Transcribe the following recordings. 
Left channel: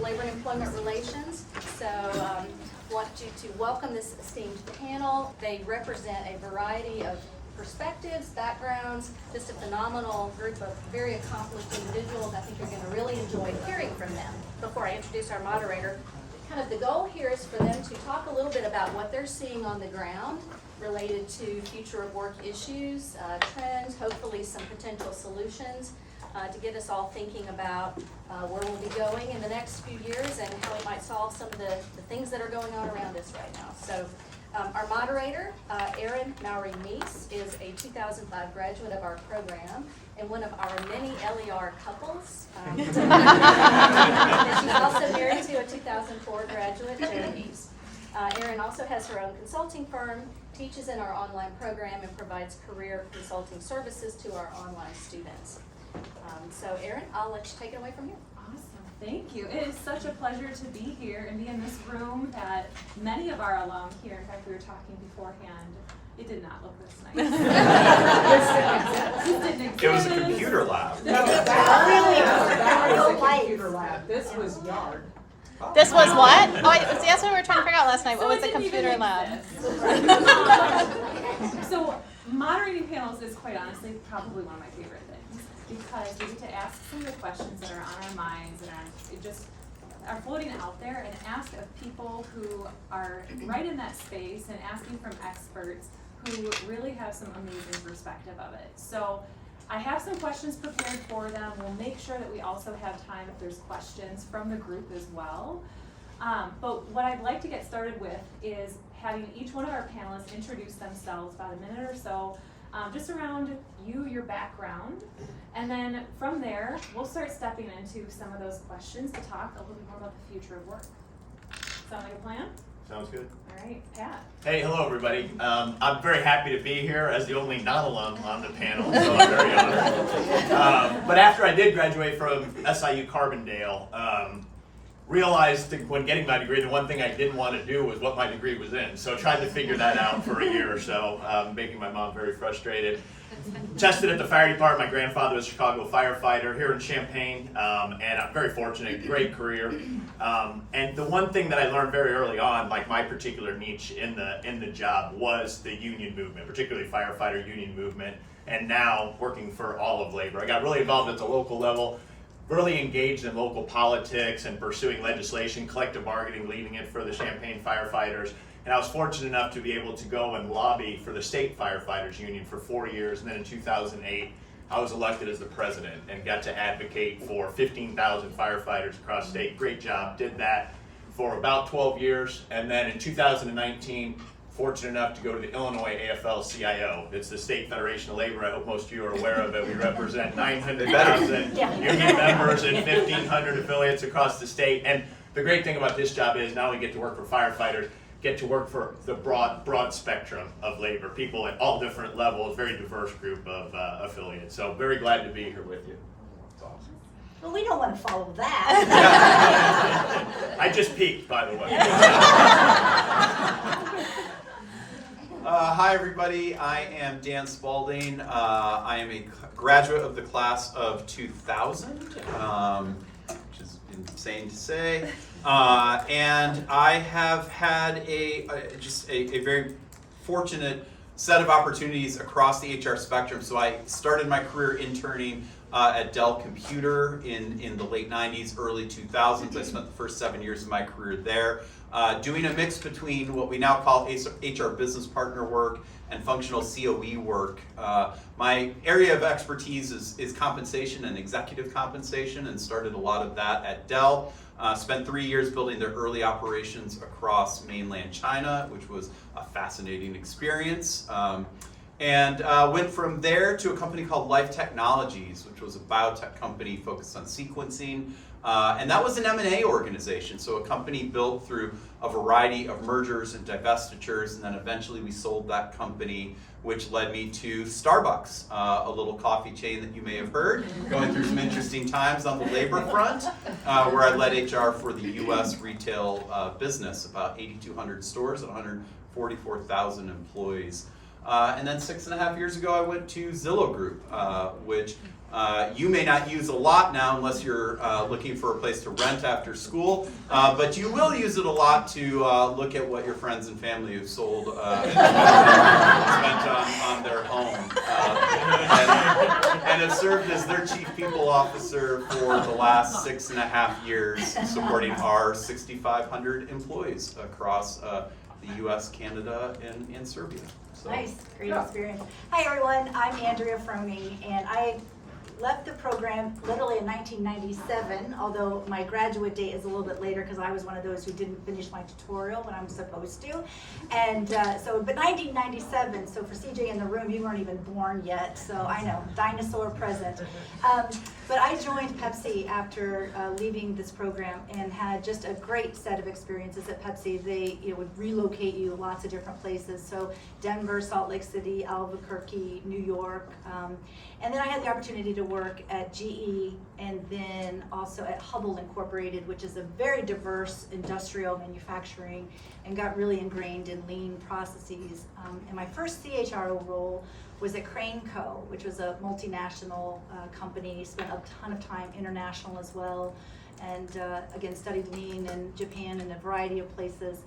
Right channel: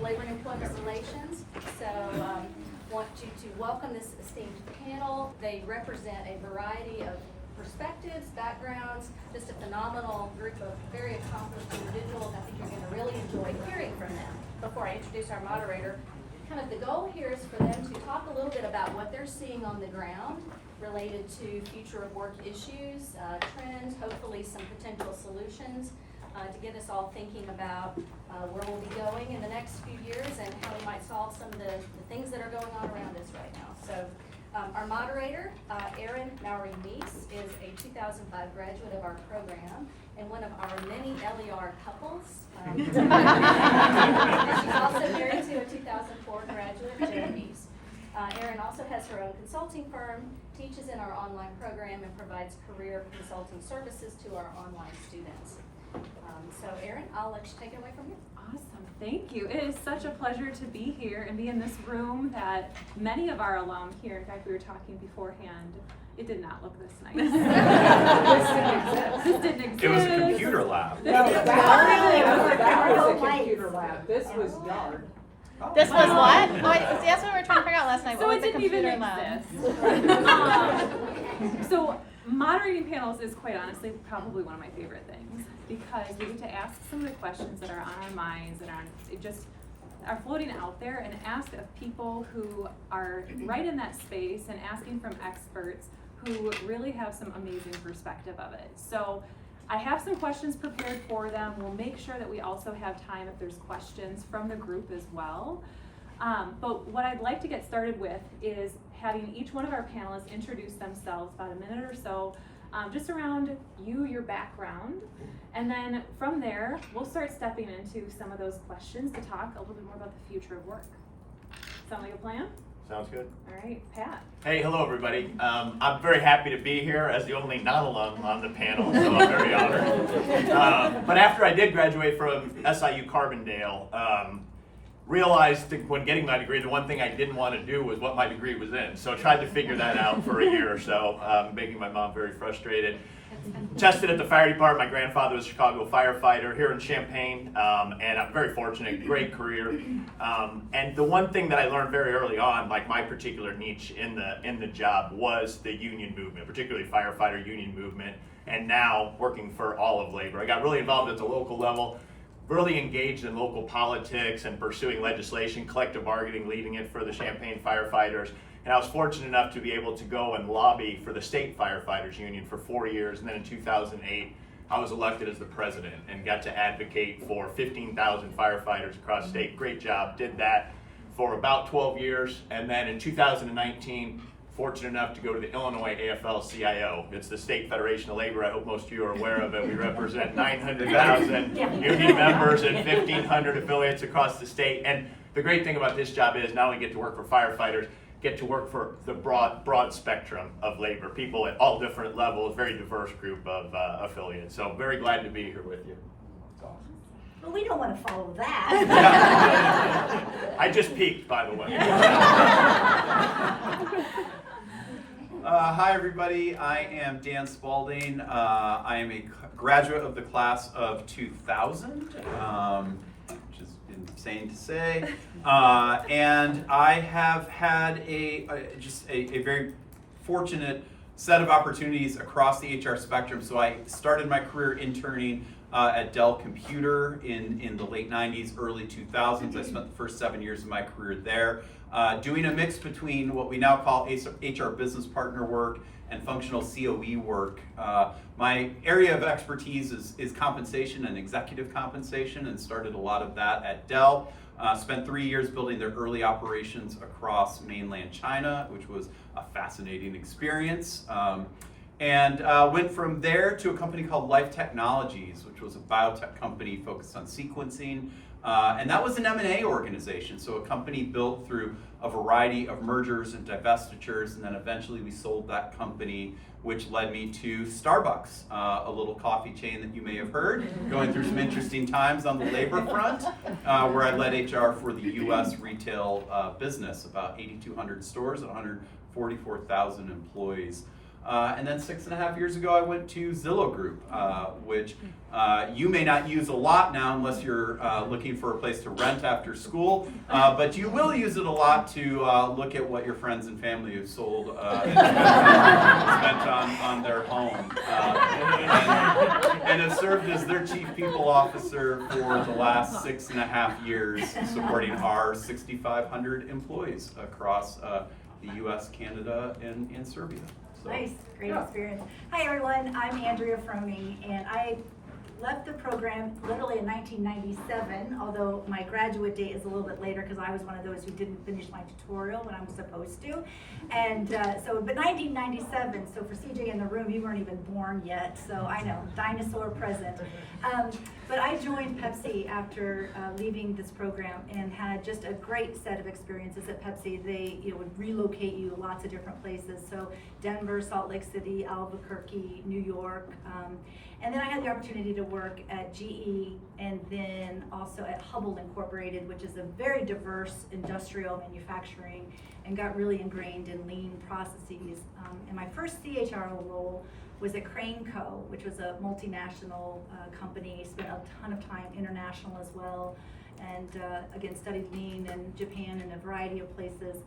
of Labor and Employment Relations. So want you to welcome this esteemed panel. They represent a variety of perspectives, backgrounds, just a phenomenal group of very accomplished individuals. I think you're going to really enjoy hearing from them. Before I introduce our moderator, kind of the goal here is for them to talk a little bit about what they're seeing on the ground related to future of work issues, trends, hopefully some potential solutions to get us all thinking about where we'll be going in the next few years and how we might solve some of the things that are going on around us right now. So our moderator, Erin Mies, is a 2005 graduate of our program and one of our many LER couples. And she's also married to a 2004 graduate, Mies. Erin also has her own consulting firm, teaches in our online program, and provides career consulting services to our online students. So Erin, I'll let you take it away from here. Awesome, thank you. It is such a pleasure to be here and be in this room that many of our alum here, in fact we were talking beforehand, it did not look this nice. This didn't exist. It was a computer lab. That was a computer lab. This was yard. This was what? Oh, that's what we were trying to figure out last night. What was the computer lab? So moderating panels is quite honestly probably one of my favorite things because we get to ask some of the questions that are on our minds and are floating out there and ask of people who are right in that space and asking from experts who really have some amazing perspective of it. So I have some questions prepared for them. We'll make sure that we also have time if there's questions from the group as well. But what I'd like to get started with is having each one of our panelists introduce themselves about a minute or so, just around you, your background. And then from there, we'll start stepping into some of those questions to talk a little bit more about the future of work. Sound like a plan? Sounds good. All right, Pat. Hey, hello everybody. I'm very happy to be here as the only non-alum on the panel, so I'm very honored. But after I did graduate from SIU Carbondale, realized that when getting my degree, the one thing I didn't want to do was what my degree was in. So I tried to figure that out for a year or so, making my mom very frustrated. Tested at the fire department. My grandfather was a Chicago firefighter here in Champaign, and I'm very fortunate, great career. And the one thing that I learned very early on, like my particular niche in the job, was the union movement, particularly firefighter union movement, and now working for all of labor. I got really involved at the local level, really engaged in local politics and pursuing legislation, collective bargaining, leading it for the Champaign firefighters. And I was fortunate enough to be able to go and lobby for the state firefighters union for 4 years. And then in 2008, I was elected as the president and got to advocate for 15,000 firefighters across the state. Great job, did that for about 12 years. And then in 2019, fortunate enough to go to the Illinois AFL-CIO. It's the State Federation of Labor. I hope most of you are aware of it. We represent 900,000 union members and 1,500 affiliates across the state. And the great thing about this job is not only get to work for firefighters, get to work for the broad spectrum of labor, people at all different levels, very diverse group of affiliates. So very glad to be here with you. It's awesome. Well, we don't want to follow that. I just peeked, by the way. Hi everybody, I am Dan Spaulding. I am a graduate of the class of 2000, which is insane to say. And I have had just a very fortunate set of opportunities across the HR spectrum. So I started my career interning at Dell Computer in the late 90s, early 2000s. I spent the first 7 years of my career there doing a mix between what we now call HR business partner work and functional COE work. My area of expertise is compensation and executive compensation, and started a lot of that at Dell. Spent 3 years building their early operations across mainland China, which was a fascinating experience. And went from there to a company called Life Technologies, which was a biotech company focused on sequencing. And that was an M&A organization, so a company built through a variety of mergers and divestitures, and then eventually we sold that company, which led me to Starbucks, a little coffee chain that you may have heard, going through some interesting times on the labor front, where I led HR for the US retail business, about 8,200 stores and 144,000 employees. And then 6.5 years ago, I went to Zillow Group, which you may not use a lot now unless you're looking for a place to rent after school, but you will use it a lot to look at what your friends and family have sold and spent on their home. And have served as their chief people officer for the last 6.5 years, supporting our 6,500 employees across the U.S., Canada, and Serbia. So, Nice, great yeah. experience. Hi everyone, I'm Andrea Frohning, and I left the program literally in 1997, although my graduate date is a little bit later because I was one of those who didn't finish my tutorial when I'm supposed to. And but 1997, so for CJ in the room, you weren't even born yet, so I know, dinosaur present. But I joined Pepsi after leaving this program and had just a great set of experiences at Pepsi. They would relocate you lots of different places, so Denver, Salt Lake City, Albuquerque, New York. And then I had the opportunity to work at GE and then also at Hubbell Incorporated, which is a very diverse industrial manufacturing, and got really ingrained in lean processes. And my first CHRO role was at Crane Co., which was a multinational company, spent a ton of time international as well, and again, studied lean in Japan and a variety of places.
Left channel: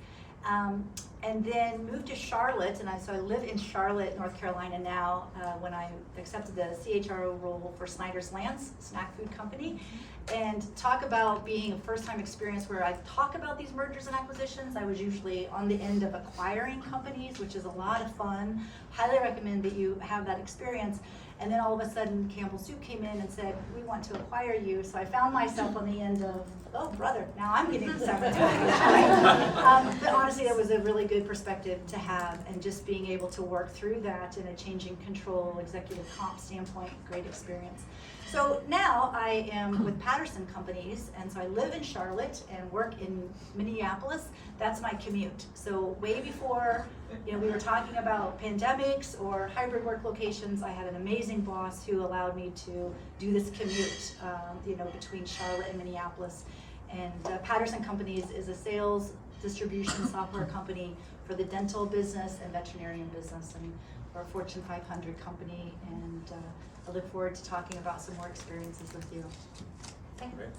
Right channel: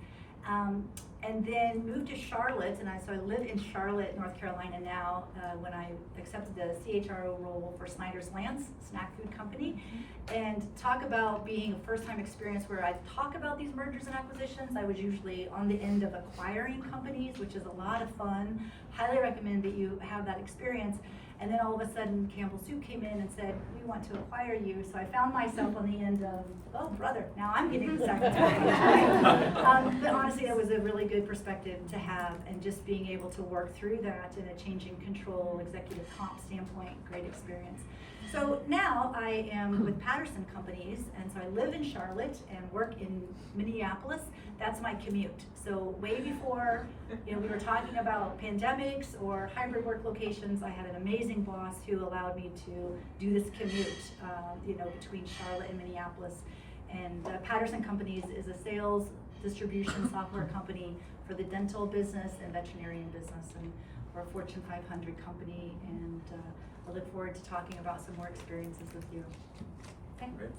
And then moved to Charlotte, and so I live in Charlotte, North Carolina now, when I accepted the CHRO role for Snyder's Lance, snack food company. And talk about being a first-time experience where I talk about these mergers and acquisitions. I was usually on the end of acquiring companies, which is a lot of fun. Highly recommend that you have that experience. And then all of a sudden, Campbell Soup came in and said, we want to acquire you. So I found myself on the end of, oh, brother, now I'm getting the second package, right? But honestly, it was a really good perspective to have, and just being able to work through that in a changing control, executive comp standpoint, great experience. So now I am with Patterson Companies, and so I live in Charlotte and work in Minneapolis. That's my commute. So way before we were talking about pandemics or hybrid work locations, I had an amazing boss who allowed me to do this commute, between Charlotte and Minneapolis. And Patterson Companies is a sales distribution software company for the dental business and veterinarian business, and we're a Fortune 500 company, and I look forward to talking about some more experiences with you. Okay. Great.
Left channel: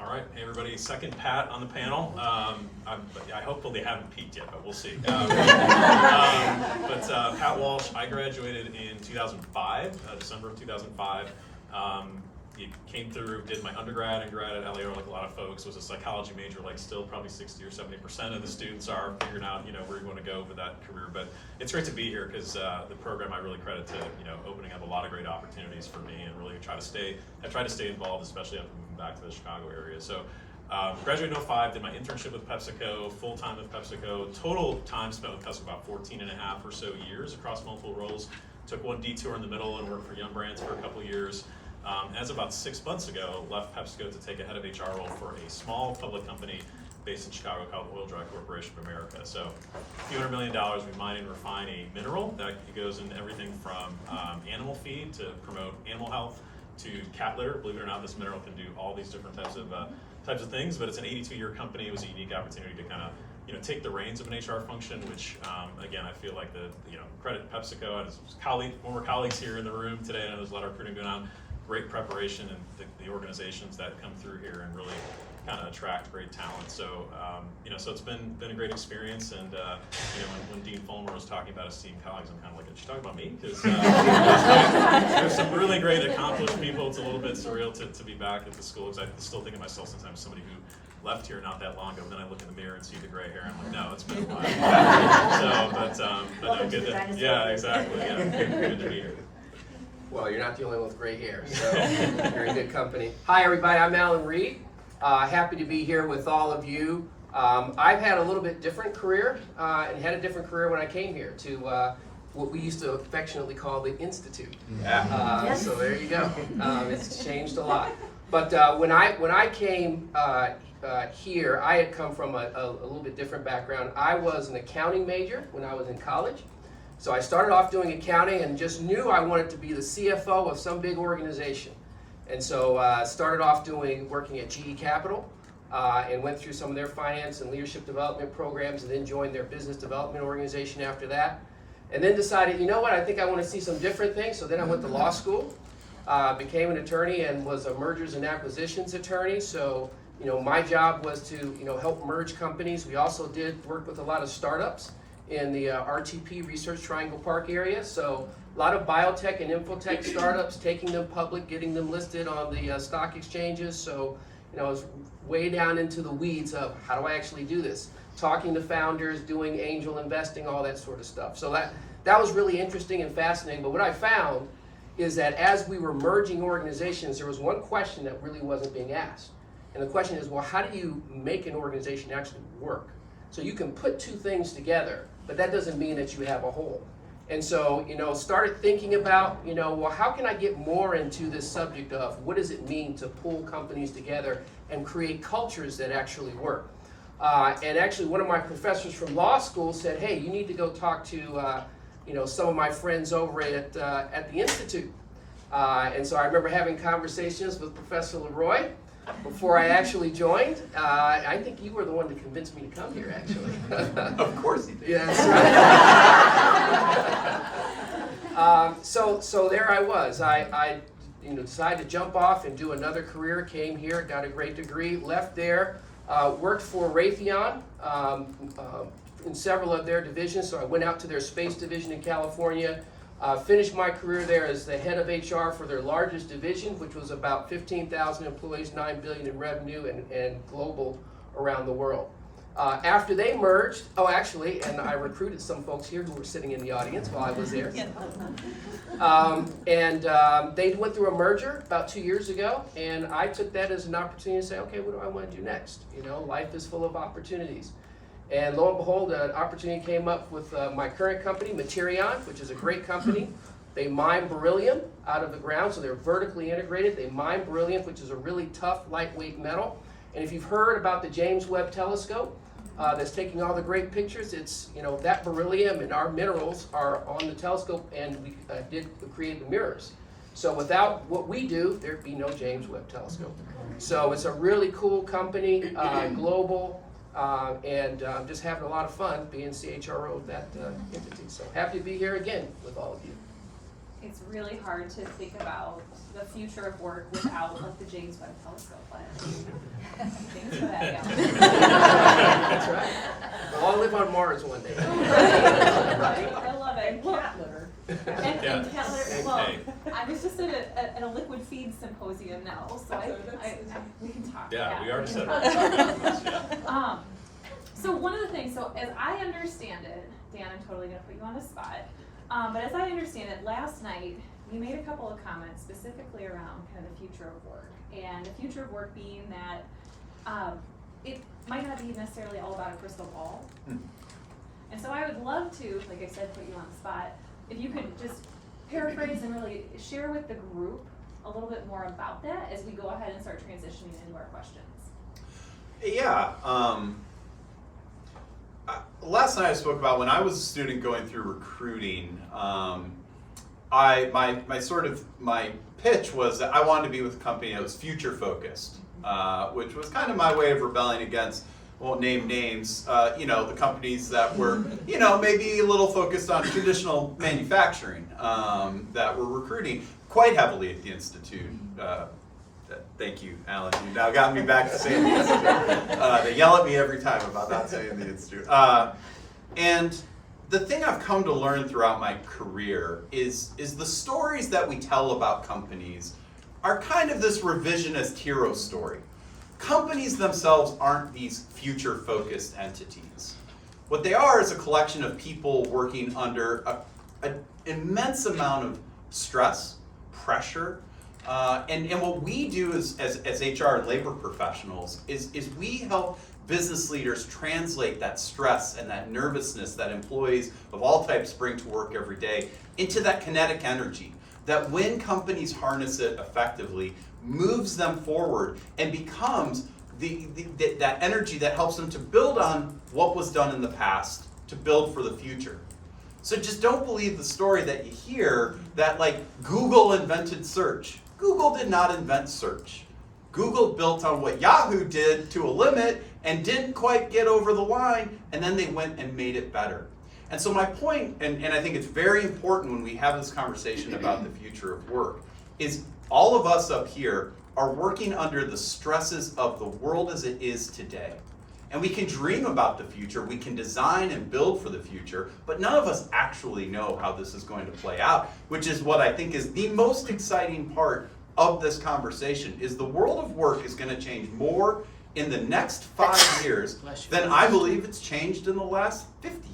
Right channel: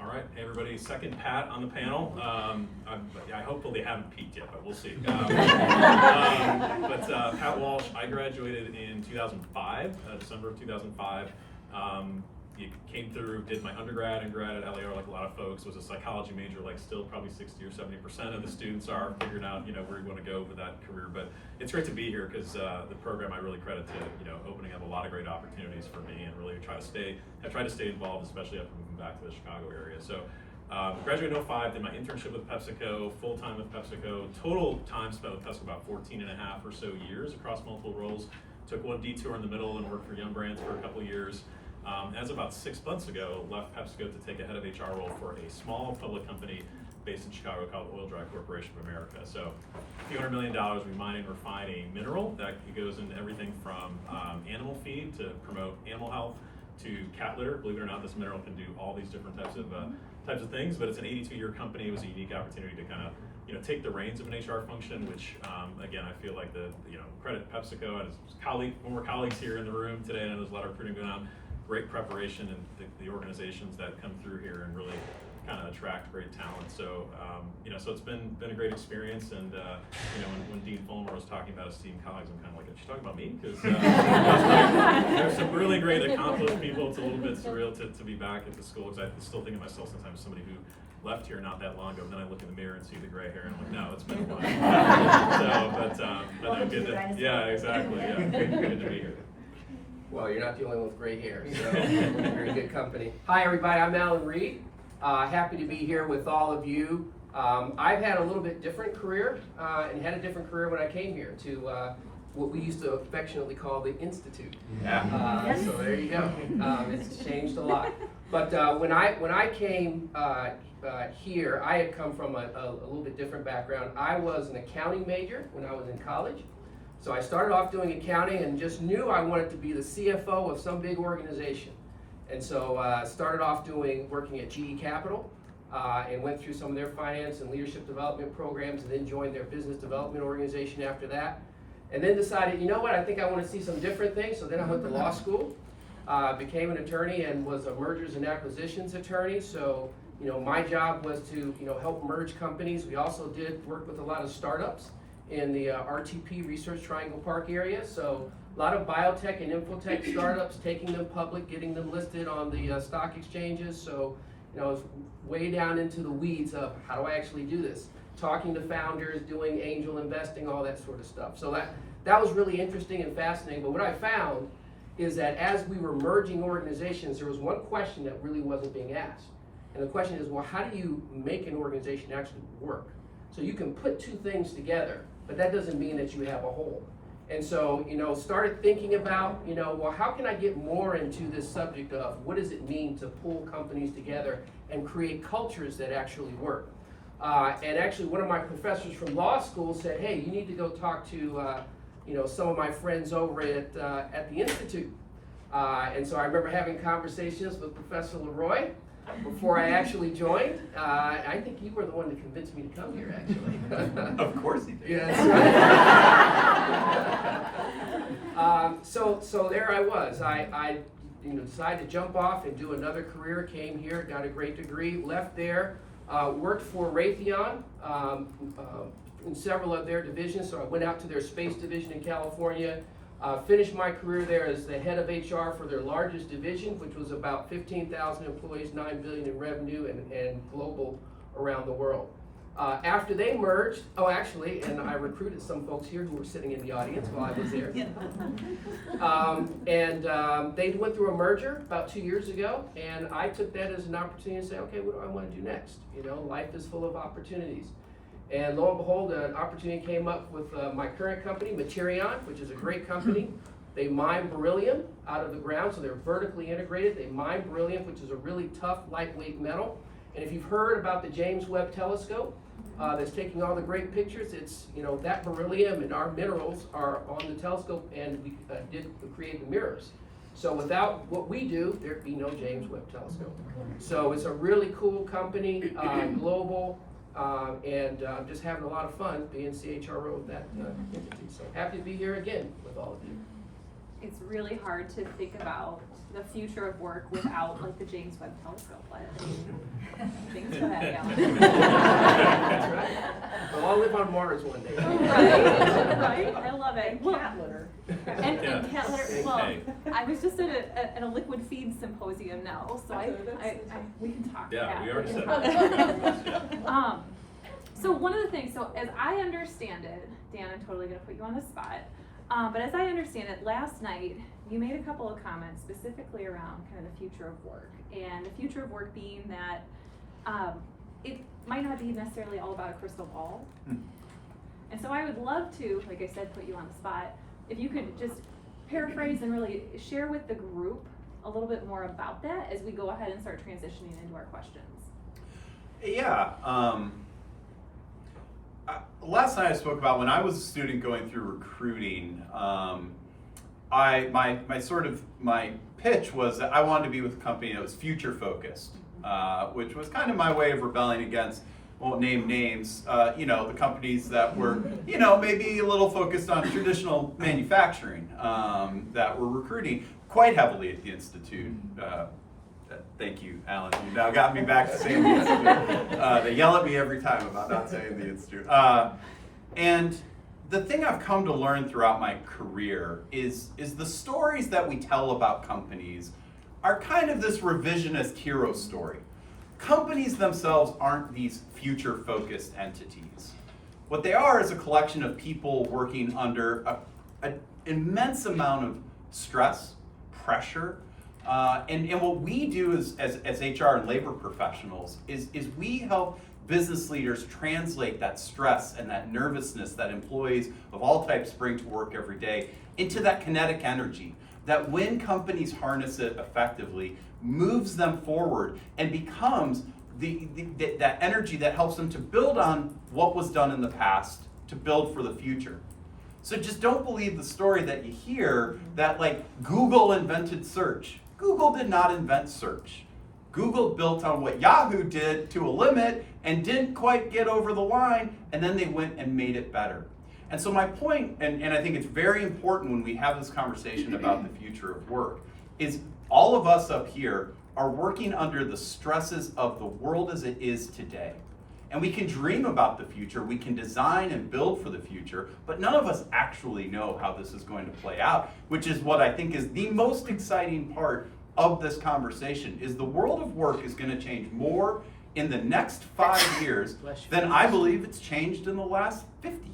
All right, hey everybody, second Pat on the panel. I hopefully they haven't peaked yet, but we'll see. Pat Walsh, I graduated in 2005, December of 2005. You came through, did my undergrad and grad at LEO like a lot of folks, was a psychology major, like still probably 60 or 70% of the students are figuring out, where you want to go with that career. But it's great to be here because the program I really credit to, opening up a lot of great opportunities for me, and really I try to stay involved, especially after moving back to the Chicago area. So graduated in 2005, did my internship with PepsiCo, full-time with PepsiCo, total time spent with PepsiCo about 14.5 or so years across multiple roles. Took one detour in the middle and worked for Yum Brands for a couple of years. As about 6 months ago, left PepsiCo to take a head of HR role for a small public company based in Chicago called Oil-Dri Corporation of America. So a few $100 million, we mine and refine a mineral that goes into everything from animal feed to promote animal health to cat litter. Believe it or not, this mineral can do all these different types of things, but it's an 82-year company. It was a unique opportunity to kind of take the reins of an HR function, which again, I feel like credit PepsiCo and his former colleagues here in the room today. I know there's a lot of recruiting going on. Great preparation, and the organizations that come through here and really kind of attract great talent. So so it's been a great experience. And when Dean Fulmer was talking about esteemed colleagues, I'm kind of like, did she talk about me? Because there's some really great accomplished people. It's a little bit surreal to be back at the school, because I still think of myself sometimes as somebody who left here not that long ago. Then I look in the mirror and see the gray hair, and I'm like, no, it's been a while. But good to, yeah, exactly. Yeah, good to be here. Well, you're not the only one with gray hair, so you're in good company. Hi, everybody. I'm Allen Reid. Happy to be here with all of you. I've had a little bit different career and had a different career when I came here to what we used to affectionately call the Institute. Yeah. So there you go. It's changed a lot. But when I came here, I had come from a little bit different background. I was an accounting major when I was in college. So I started off doing accounting and just knew I wanted to be the CFO of some big organization. And so started off working at GE Capital and went through some of their finance and leadership development programs, and then joined their business development organization after that. and then decided, you know what, I think I want to see some different things. So then I went to law school, became an attorney, and was a mergers and acquisitions attorney. So, you know, my job was to, you know, help merge companies. We also did work with a lot of startups in the RTP, Research Triangle Park area. So a lot of biotech and infotech startups, taking them public, getting them listed on the stock exchanges. So, you know, I was way down into the weeds of how do I actually do this? Talking to founders, doing angel investing, all that sort of stuff. So that was really interesting and fascinating. But what I found is that as we were merging organizations, there was one question that really wasn't being asked. And the question is, well, how do you make an organization actually work? So you can put two things together, but that doesn't mean that you have a whole. And so, you know, started thinking about, you know, well, how can I get more into this subject of what does it mean to pull companies together and create cultures that actually work? And actually, one of my professors from law school said, hey, you need to go talk to, you know, some of my friends over at the Institute. And so I remember having conversations with Professor Leroy before I actually joined. I think you were the one that convinced me to come here, actually. Of course he did. Yes. So there I was. I you know, decided to jump off and do another career. Came here, got a great degree, left there, worked for Raytheon in several of their divisions. So I went out to their space division in California. Finished my career there as the head of HR for their largest division, which was about 15,000 employees, $9 billion in revenue, and global around the world. After they merged, and I recruited some folks here who were sitting in the audience while I was there. They went through a merger about 2 years ago, and I took that as an opportunity to say, okay, what do I want to do next? You know, life is full of opportunities. And lo and behold, an opportunity came up with my current company, Materion, which is a great company. They mine beryllium out of the ground, so they're vertically integrated. They mine beryllium, which is a really tough, lightweight metal. And if you've heard about the James Webb Telescope, that's taking all the great pictures, it's, you know, that beryllium and our minerals are on the telescope, and we did create the mirrors. So without what we do, there'd be no James Webb Telescope. So it's a really cool company, global. And just having a lot of fun being CHRO of that entity. So happy to be here again with all of you. It's really hard to think about the future of work without like the James Webb Telescope. James Webb, yeah. That's right. We'll all live on Mars one day. Right? I love it. Well, Cat litter. and cat litter. Well, Hey. I was just at a liquid feed symposium now, so we can talk. Yeah, about we already said that. that. So one of the things, so as I understand it, Dan, I'm totally gonna put you on the spot, but as I understand it, last night you made a couple of comments specifically around kind of the future of work, and the future of work being that it might not be necessarily all about a crystal ball. And so I would love to, like I said, put you on the spot. If you could just paraphrase and really share with the group a little bit more about that as we go ahead and start transitioning into our questions. Yeah. Last night I spoke about when I was a student going through recruiting. My pitch was that I wanted to be with a company that was future focused, which was kind of my way of rebelling against, won't name names, you know, the companies that were, you know, maybe a little focused on traditional manufacturing, that were recruiting quite heavily at the Institute. Thank you, Alan. You now got me back to saying the Institute. They yell at me every time about not saying the Institute. And the thing I've come to learn throughout my career is the stories that we tell about companies are kind of this revisionist hero story. Companies themselves aren't these future-focused entities. What they are is a collection of people working under an immense amount of stress, pressure, and what we do as HR and labor professionals is we help business leaders translate that stress and that nervousness that employees of all types bring to work every day into that kinetic energy that when companies harness it effectively, moves them forward and becomes that energy that helps them to build on what was done in the past to build for the future. So just don't believe the story that you hear that like Google invented search. Google did not invent search. Google built on what Yahoo did to a limit and didn't quite get over the line, and then they went and made it better. And so my point, and I think it's very important when we have this conversation about the future of work, is all of us up here are working under the stresses of the world as it is today. And we can dream about the future, we can design and build for the future, but none of us actually know how this is going to play out, which is what I think is the most exciting part of this conversation, is the world of work is going to change more in the next 5 years than I believe it's changed in the last 50 years.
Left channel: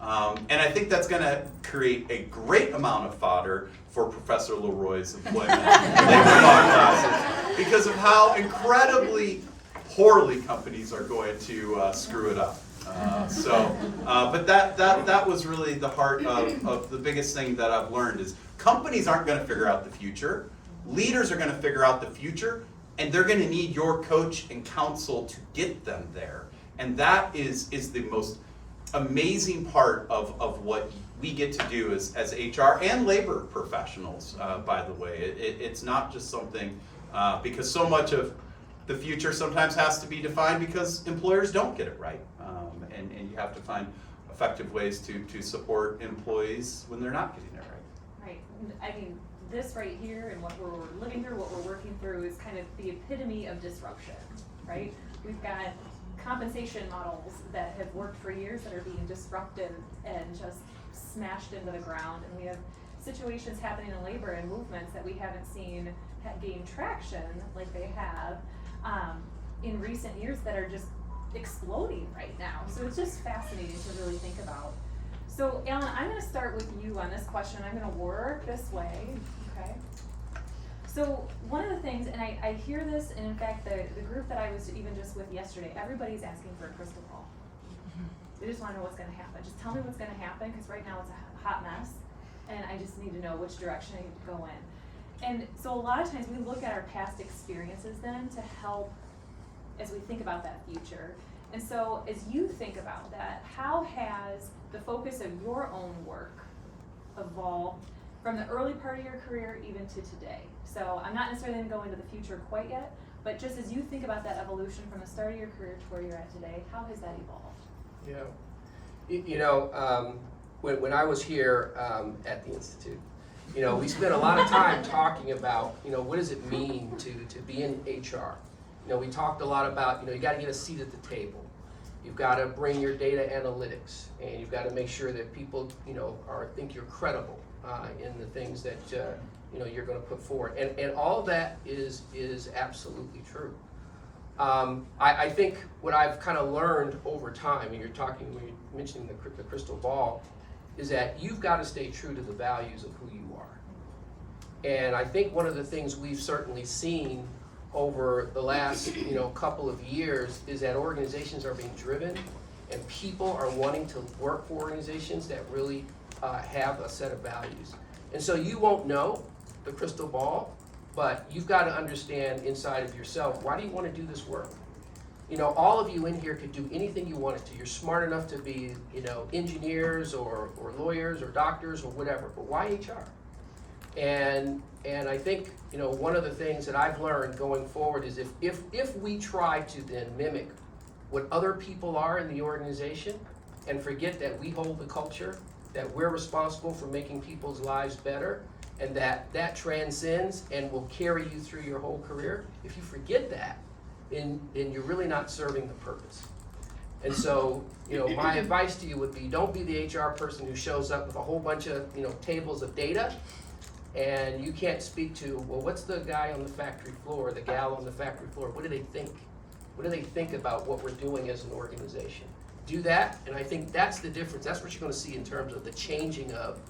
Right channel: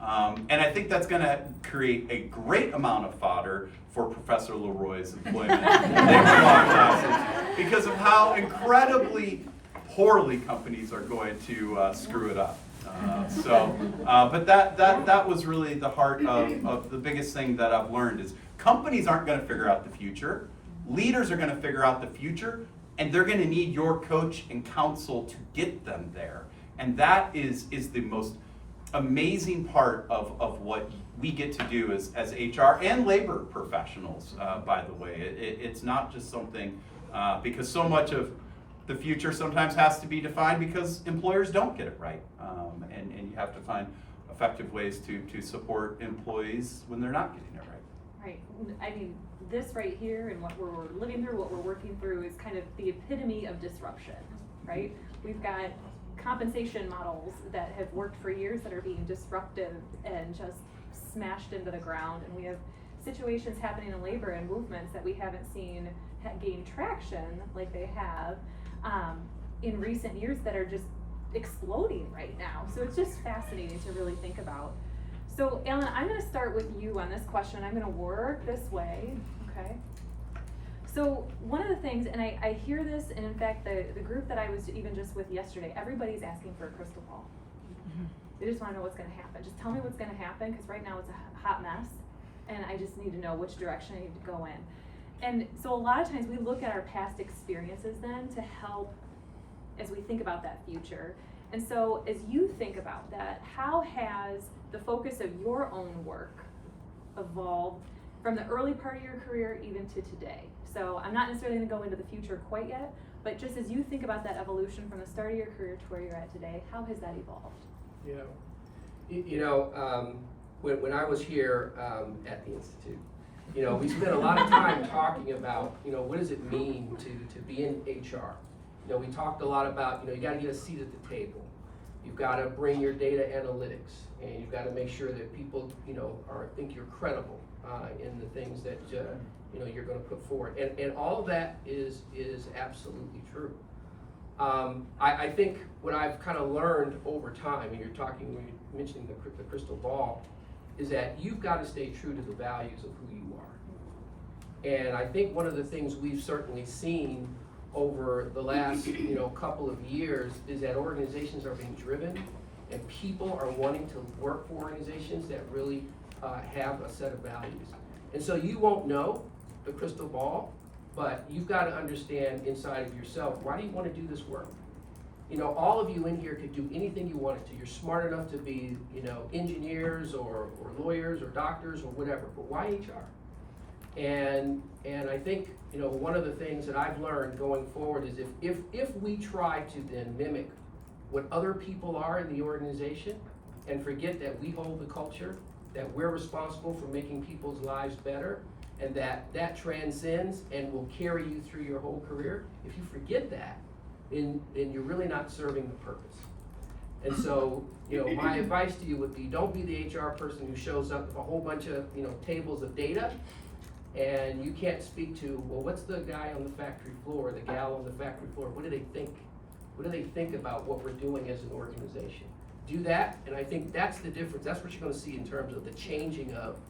And I think that's going to create a great amount of fodder for Professor Leroy's employment and labor law classes because of how incredibly poorly companies are going to screw it up. But that was really the heart of the biggest thing that I've learned is companies aren't going to figure out the future. Leaders are going to figure out the future, and they're going to need your coach and counsel to get them there. And that is the most amazing part of what we get to do as HR and labor professionals, by the way. It's not just something, because so much of the future sometimes has to be defined because employers don't get it right. And you have to find effective ways to support employees when they're not getting it right. Right. I mean, this right here and what we're living through, what we're working through is kind of the epitome of disruption, right? We've got compensation models that have worked for years that are being disrupted and just smashed into the ground. And we have situations happening in labor and movements that we haven't seen gain traction like they have in recent years that are just exploding right now. So it's just fascinating to really think about. So Alan, I'm going to start with you on this question. I'm going to work this way, okay? So one of the things, and I hear this, and in fact the group that I was even just with yesterday, everybody's asking for a crystal ball. They just want to know what's going to happen. Just tell me what's going to happen, because right now it's a hot mess, and I just need to know which direction I need to go in. And so a lot of times we look at our past experiences then to help as we think about that future. And so as you think about that, how has the focus of your own work evolved from the early part of your career even to today? So I'm not necessarily going to go into the future quite yet, but just as you think about that evolution from the start of your career to where you're at today, how has that evolved? Yeah. When I was here at the Institute, we spent a lot of time talking about, what does it mean to be in HR? We talked a lot about, you got to get a seat at the table. You've got to bring your data analytics, and you've got to make sure that people, think you're credible in the things that you're going to put forward. And all that is absolutely true. I think what I've kind of learned over time, and when you're mentioning the crystal ball, is that you've got to stay true to the values of who you are. And I think one of the things we've certainly seen over the last couple of years is that organizations are being driven, and people are wanting to work for organizations that really have a set of values. And so you won't know the crystal ball, but you've got to understand inside of yourself, why do you want to do this work? All of you in here could do anything you wanted to. You're smart enough to be, engineers or lawyers or doctors or whatever, but why HR? And I think, one of the things that I've learned going forward is if we try to then mimic what other people are in the organization and forget that we hold the culture, that we're responsible for making people's lives better, and that transcends and will carry you through your whole career, if you forget that, then you're really not serving the purpose. And so, my advice to you would be, don't be the HR person who shows up with a whole bunch of, tables of data, and you can't speak to, well, what's the guy on the factory floor, the gal on the factory floor, what do they think? What do they think about what we're doing as an organization? Do that, and I think that's the difference. That's what you're going to see in terms of the changing of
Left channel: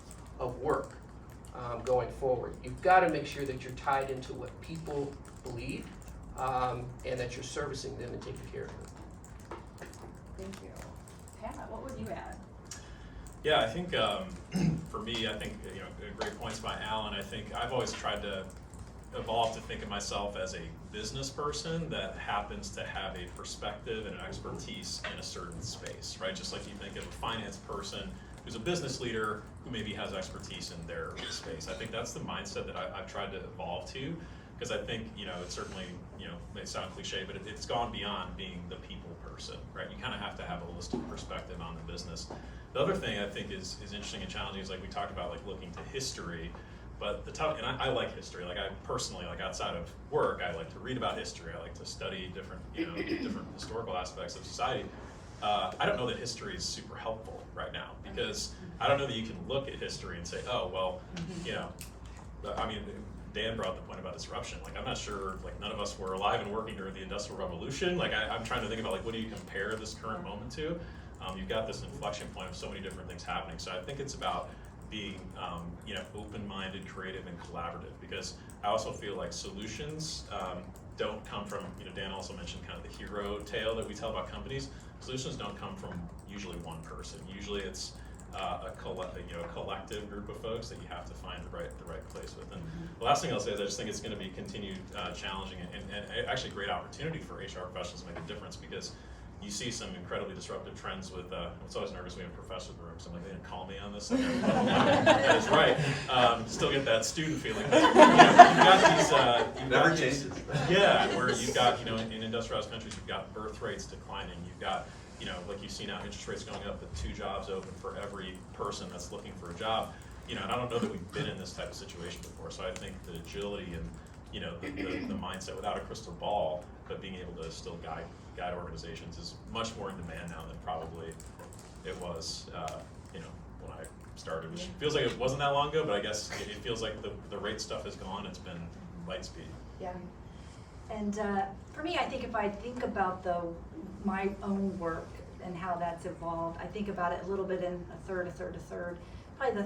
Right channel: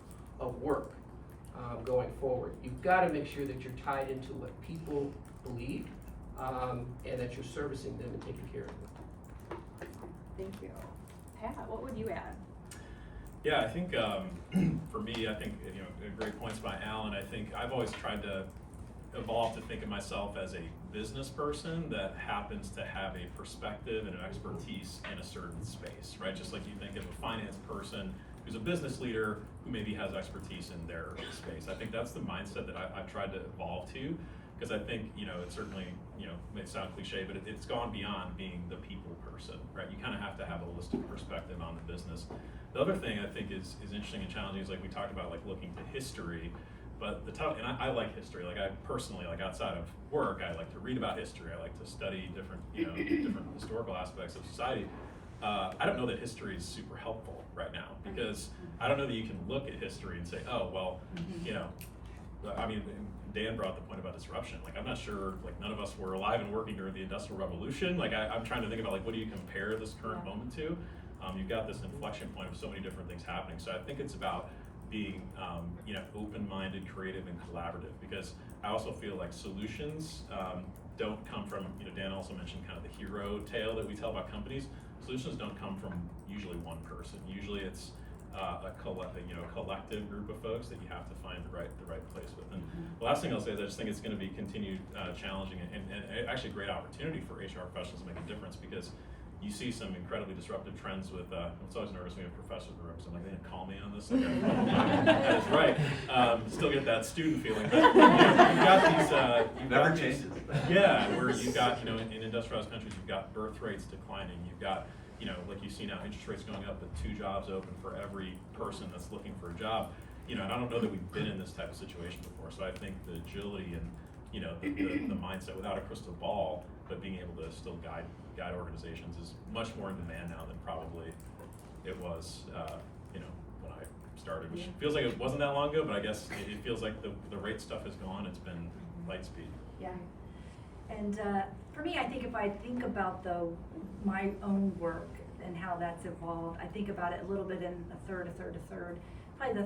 work going forward. You've got to make sure that you're tied into what people believe, and that you're servicing them and taking care of them. Thank you. Pat, what would you add? Yeah, I think for me, great points by Alan. I think I've always tried to evolve to think of myself as a business person that happens to have a perspective and an expertise in a certain space, right? Just like you think of a finance person who's a business leader who maybe has expertise in their space. I think that's the mindset that I've tried to evolve to. because I think, it certainly, may sound cliche, but it's gone beyond being the people person, right? You kind of have to have a holistic perspective on the business. The other thing I think is interesting and challenging is, like we talked about, like looking to history, but and I like history. Like I personally, like outside of work, I like to read about history. I like to study different, different historical aspects of society. I don't know that history is super helpful right now, because I don't know that you can look at history and say, oh, well, I mean, Dan brought up the point about disruption. Like, I'm not sure, like, none of us were alive and working during the Industrial Revolution. Like, I'm trying to think about, like, what do you compare this current moment to? You've got this inflection point of so many different things happening. So I think it's about being, open-minded, creative, and collaborative, because I also feel like solutions don't come from, Dan also mentioned kind of the hero tale that we tell about companies. Solutions don't come from usually one person. Usually it's a collective group of folks that you have to find the right place with. And the last thing I'll say is I just think it's going to be continued challenging and actually a great opportunity for HR professionals to make a difference, because you see some incredibly disruptive trends with, it's always nervous when we have professors in the room, so I'm like, they didn't call me on this. Like, that is right. Still get that student feeling. You've got these, Never changes. Yeah, where you've got, in industrialized countries, you've got birth rates declining. You've got, like you see now, interest rates going up with 2 jobs open for every person that's looking for a job. And I don't know that we've been in this type of situation before. So I think the agility and, the mindset without a crystal ball, but being able to still guide organizations is much more in demand now than probably it was, when I started, which feels like it wasn't that long ago, but I guess it feels like the rate stuff is gone. It's been light speed. Yeah. And for me, I think if I think about my own work and how that's evolved, I think about it a little bit in a third. Probably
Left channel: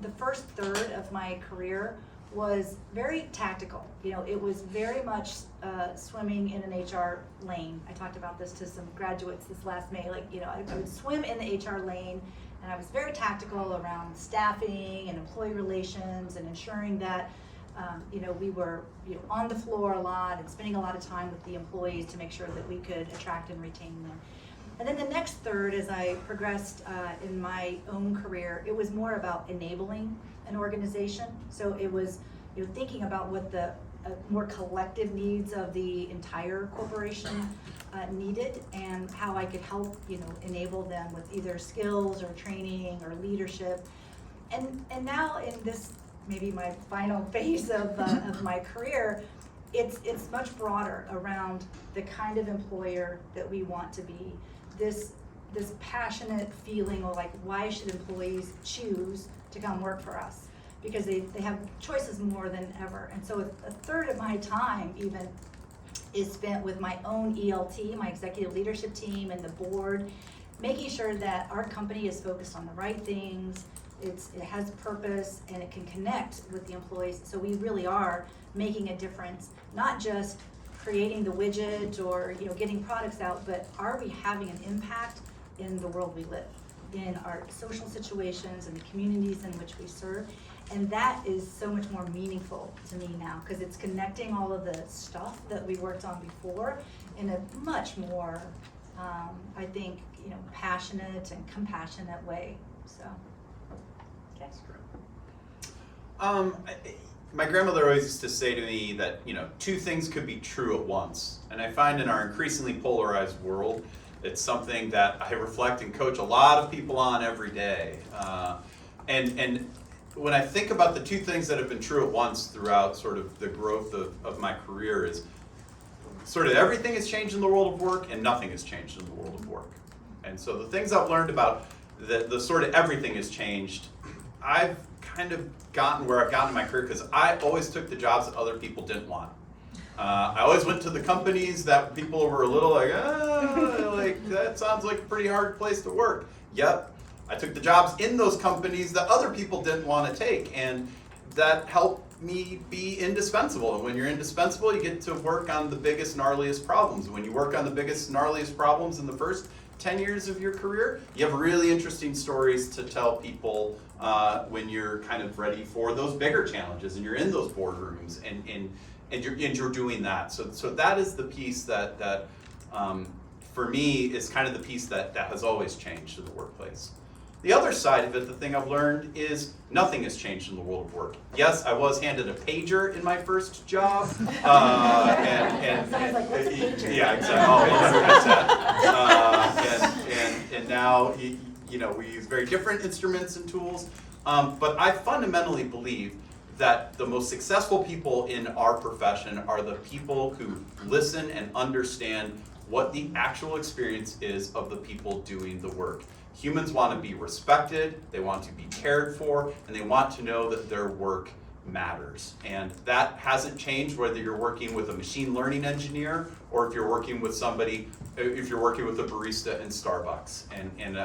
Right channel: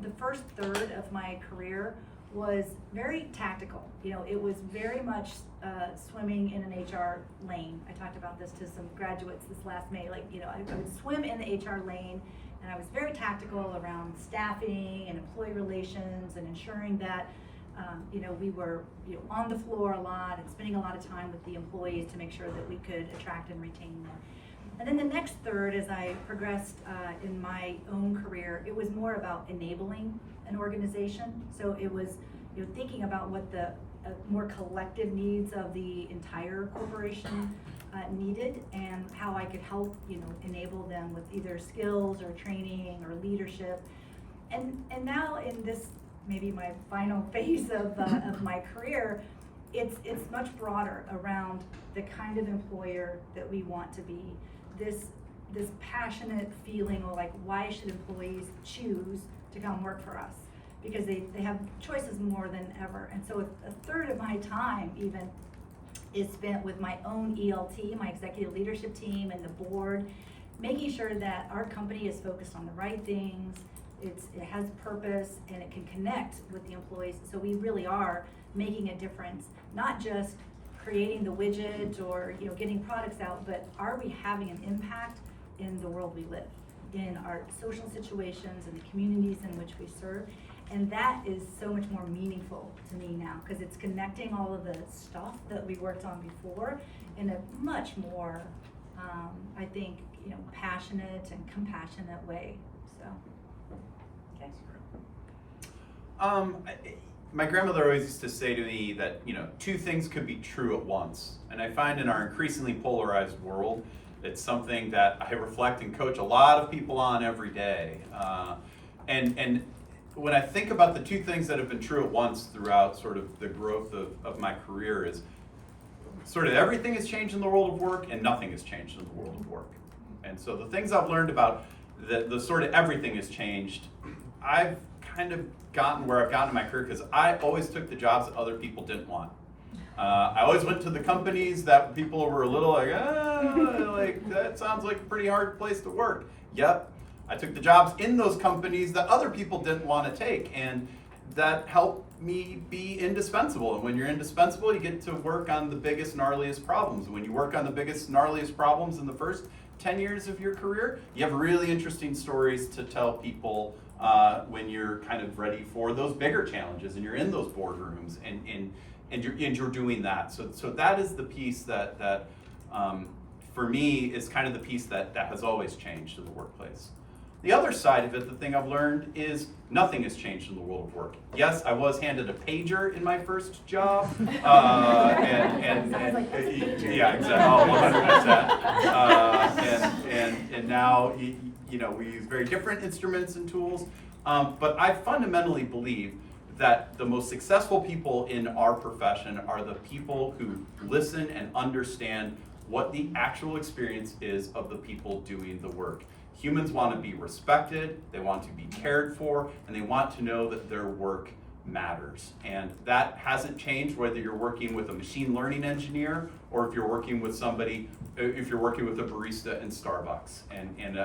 the first third of my career was very tactical. It was very much swimming in an HR lane. I talked about this to some graduates this last May. Like, I would swim in the HR lane, and I was very tactical around staffing and employee relations and ensuring that we were on the floor a lot and spending a lot of time with the employees to make sure that we could attract and retain them. And then the next third, as I progressed in my own career, it was more about enabling an organization. So it was thinking about what the more collective needs of the entire corporation needed, and how I could help enable them with either skills or training or leadership. And now in this, maybe my final phase of my career, it's much broader around the kind of employer that we want to be. This passionate feeling of, like, why should employees choose to come work for us? Because they have choices more than ever. And so a third of my time even is spent with my own ELT, my executive leadership team, and the board, making sure that our company is focused on the right things, it has purpose, and it can connect with the employees. So we really are making a difference, not just creating the widget or getting products out, but are we having an impact in the world we live, in our social situations and the communities in which we serve? And that is so much more meaningful to me now, because it's connecting all of the stuff that we worked on before in a much more, I think, passionate and compassionate way. So, okay. That's great. My grandmother always used to say to me that, 2 things could be true at once. And I find in our increasingly polarized world, it's something that I reflect and coach a lot of people on every day. And when I think about the 2 things that have been true at once throughout sort of the growth of my career, is sort of everything has changed in the world of work and nothing has changed in the world of work. And so the things I've learned about the sort of everything has changed, I've kind of gotten where I've gotten in my career because I always took the jobs that other people didn't want. I always went to the companies that people were a little like, like that sounds like a pretty hard place to work. Yep, I took the jobs in those companies that other people didn't want to take, and that helped me be indispensable. And when you're indispensable, you get to work on the biggest, gnarliest problems. And when you work on the biggest, gnarliest problems in the first 10 years of your career, you have really interesting stories to tell people when you're kind of ready for those bigger challenges and you're in those boardrooms and you're doing that. So that is the piece that for me is kind of the piece that has always changed in the workplace. The other side of it, the thing I've learned is nothing has changed in the world of work. Yes, I was handed a pager in my first job, and yeah, exactly, oh, 100%. And now, you know, we use very different instruments and tools, but I fundamentally believe that the most successful people in our profession are the people who listen and understand what the actual experience is of the people doing the work. Humans want to be respected, they want to be cared for, and they want to know that their work matters. And that hasn't changed whether you're working with a machine learning engineer or if you're working with somebody, if you're working with a barista in Starbucks. And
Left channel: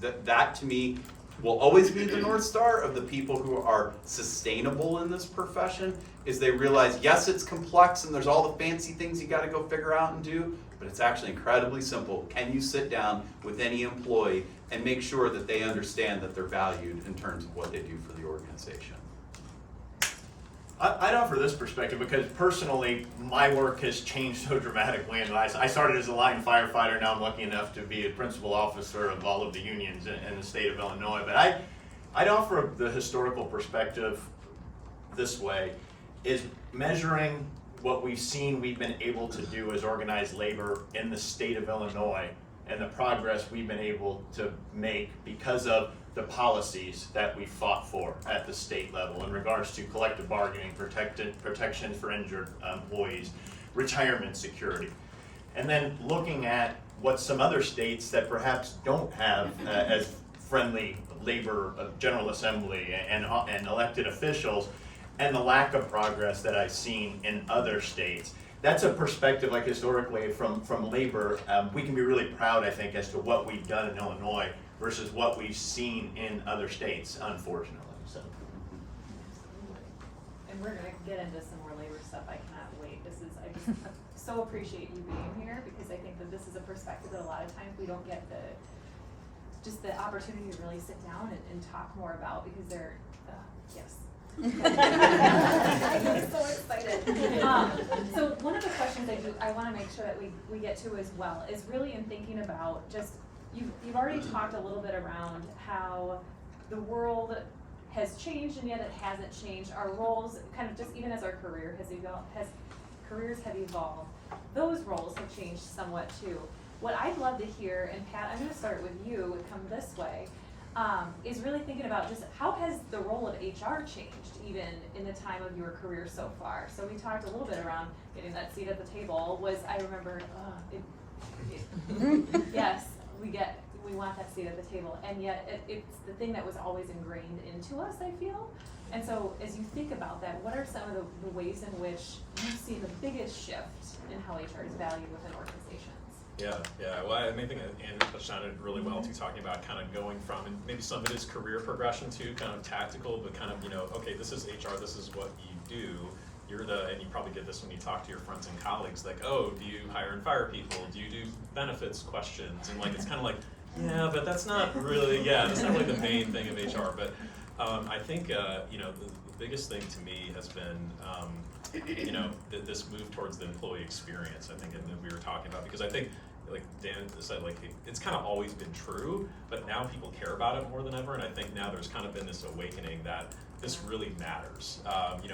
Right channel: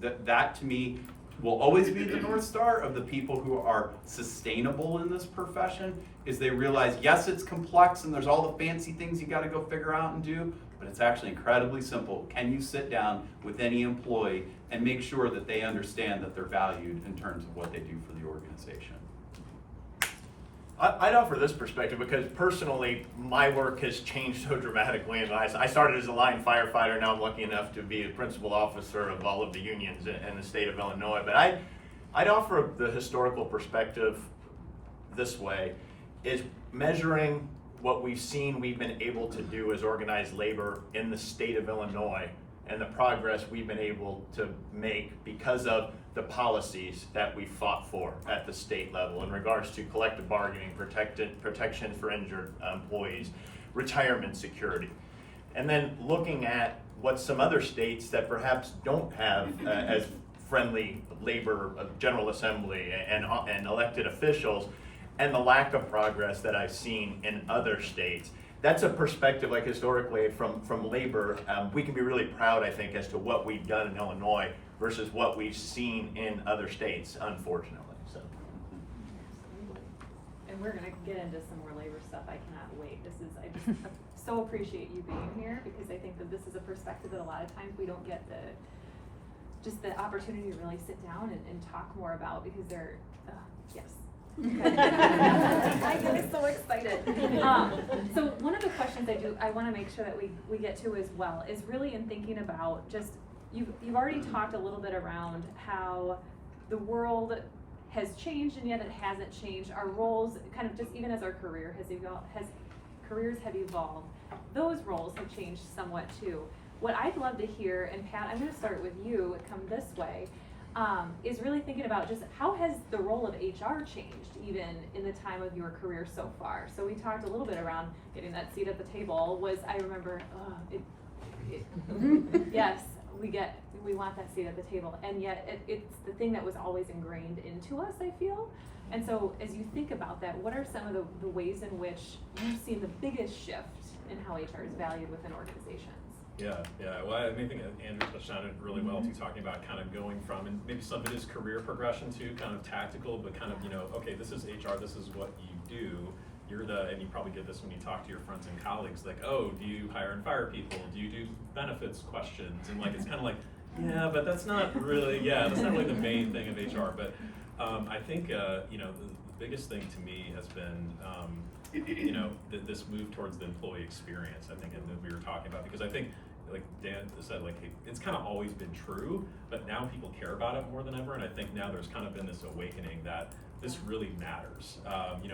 that to me will always be the North Star of the people who are sustainable in this profession, is they realize, yes, it's complex and there's all the fancy things you gotta go figure out and do, but it's actually incredibly simple. Can you sit down with any employee and make sure that they understand that they're valued in terms of what they do for the organization? I'd offer this perspective because personally, my work has changed so dramatically. And I started as a line firefighter. Now I'm lucky enough to be a principal officer of all of the unions in the state of Illinois. But I'd offer the historical perspective this way, is measuring what we've seen we've been able to do as organized labor in the state of Illinois and the progress we've been able to make because of the policies that we fought for at the state level in regards to collective bargaining, protection for injured employees, retirement security. And then looking at what some other states that perhaps don't have as friendly labor General Assembly and elected officials, and the lack of progress that I've seen in other states. That's a perspective, like historically from labor, we can be really proud, I think, as to what we've done in Illinois versus what we've seen in other states, unfortunately. So. And we're gonna get into some more labor stuff. I cannot wait. I just so appreciate you being here because I think that this is a perspective that a lot of times we don't get the opportunity to really sit down and talk more about because they're, yes. I'm so excited. So one of the questions I want to make sure that we get to as well is really in thinking about just, you've already talked a little bit around how the world has changed and yet it hasn't changed. Our roles, kind of just even as our careers have evolved, those roles have changed somewhat too. What I'd love to hear, and Pat, I'm going to start with you and come this way, is really thinking about just how has the role of HR changed even in the time of your career so far? So we talked a little bit around getting that seat at the table. I remember, yes, we want that seat at the table, and yet it's the thing that was always ingrained into us, I feel. And so as you think about that, what are some of the ways in which you've seen the biggest shift in how HR is valued within organizations? Yeah. Well, I think Andrew touched on it really well too, talking about kind of going from, and maybe some of it is career progression too, kind of tactical, but kind of, okay, this is HR, this is what you do. And you probably get this when you talk to your friends and colleagues, like, oh, do you hire and fire people? Do you do benefits questions? And it's kind of like, yeah, but that's not really, that's not really the main thing of HR. But I think, the biggest thing to me has been, this move towards the employee experience, I think, and that we were talking about, because I think, like Dan said, it's kind of always been true, but now people care about it more than ever, and I think now there's kind of been this awakening that this really matters.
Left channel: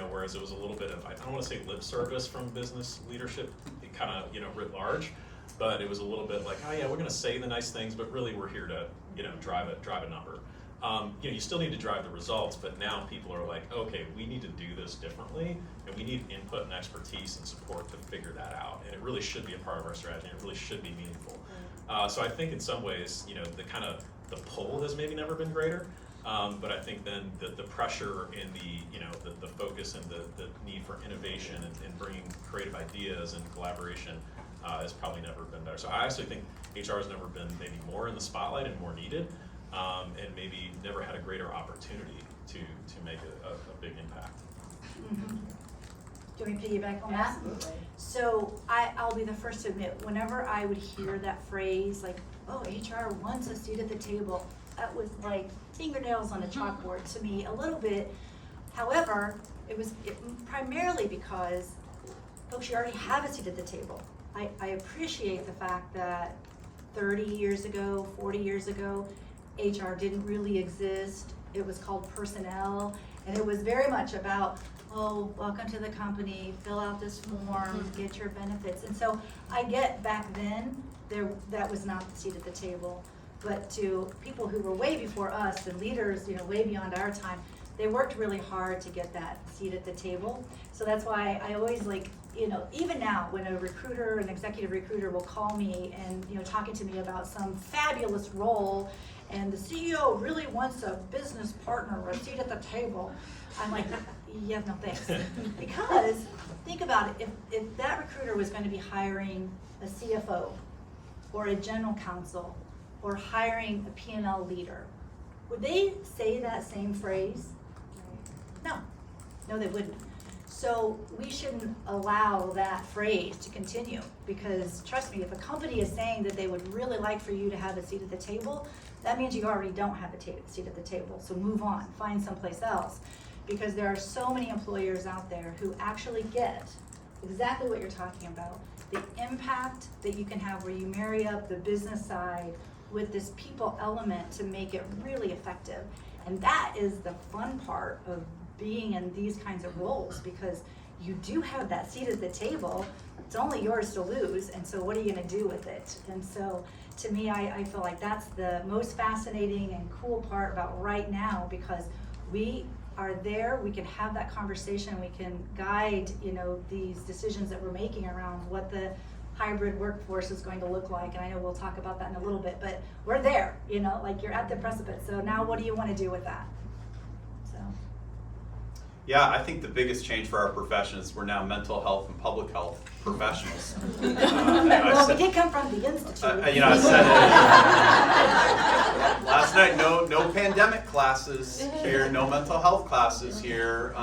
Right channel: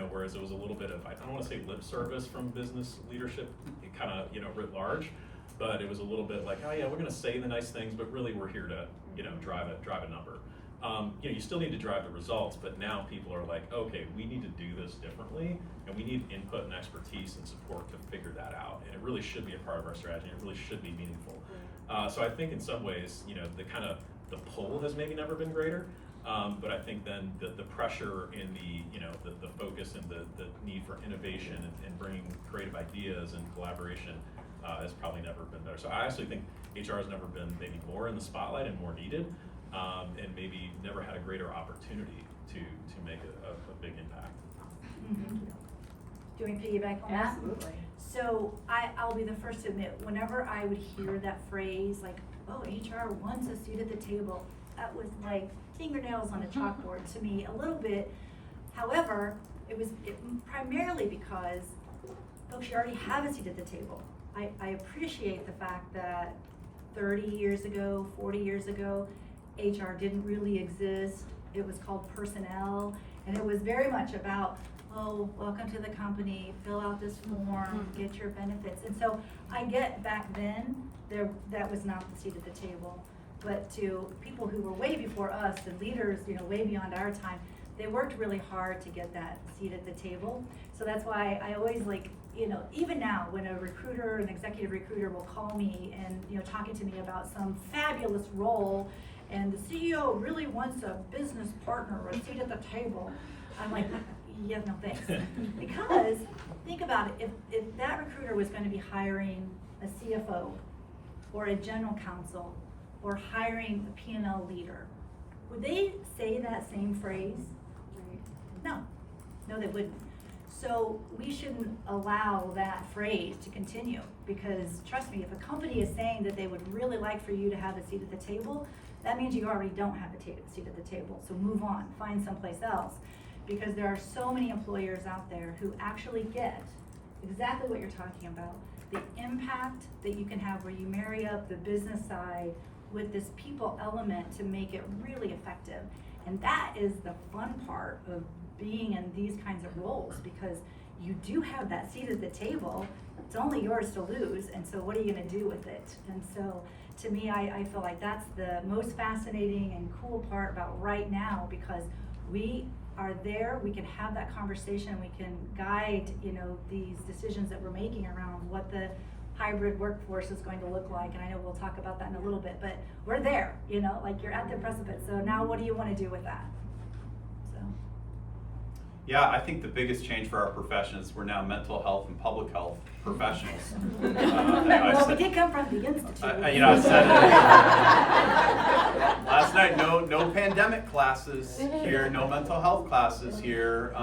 Whereas it was a little bit of, I don't want to say lip service from business leadership, kind of, writ large, but it was a little bit like, oh yeah, we're going to say the nice things, but really we're here to, drive a number. You still need to drive the results, but now people are like, okay, we need to do this differently, and we need input and expertise and support to figure that out. And it really should be a part of our strategy. And it really should be meaningful. So I think in some ways, the pull has maybe never been greater, but I think then the pressure and the focus and the need for innovation and bringing creative ideas and collaboration has probably never been better. So I actually think HR has never been maybe more in the spotlight and more needed. And maybe never had a greater opportunity to make a big impact. Mm-hmm. Do we piggyback on that? Absolutely. So I'll be the first to admit, whenever I would hear that phrase, like, oh, HR wants a seat at the table, that was like fingernails on a chalkboard to me a little bit. However, it was primarily because folks, you already have a seat at the table. I appreciate the fact that 30 years ago, 40 years ago, HR didn't really exist. It was called personnel, and it was very much about, oh, welcome to the company, fill out this form, get your benefits. And so I get back then, that was not the seat at the table. But to people who were way before us and leaders, way beyond our time, they worked really hard to get that seat at the table. So that's why I always even now when a recruiter, an executive recruiter will call me and, talking to me about some fabulous role and the CEO really wants a business partner or a seat at the table, I'm like, yeah, no thanks. Because think about it, if that recruiter was going to be hiring a CFO or a general counsel or hiring a P&L leader, would they say that same phrase? No, they wouldn't. So we shouldn't allow that phrase to continue, because trust me, if a company is saying that they would really like for you to have a seat at the table, that means you already don't have a seat at the table. So move on, find someplace else, because there are so many employers out there who actually get exactly what you're talking about, the impact that you can have where you marry up the business side with this people element to make it really effective. And that is the fun part of being in these kinds of roles, because you do have that seat at the table. It's only yours to lose, and so what are you gonna do with it? And so to me, I feel like that's the most fascinating and cool part about right now, because we are there, we can have that conversation, we can guide, these decisions that we're making around what the hybrid workforce is going to look like. And I know we'll talk about that in a little bit, but we're there, like you're at the precipice. So now what do you want to do with that? So. Yeah, I think the biggest change for our profession is we're now mental health and public health professionals. Well, we did come from the institute. I said it last night. No pandemic classes here. No mental health classes here.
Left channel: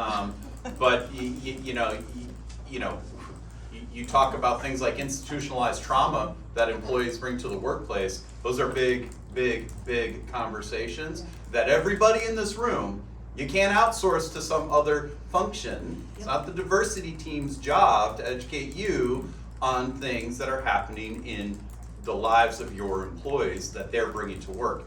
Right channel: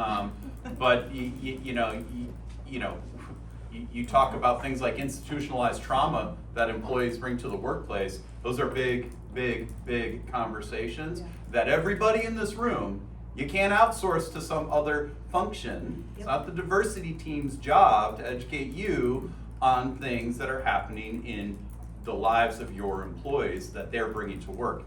But you talk about things like institutionalized trauma that employees bring to the workplace. Those are big conversations that everybody in this room, you can't outsource to some other function. It's not the diversity team's job to educate you on things that are happening in the lives of your employees that they're bringing to work.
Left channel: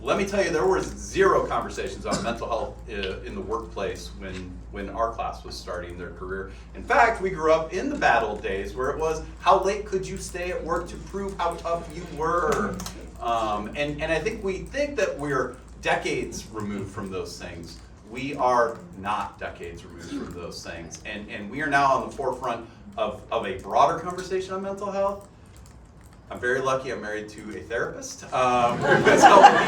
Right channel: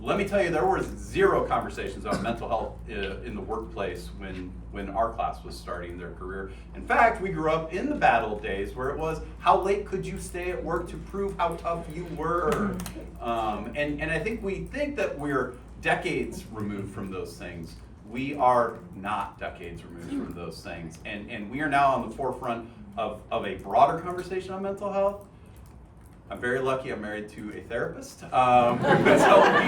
Let me tell you, there was zero conversations on mental health in the workplace when our class was starting their career. In fact, we grew up in the bad old days where it was, how late could you stay at work to prove how tough you were? And I think we think that we're decades removed from those things. We are not decades removed from those things. And we are now on the forefront of a broader conversation on mental health. I'm very lucky I'm married to a therapist who has helped me,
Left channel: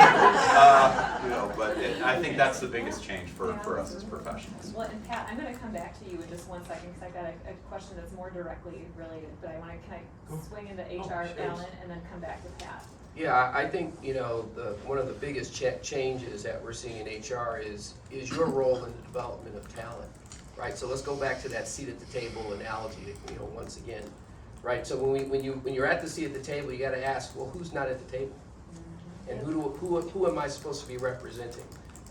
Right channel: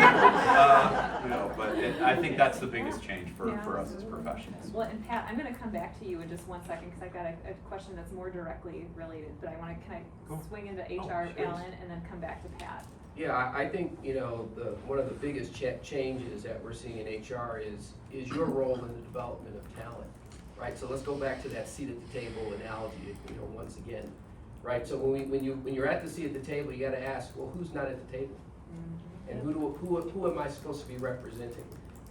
but I think that's the biggest change for us as professionals. Well, and Pat, I'm going to come back to you in just 1 second, because I've got a question that's more directly related, but I want to swing into HR, Allen, and then come back to Pat. Yeah, I think, one of the biggest changes that we're seeing in HR is your role in the development of talent, right? So let's go back to that seat at the table analogy, once again. Right, so when you're at the seat at the table, you got to ask, well, who's not at the table, and who am I supposed to be representing?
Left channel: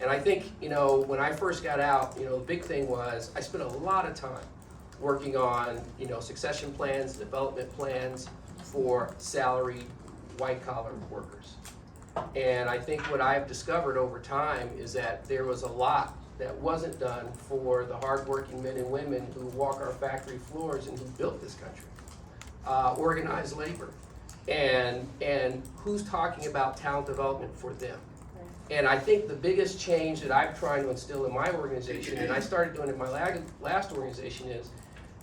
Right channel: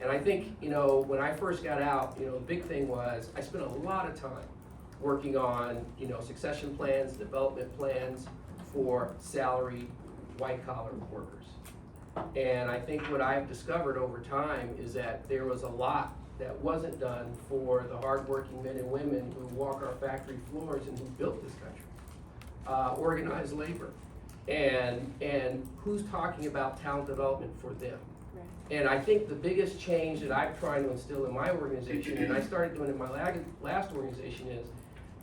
And I think when I first got out, the big thing was I spent a lot of time working on succession plans, development plans for salaried white collar workers. And I think what I've discovered over time is that there was a lot that wasn't done for the hardworking men and women who walk our factory floors and who built this country. Organized labor, and who's talking about talent development for them. Right. And I think the biggest change that I'm trying to instill in my organization, and I started doing in my last organization, is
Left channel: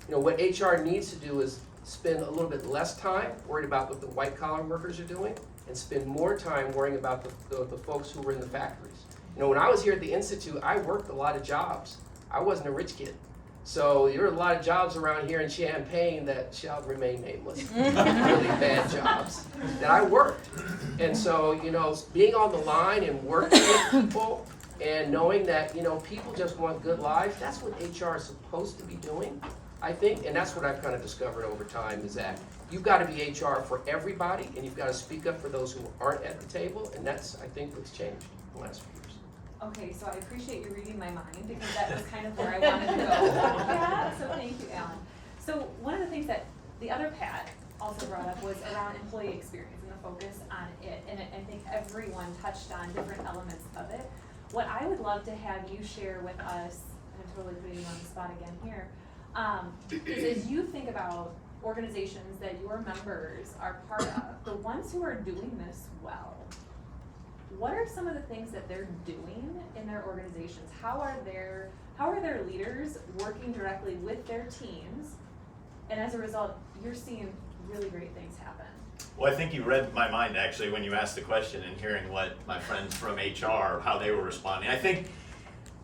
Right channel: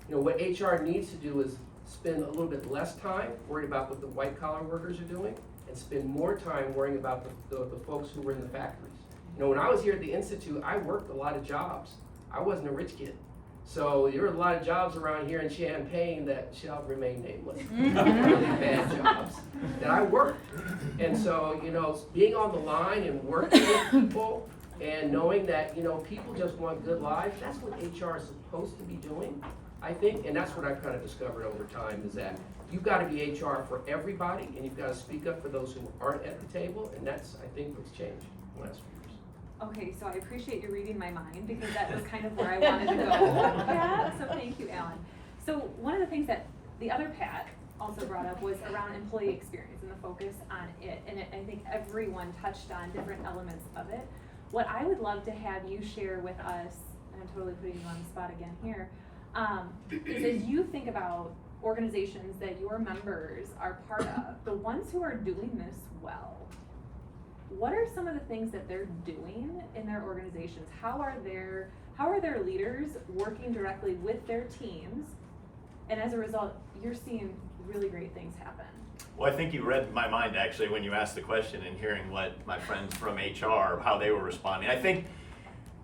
what HR needs to do is spend a little bit less time worried about what the white collar workers are doing, and spend more time worrying about the folks who were in the factories. When I was here at the Institute, I worked a lot of jobs. I wasn't a rich kid. So there are a lot of jobs around here in Champaign that shall remain nameless, really bad jobs that I worked. And so, being on the line and working with people and knowing that, people just want good lives, that's what HR is supposed to be doing, I think. And that's what I've kind of discovered over time, is that you've got to be HR for everybody, and you've got to speak up for those who aren't at the table. And that's, I think, what's changed in the last few years. Okay, so I appreciate you reading my mind, because that was kind of where I wanted to go. Yeah, so thank you, Allen. So one of the things that the other Pat also brought up was around employee experience and the focus on it. And I think everyone touched on different elements of it. What I would love to have you share with us, and I'm totally putting you on the spot again here, is as you think about organizations that your members are part of, the ones who are doing this well, what are some of the things that they're doing in their organizations? How are their leaders working directly with their teams? And as a result, you're seeing really great things happen. Well, I think you read my mind actually when you asked the question and hearing what my friends from HR, how they were responding. I think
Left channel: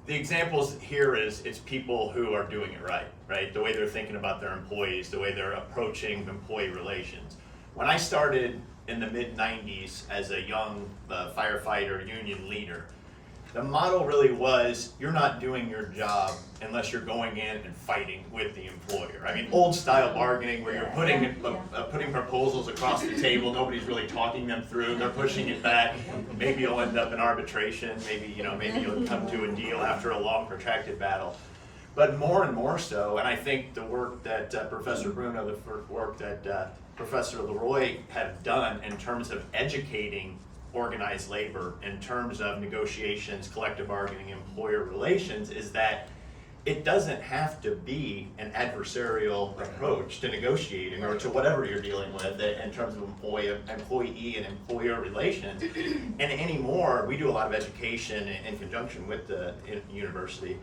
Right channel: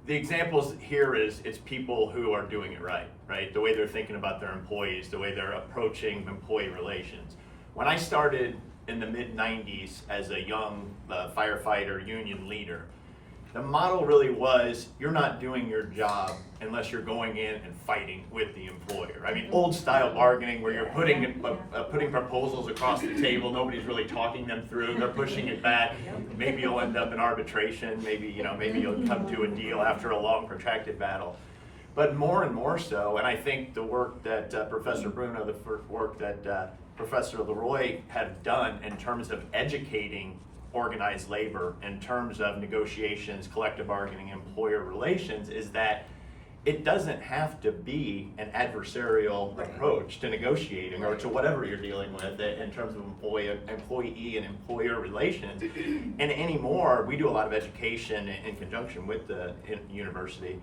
the examples here is it's people who are doing it right? The way they're thinking about their employees, the way they're approaching employee relations. When I started in the mid-90s as a young firefighter union leader, the model really was you're not doing your job unless you're going in and fighting with the employer. I mean, old style bargaining where you're putting proposals across the table, nobody's really talking them through, they're pushing it back. Maybe you'll end up in arbitration, maybe you'll come to a deal after a long protracted battle. But more and more so, and I think the work that Professor Bruno, the work that Professor Leroy have done in terms of educating organized labor, in terms of negotiations, collective bargaining, employer relations, is that it doesn't have to be an adversarial approach to negotiating or to whatever you're dealing with in terms of employee and employer relations. And anymore, we do a lot of education in conjunction with the university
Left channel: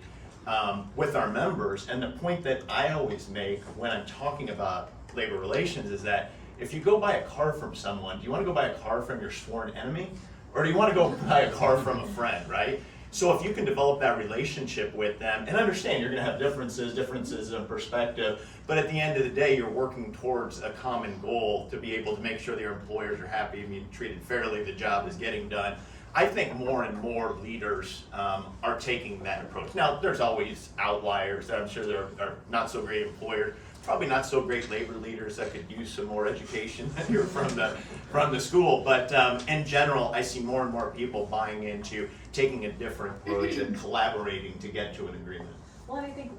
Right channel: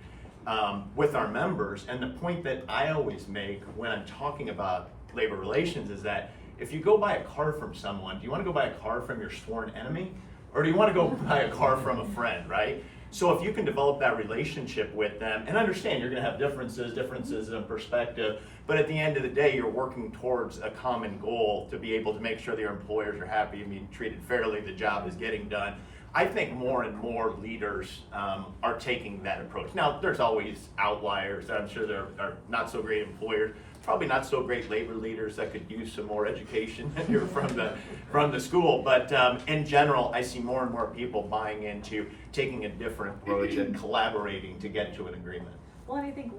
with our members. And the point that I always make when I'm talking about labor relations is that if you go buy a car from someone, do you want to go buy a car from your sworn enemy? Or do you want to go buy a car from a friend, right? So if you can develop that relationship with them, and understand you're going to have differences of perspective, but at the end of the day, you're working towards a common goal to be able to make sure that your employers are happy and being treated fairly, the job is getting done. I think more and more leaders are taking that approach. Now, there's always outliers. I'm sure there are not so great employers, probably not so great labor leaders that could use some more education here from the school. But in general, I see more and more people buying into taking a different approach and collaborating to get to an agreement. Well, and I think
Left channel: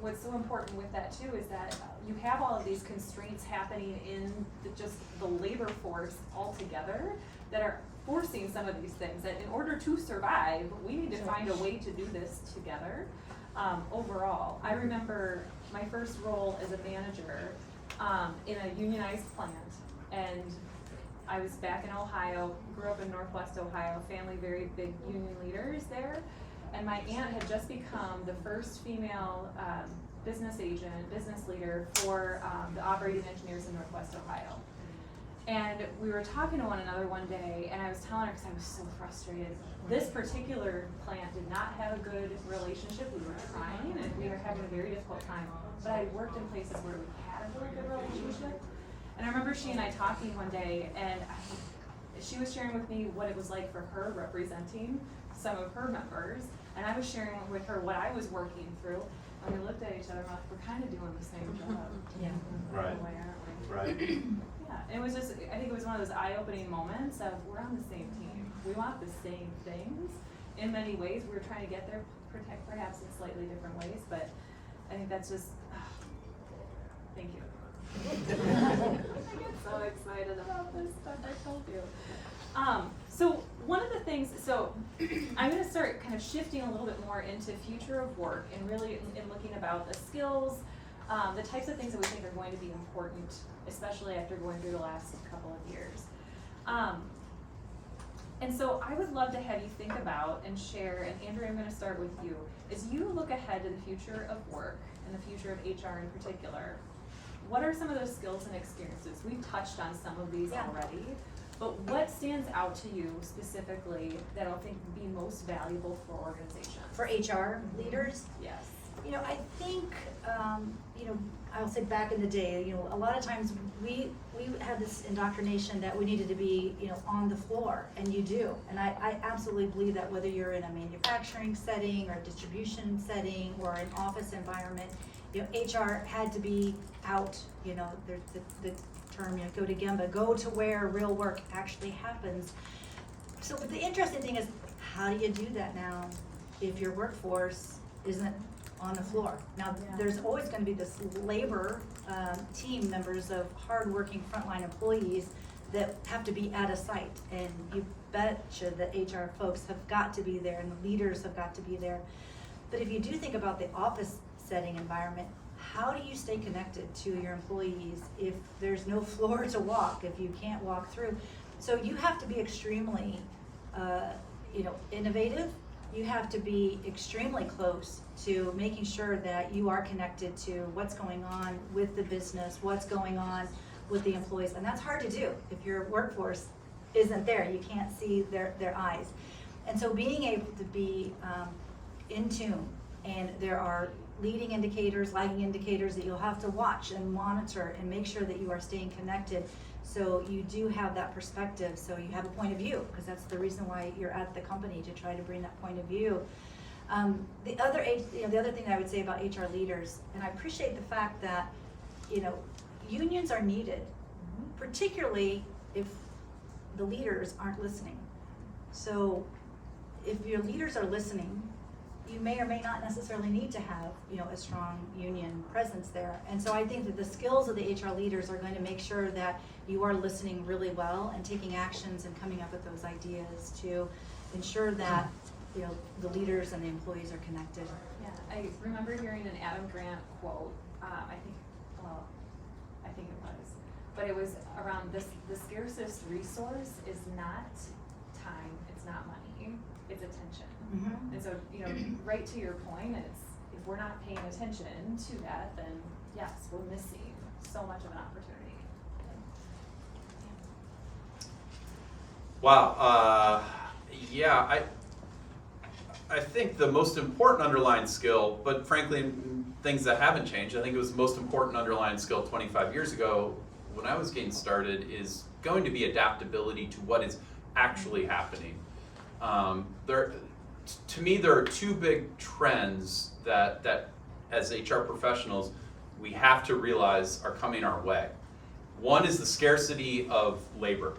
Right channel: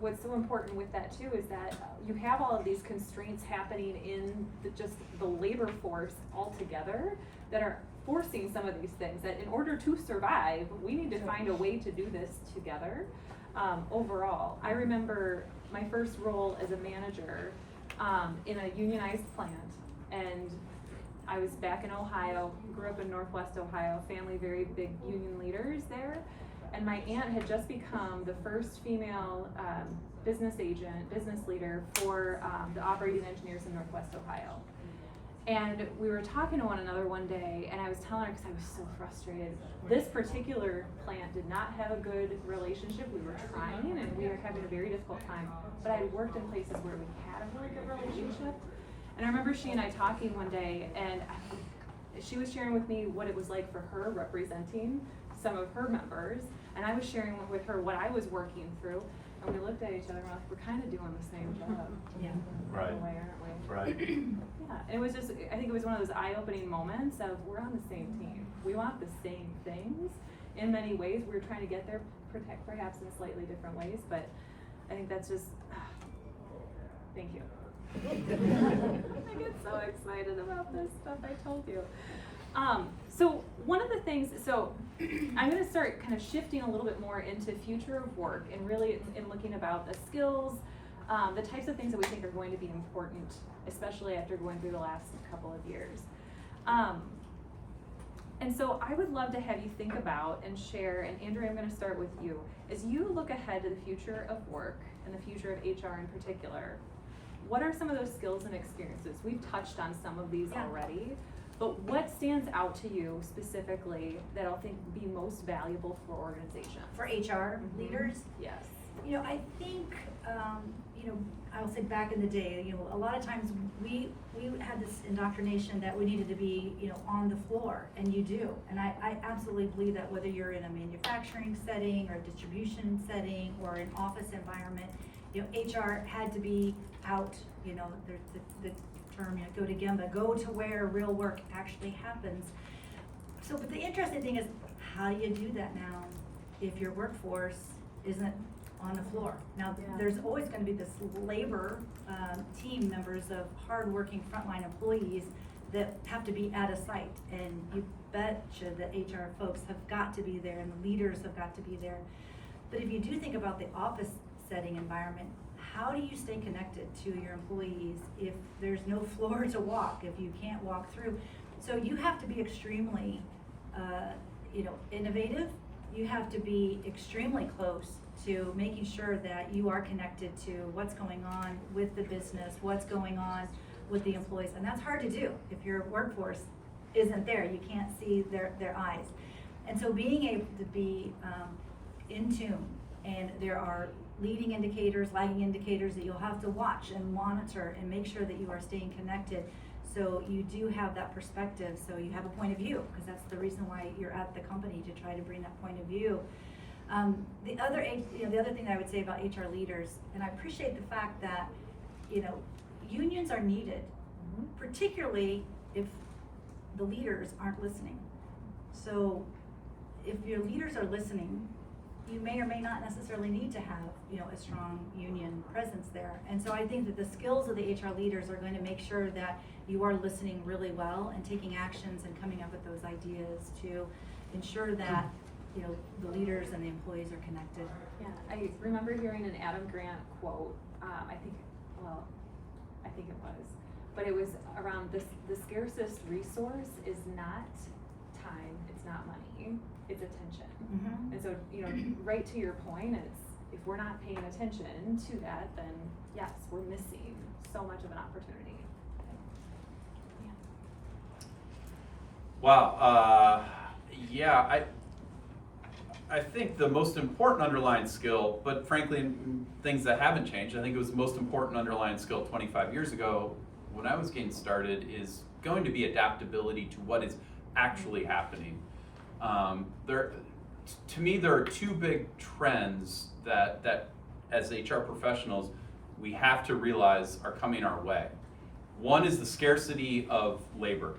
what's so important with that too is that you have all of these constraints happening in just the labor force altogether that are forcing some of these things, that in order to survive, we need to find a way to do this together. Overall, I remember my first role as a manager in a unionized plant, and I was back in Ohio, grew up in Northwest Ohio, family very big union leaders there, and my aunt had just become the first female business leader for the operating engineers in Northwest Ohio. And we were talking to one another one day, and I was telling her, because I was so frustrated, this particular plant did not have a good relationship. We were trying, and we were having a very difficult time, but I worked in places where we had a really good relationship. And I remember she and I talking one day, and she was sharing with me what it was like for her representing some of her members, and I was sharing with her what I was working through, and we looked at each other and we're like, we're kind of doing the same job. Yeah. Right. Why aren't we? Right. Yeah, and it was just, I think it was one of those eye-opening moments of we're on the same team. We want the same things in many ways. We're trying to get there perhaps in slightly different ways, but I think that's just, thank you. I get so excited about this stuff, I told you. So one of the things, I'm gonna start kind of shifting a little bit more into future of work and really in looking about the skills, the types of things that we think are going to be important, especially after going through the last couple of years. And so I would love to have you think about and share, and Andrea, I'm gonna start with you. As you look ahead to the future of work and the future of HR in particular, what are some of those skills and experiences? We've touched on some of these already, but what stands out to you specifically that I think would be most valuable for organizations? For HR leaders? Yes. I think, I'll say back in the day, a lot of times we had this indoctrination that we needed to be, on the floor, and you do. And I absolutely believe that whether you're in a manufacturing setting or a distribution setting or an office environment, HR had to be out, the term, go to Gemba, go to where real work actually happens. So, but the interesting thing is, how do you do that now if your workforce isn't on the floor? Now, there's always going to be this labor team members of hardworking frontline employees that have to be at a site, and you betcha that HR folks have got to be there and the leaders have got to be there. But if you do think about the office setting environment, how do you stay connected to your employees if there's no floor to walk, if you can't walk through? So you have to be extremely, innovative. You have to be extremely close to making sure that you are connected to what's going on with the business, what's going on with the employees, and that's hard to do if your workforce isn't there. You can't see their eyes. And so being able to be in tune, and there are leading indicators, lagging indicators that you'll have to watch and monitor and make sure that you are staying connected, so you do have that perspective, so you have a point of view, because that's the reason why you're at the company, to try to bring that point of view. The other thing that I would say about HR leaders, and I appreciate the fact that, unions are needed, particularly if the leaders aren't listening. So if your leaders are listening, you may or may not necessarily need to have, a strong union presence there. And so I think that the skills of the HR leaders are going to make sure that you are listening really well and taking actions and coming up with those ideas to ensure that, the leaders and the employees are connected. Yeah, I remember hearing an Adam Grant quote, I think it was, but it was around this: the scarcest resource is not time, it's not money, it's attention. Mm-hmm. And so, right to your point, it's, if we're not paying attention to that, then yes, we're missing so much of an opportunity. Wow, I think the most important underlying skill, but frankly, things that haven't changed, I think it was the most important underlying skill 25 years ago when I was getting started, is going to be adaptability to what is actually happening. To me, there are two big trends that as HR professionals, we have to realize are coming our way. One is the scarcity of labor.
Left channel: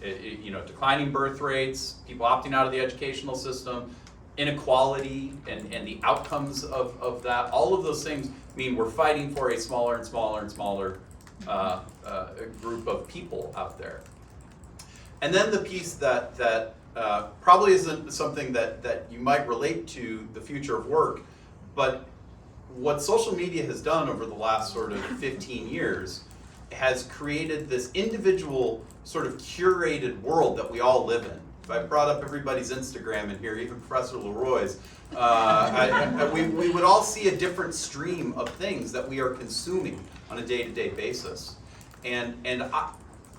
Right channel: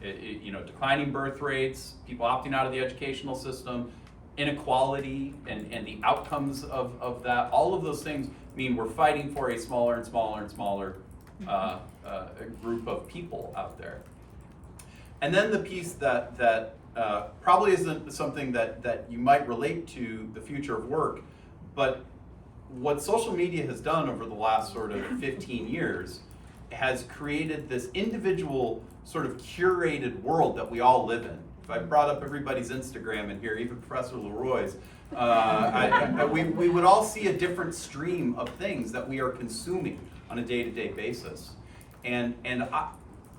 Declining birth rates, people opting out of the educational system, inequality and the outcomes of that, all of those things mean we're fighting for a smaller and smaller and smaller group of people out there. And then the piece that probably isn't something that you might relate to the future of work, but what social media has done over the last sort of 15 years has created this individual sort of curated world that we all live in. If I brought up everybody's Instagram in here, even Professor Leroy's, we would all see a different stream of things that we are consuming on a day-to-day basis. And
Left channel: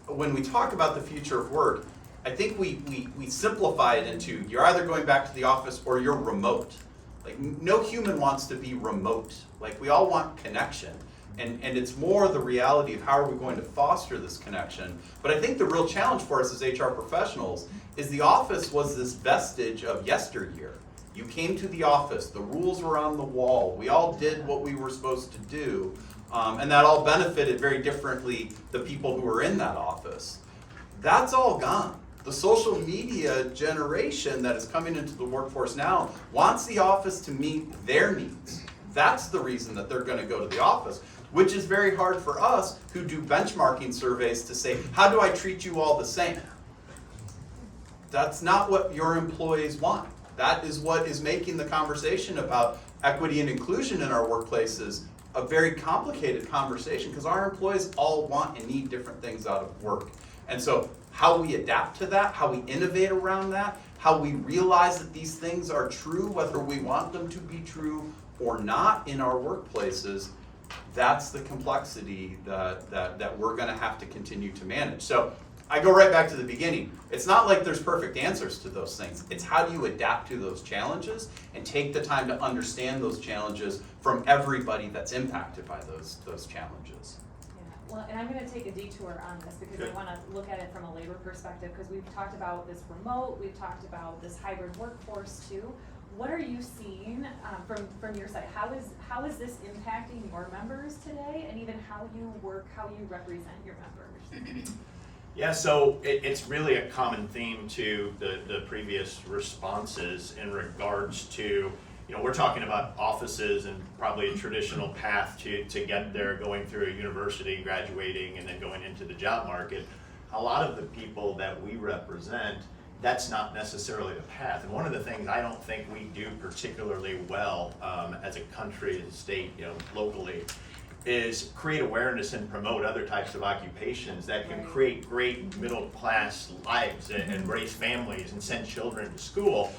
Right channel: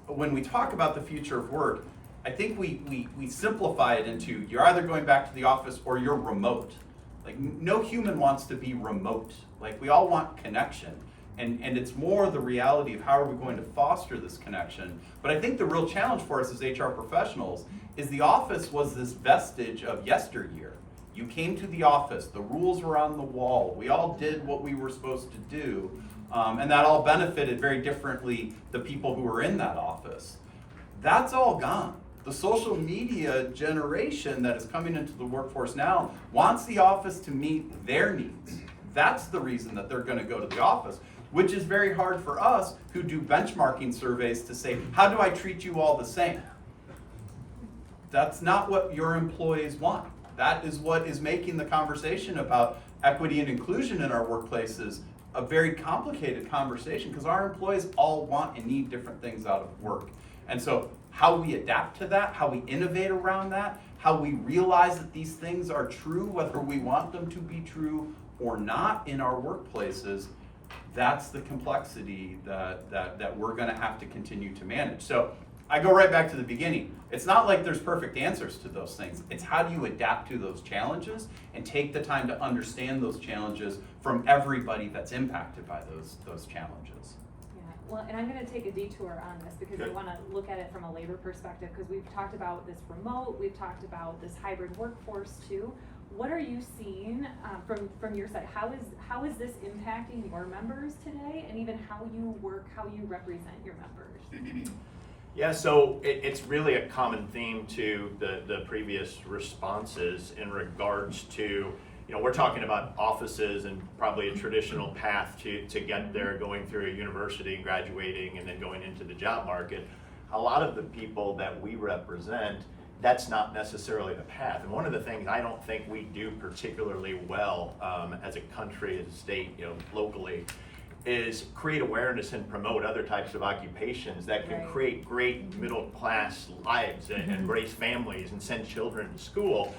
when we talk about the future of work, I think we simplify it into, you're either going back to the office or you're remote. Like, no human wants to be remote. Like, we all want connection. And it's more the reality of how are we going to foster this connection. But I think the real challenge for us as HR professionals is the office was this vestige of yesteryear. You came to the office, the rules were on the wall, we all did what we were supposed to do, and that all benefited very differently the people who were in that office. That's all gone. The social media generation that is coming into the workforce now wants the office to meet their needs. That's the reason that they're going to go to the office, which is very hard for us who do benchmarking surveys to say, how do I treat you all the same? That's not what your employees want. That is what is making the conversation about equity and inclusion in our workplaces a very complicated conversation, because our employees all want and need different things out of work. And so how we adapt to that, how we innovate around that, how we realize that these things are true, whether we want them to be true or not in our workplaces, that's the complexity that we're going to have to continue to manage. So I go right back to the beginning. It's not like there's perfect answers to those things. It's how do you adapt to those challenges and take the time to understand those challenges from everybody that's impacted by those challenges. Yeah, well, and I'm going to take a detour on this because I want to look at it from a labor perspective, because we've talked about this remote, we've talked about this hybrid workforce too. What are you seeing from your side? How is this impacting your members today, and even how you work, how you represent your members? Yeah, so it's really a common theme to the previous responses in regards to, we're talking about offices and probably a traditional path to get there, going through a university, graduating, and then going into the job market. a lot of the people that we represent, that's not necessarily the path. And one of the things I don't think we do particularly well as a country and state, locally, is create awareness and promote other types of occupations that can create great middle class lives and raise families and send children to school.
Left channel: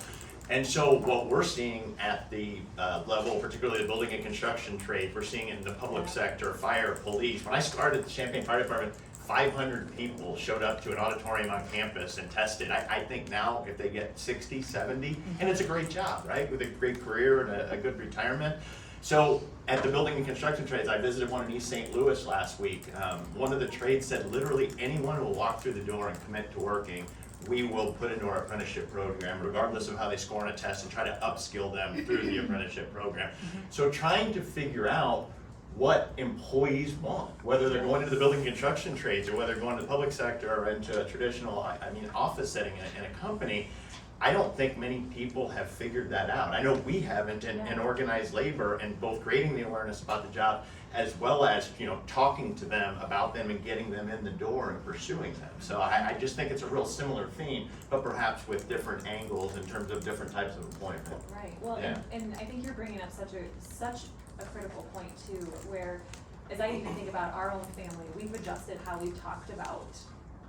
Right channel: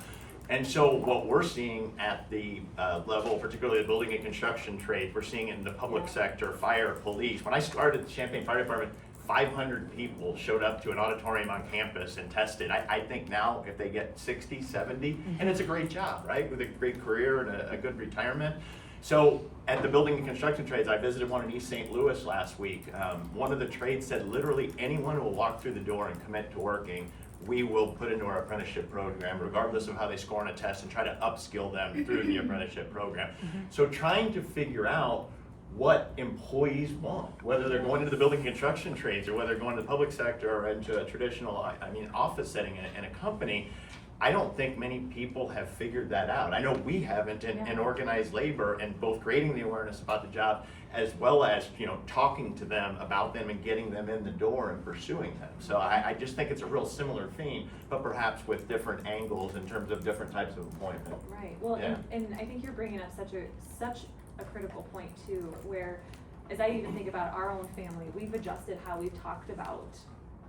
And so what we're seeing at the level, particularly the building and construction trade, we're seeing it in the public sector, fire, police. When I started the Champaign Fire Department, 500 people showed up to an auditorium on campus and tested. I think now if they get 60, 70, and it's a great job, right? With a great career and a good retirement. So at the building and construction trades, I visited one in East St. Louis last week. One of the trades said literally anyone who will walk through the door and commit to working, we will put into our apprenticeship program, regardless of how they score on a test, and try to upskill them through the apprenticeship program. So trying to figure out what employees want, whether they're going into the building and construction trades or whether they're going to the public sector or into a traditional, office setting in a company. I don't think many people have figured that out. I know we haven't in organized labor, and both creating the awareness about the job as well as talking to them about them and getting them in the door and pursuing them. So I just think it's a real similar theme, but perhaps with different angles in terms of different types of employment. Right. Well, Yeah. and I think you're bringing up such a critical point too, where as I even think about our own family, we've adjusted how we've talked about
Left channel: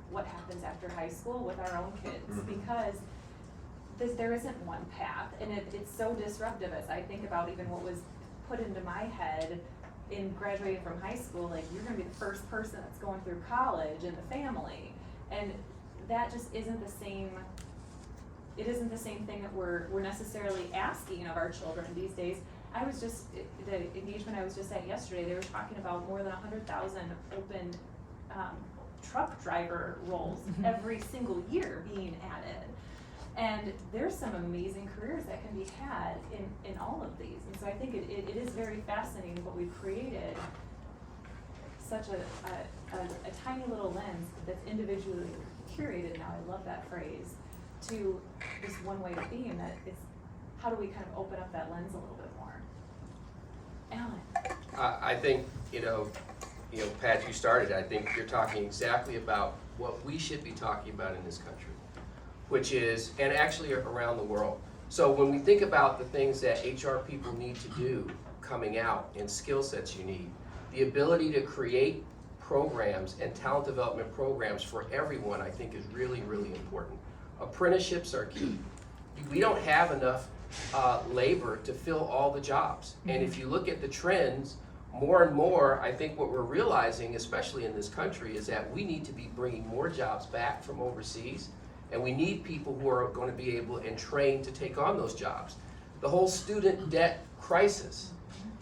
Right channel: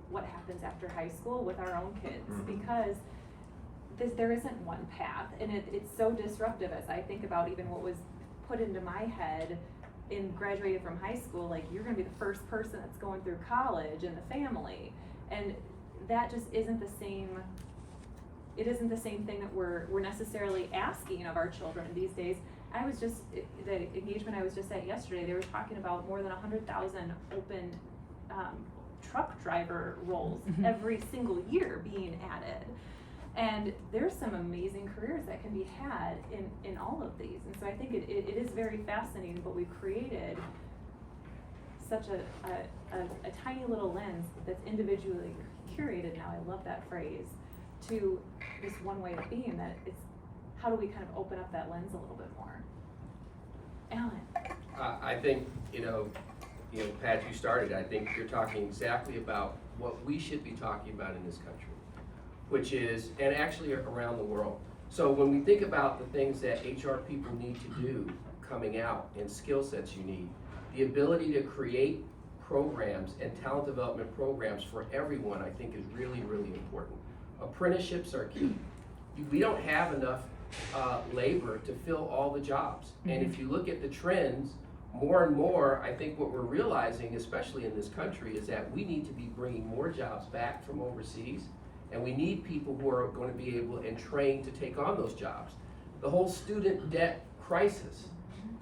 what happens after high school with our own kids, because there isn't one path, and it's so disruptive. As I think about even what was put into my head in graduating from high school, like you're gonna be the first person that's going through college in the family, and that just isn't the same. It isn't the same thing that we're necessarily asking of our children these days. I was just, the engagement I was just at yesterday, they were talking about more than 100,000 open truck driver roles every single year being added. And there's some amazing careers that can be had in all of these. And so I think it is very fascinating, but we've created such a tiny little lens that's individually curated now. I love that phrase, to just one way of being, that it's how do we kind of open up that lens a little bit more? Alan. I think, Pat, you started, I think you're talking exactly about what we should be talking about in this country, which is, and actually around the world. So when we think about the things that HR people need to do coming out and skill sets you need, the ability to create programs and talent development programs for everyone, I think is really, really important. Apprenticeships are key. We don't have enough labor to fill all the jobs. And if you look at the trends, more and more, I think what we're realizing, especially in this country, is that we need to be bringing more jobs back from overseas, and we need people who are going to be able and trained to take on those jobs. The whole student debt crisis,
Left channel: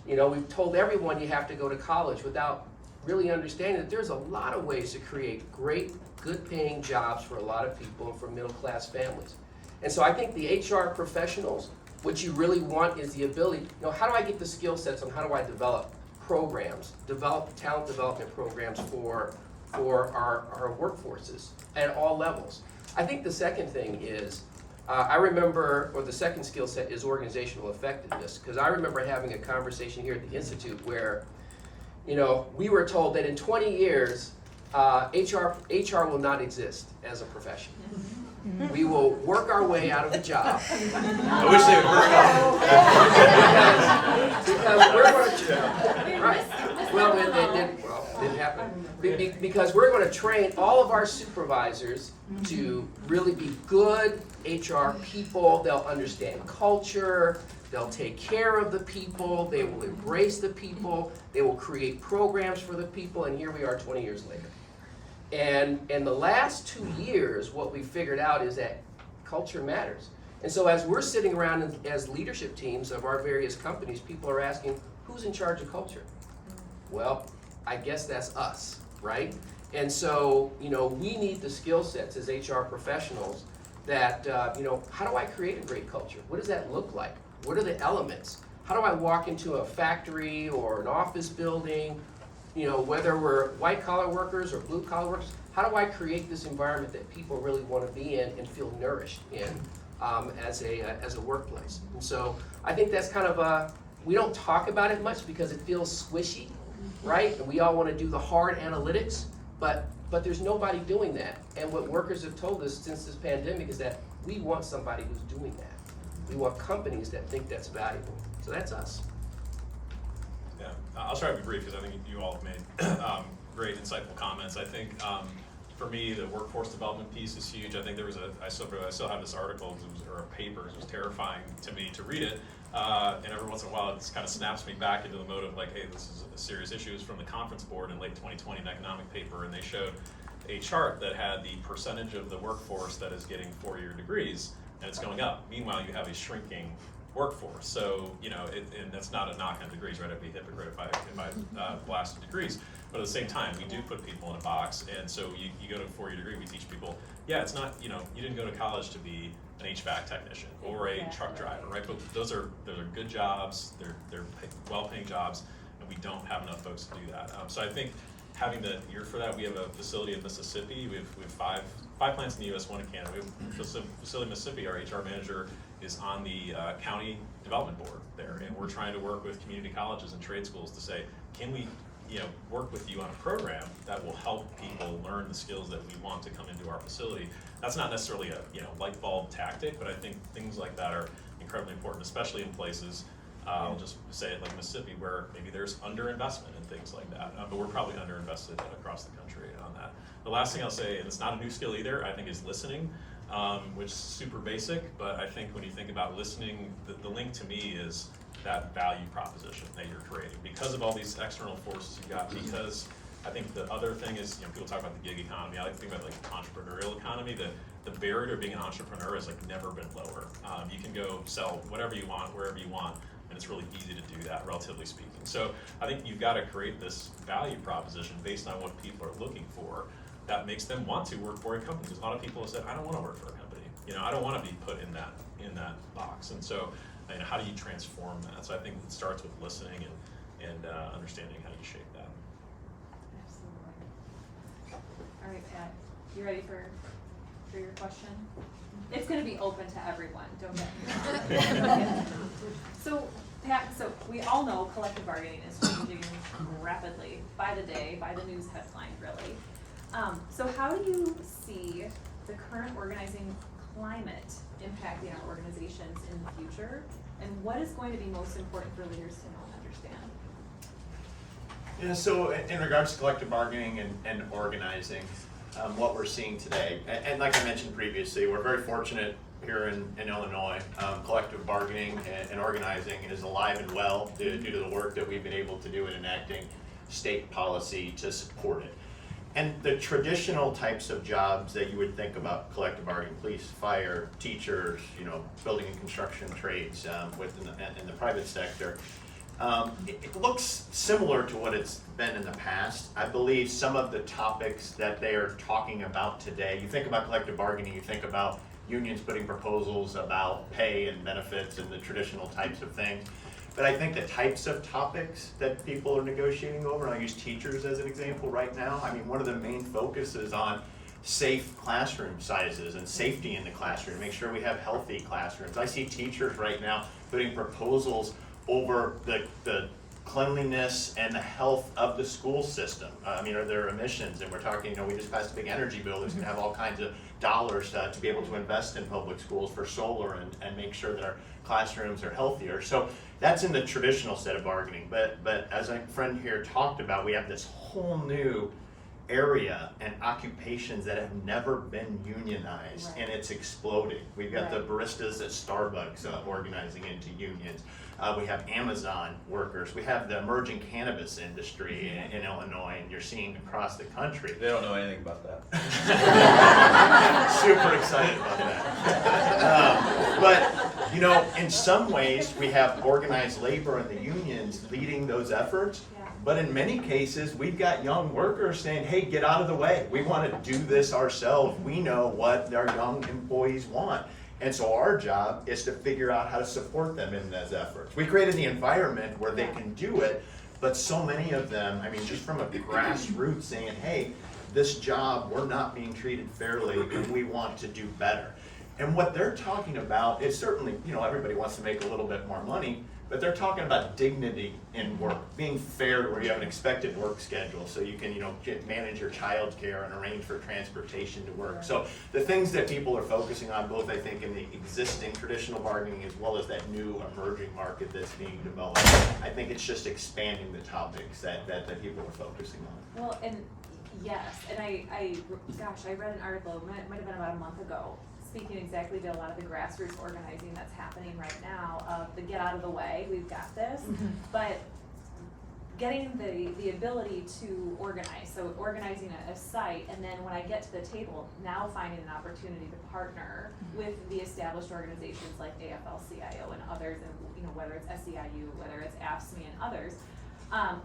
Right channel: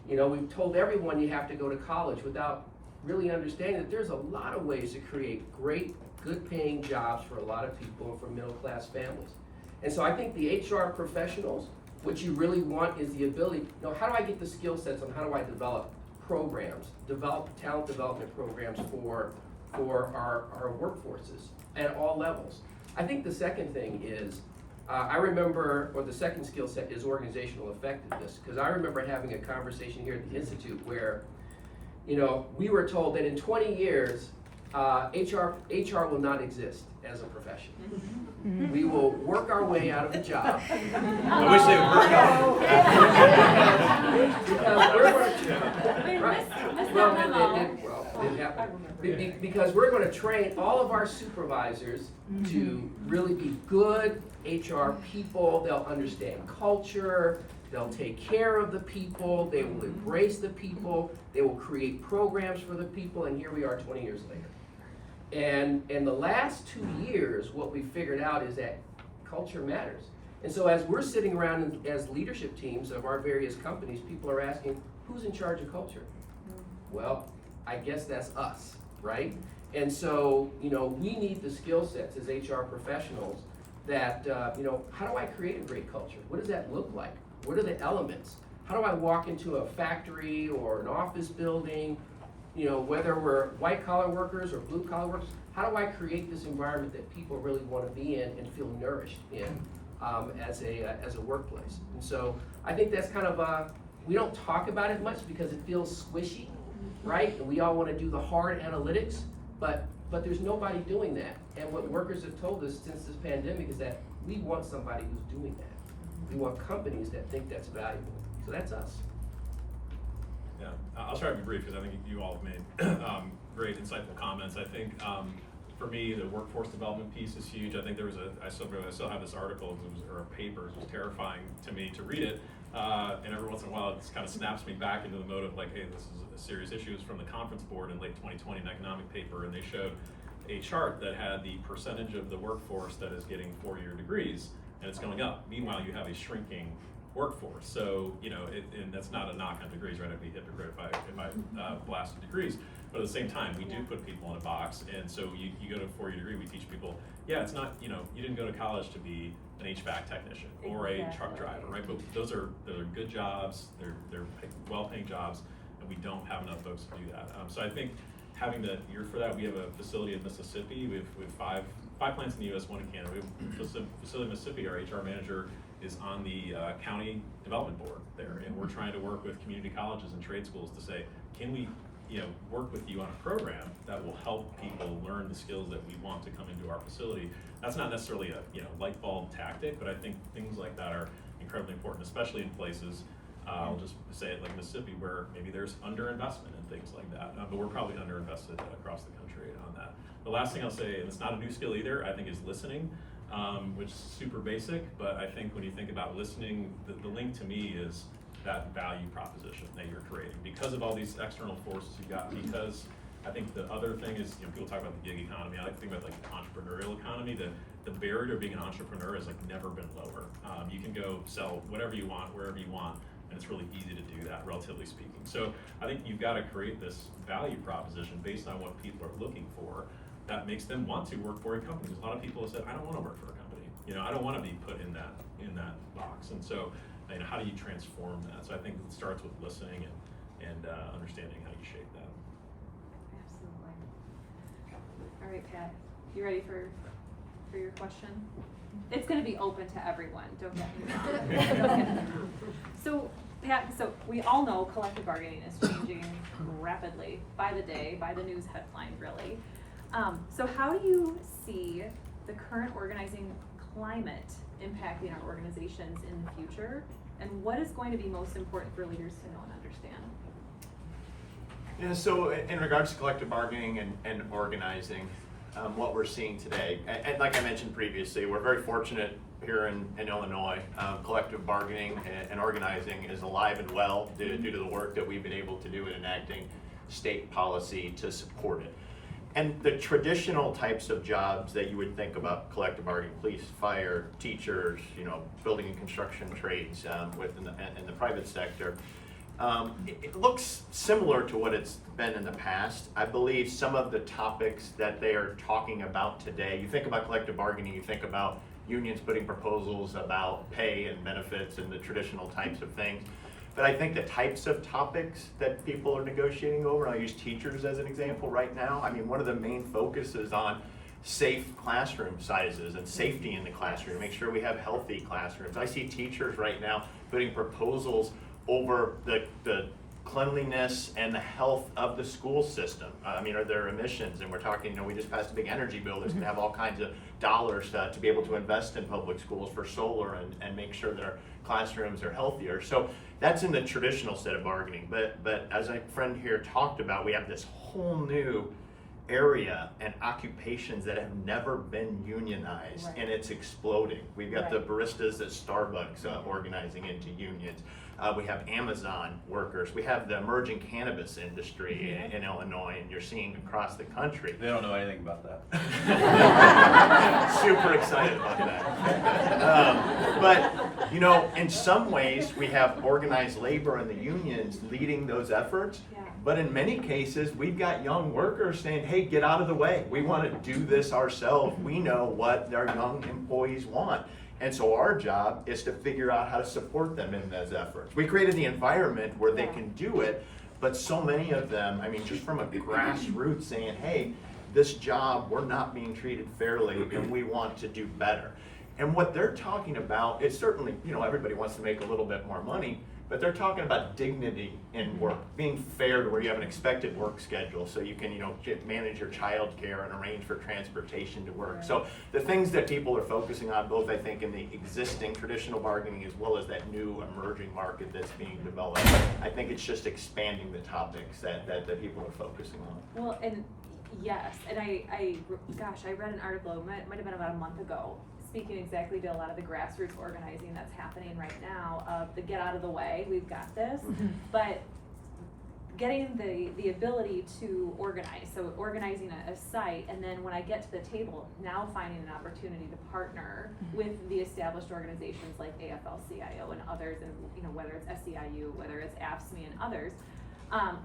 we've told everyone you have to go to college without really understanding that there's a lot of ways to create great, good paying jobs for a lot of people and for middle class families. And so I think the HR professionals, what you really want is the ability, how do I get the skill sets on how do I develop programs, develop talent development programs for our workforces at all levels. I think the second thing is, the second skill set is organizational effectiveness, because I remember having a conversation here at the Institute where, we were told that in 20 years, HR will not exist as a profession. We will work our way out of a job. I wish they would hurry up. Because we're going to, right, well, it didn't happen. Because we're going to train all of our supervisors to really be good HR people. They'll understand culture, they'll take care of the people, they will embrace the people, they will create programs for the people, and here we are 20 years later. And in the last 2 years, what we figured out is that culture matters. And so as we're sitting around as leadership teams of our various companies, people are asking, who's in charge of culture? Well, I guess that's us, right? And so, we need the skill sets as HR professionals that, how do I create a great culture? What does that look like? What are the elements? How do I walk into a factory or an office building? Whether we're white collar workers or blue collar workers, how do I create this environment that people really want to be in and feel nourished in as a workplace? And so I think that's kind of we don't talk about it much because it feels squishy, right? And we all want to do the hard analytics, but But there's nobody doing that. And what workers have told us since this pandemic is that we want somebody who's doing that. We want companies that think that's valuable. So that's us. Yeah, I'll try to be brief because I think you all have made great, insightful comments. I think for me, the workforce development piece is huge. I think there was I still have this article or a paper. It was terrifying to me to read it. And every once in a while, it kind of snaps me back into the mode of like, hey, this is a serious issue. It was from the Conference Board in late 2020, an economic paper, and they showed a chart that had the percentage of the workforce that is getting 4-year degrees, and it's going up. Meanwhile, you have a shrinking workforce. So, you know, and that's not a knock on degrees, right? I'd be hypocrite if I blasted degrees. But at the same time, we do put people in a box, and so you go to a 4-year degree, we teach people, yeah, it's not, you know, you didn't go to college to be an HVAC technician or a truck driver, right? But those are good jobs, they're well-paying jobs, and we don't have enough folks to do that. So I think having the ear for that, we have a facility in Mississippi. We have five plants in the U.S., 1 in Canada. We have a facility in Mississippi. Our HR manager is on the county development board there, and we're trying to work with community colleges and trade schools to say, can we, you know, work with you on a program that will help people learn the skills that we want to come into our facility. That's not necessarily a, you know, light bulb tactic, but I think things like that are incredibly important, especially in places, I'll just say it like Mississippi, where maybe there's underinvestment in things like that, but we're probably underinvested across the country on that. The last thing I'll say, and it's not a new skill either, I think is listening, which is super basic, but I think when you think about listening, the link to me is that value proposition that you're creating. Because of all these external forces you got, because I think the other thing is, you know, people talk about the gig economy. I like to think about like the entrepreneurial economy. The barrier to being an entrepreneur has like never been lower. You can go sell whatever you want, wherever you want, and it's really easy to do that, relatively speaking. So I think you've got to create this value proposition based on what people are looking for that makes them want to work for a company. There's a lot of people who said, I don't want to work for a company. You know, I don't want to be put in that box. And so, you know, how do you transform that? So I think it starts with listening and understanding how you shape that. Absolutely. All right, Pat, you ready for your question? It's going to be open to everyone. Don't get me wrong. So, Pat, so we all know collective bargaining is changing rapidly by the day, by the news headline, really. So how do you see the current organizing climate impacting our organizations in the future? And what is going to be most important for leaders to know and understand? Yeah, so in regards to collective bargaining and organizing, what we're seeing today, and like I mentioned previously, we're very fortunate here in Illinois. Collective bargaining and organizing is alive and well due to the work that we've been able to do in enacting state policy to support it. And the traditional types of jobs that you would think about collective bargaining, police, fire, teachers, you know, building and construction trades in the private sector, it looks similar to what it's been in the past. I believe some of the topics that they are talking about today, you think about collective bargaining, you think about unions putting proposals about pay and benefits and the traditional types of things. But I think the types of topics that people are negotiating over, and I'll use teachers as an example right now. I mean, one of the main focuses on safe classroom sizes and safety in the classroom, make sure we have healthy classrooms. I see teachers right now putting proposals over the cleanliness and the health of the school system. I mean, are there emissions? And we're talking, you know, we just passed a big energy bill that's gonna have all kinds of dollars to be able to invest in public schools for solar and make sure that our classrooms are healthier. So that's in the traditional set of bargaining. But as a friend here talked about, we have this whole new area and occupations that have never been unionized, and it's exploding. We've got the baristas at Starbucks organizing into unions. We have Amazon workers. We have the emerging cannabis industry in Illinois, and you're seeing across the country. They don't know anything about that. Super excited about that. But, you know, in some ways, we have organized labor and the unions leading those efforts. But in many cases, we've got young workers saying, hey, get out of the way. We want to do this ourselves. We know what our young employees want. And so our job is to figure out how to support them in those efforts. We created the environment where they can do it, but so many of them, I mean, just from a grassroots saying, hey, this job, we're not being treated fairly and we want to do better. And what they're talking about is certainly, you know, everybody wants to make a little bit more money, but they're talking about dignity in work, being fair to where you have an expected work schedule, so you can, manage your child care and arrange for transportation to work. So the things that people are focusing on, both I think in the existing traditional bargaining as well as that new emerging market that's being developed, I think it's just expanding the topics that people are focusing on. Well, and yes, and I read an article, might have been about a month ago, speaking exactly to a lot of the grassroots organizing that's happening right now of the get out of the way, we've got this, but getting the ability to organize, so organizing a site, and then when I get to the table, now finding an opportunity to partner with the established organizations like AFL-CIO and others, and whether it's SEIU, whether it's AFSCME and others,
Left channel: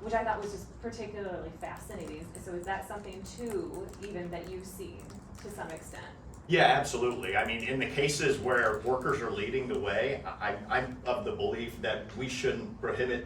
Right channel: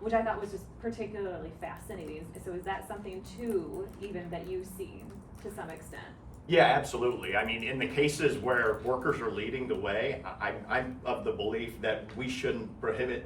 which I thought was just particularly fascinating. So is that something too, even that you've seen to some extent? Yeah, absolutely. I mean, in the cases where workers are leading the way, I'm of the belief that we shouldn't prohibit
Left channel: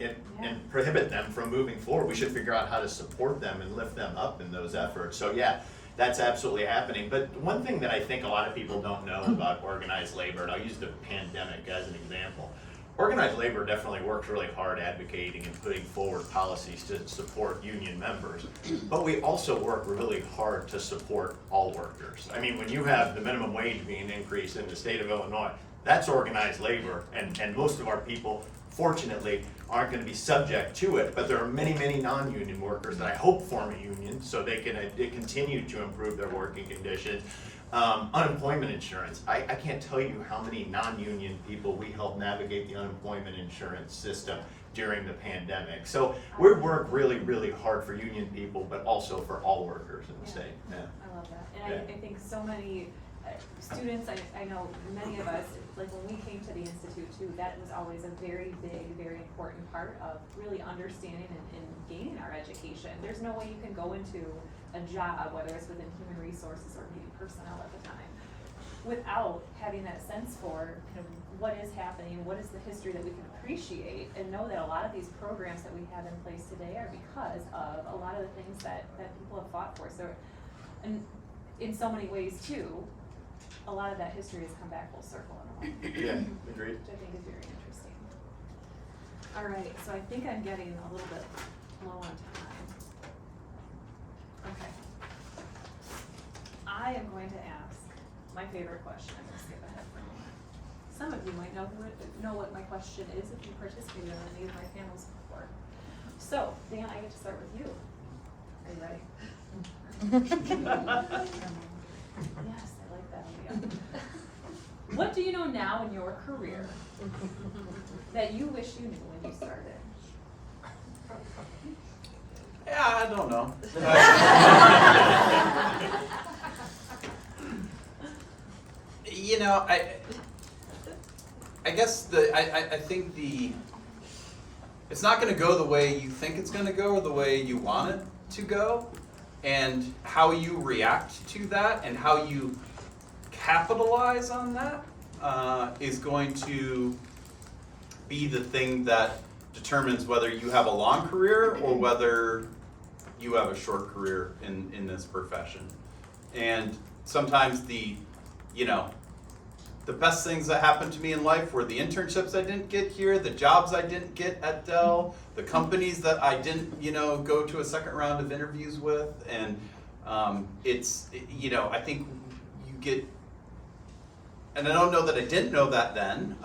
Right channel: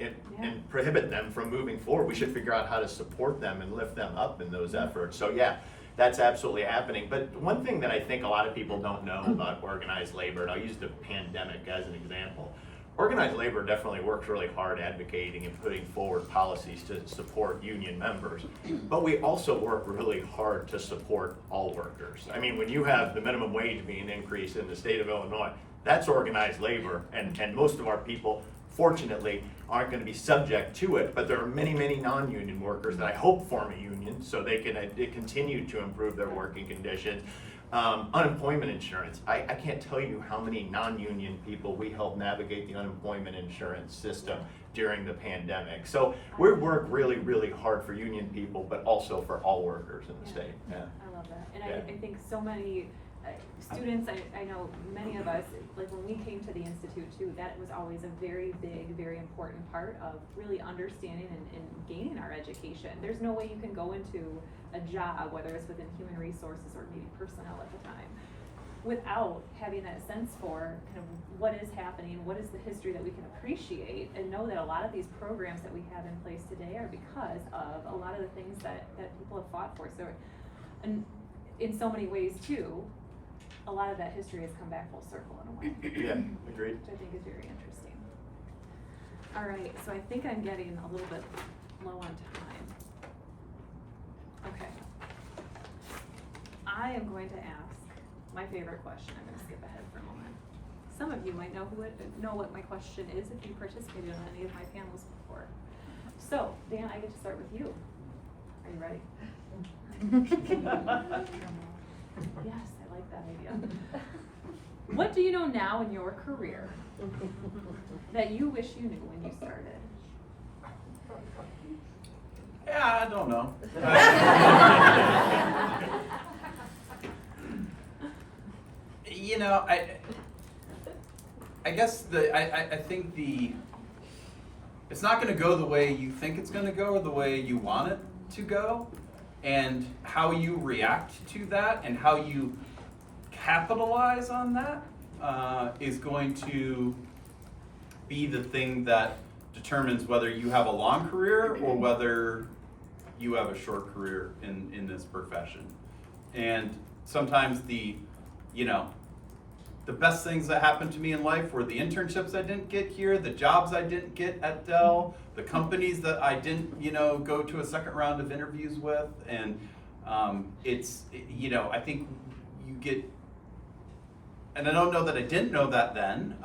them from moving forward. We should figure out how to support them and lift them up in those efforts. So yeah, that's absolutely happening. But one thing that I think a lot of people don't know about organized labor, and I'll use the pandemic as an example. Organized labor definitely works really hard advocating and putting forward policies to support union members, but we also work really hard to support all workers. I mean, when you have the minimum wage being increased in the state of Illinois, that's organized labor, and most of our people, fortunately, aren't going to be subject to it, but there are many, many non-union workers that I hope form a union so they can continue to improve their working conditions. Unemployment insurance. I can't tell you how many non-union people we helped navigate the unemployment insurance system during the pandemic. So we work really, really hard for union people, but also for all workers in the state. Yeah. I love that. And I think so many students, I know many of us, like when we came to the Institute too, that was always a very big, very important part of really understanding and gaining our education. There's no way you can go into a job, whether it's within human resources or maybe personnel at the time, without having that sense for kind of what is happening, what is the history that we can appreciate, and know that a lot of these programs that we have in place today are because of a lot of the things that people have fought for. So, and in so many ways too, a lot of that history has come back full circle in a way. Yeah, agreed. Which I think is very interesting. All right, so I think I'm getting a little bit low on time. Okay. I am going to ask my favorite question. I'm going to skip ahead for a moment. Some of you might know what my question is if you participated in any of my panels before. So, Dan, I get to start with you. Are you ready? Yes, I like that idea. What do you know now in your career that you wish you knew when you started? Yeah, I don't know. I guess I think it's not going to go the way you think it's going to go or the way you want it to go, and how you react to that and how you capitalize on that is going to be the thing that determines whether you have a long career or whether you have a short career in this profession. And sometimes the best things that happened to me in life were the internships I didn't get here, the jobs I didn't get at Dell, the companies that I didn't, go to a second round of interviews with. And I think you get, and I don't know that I didn't know that then,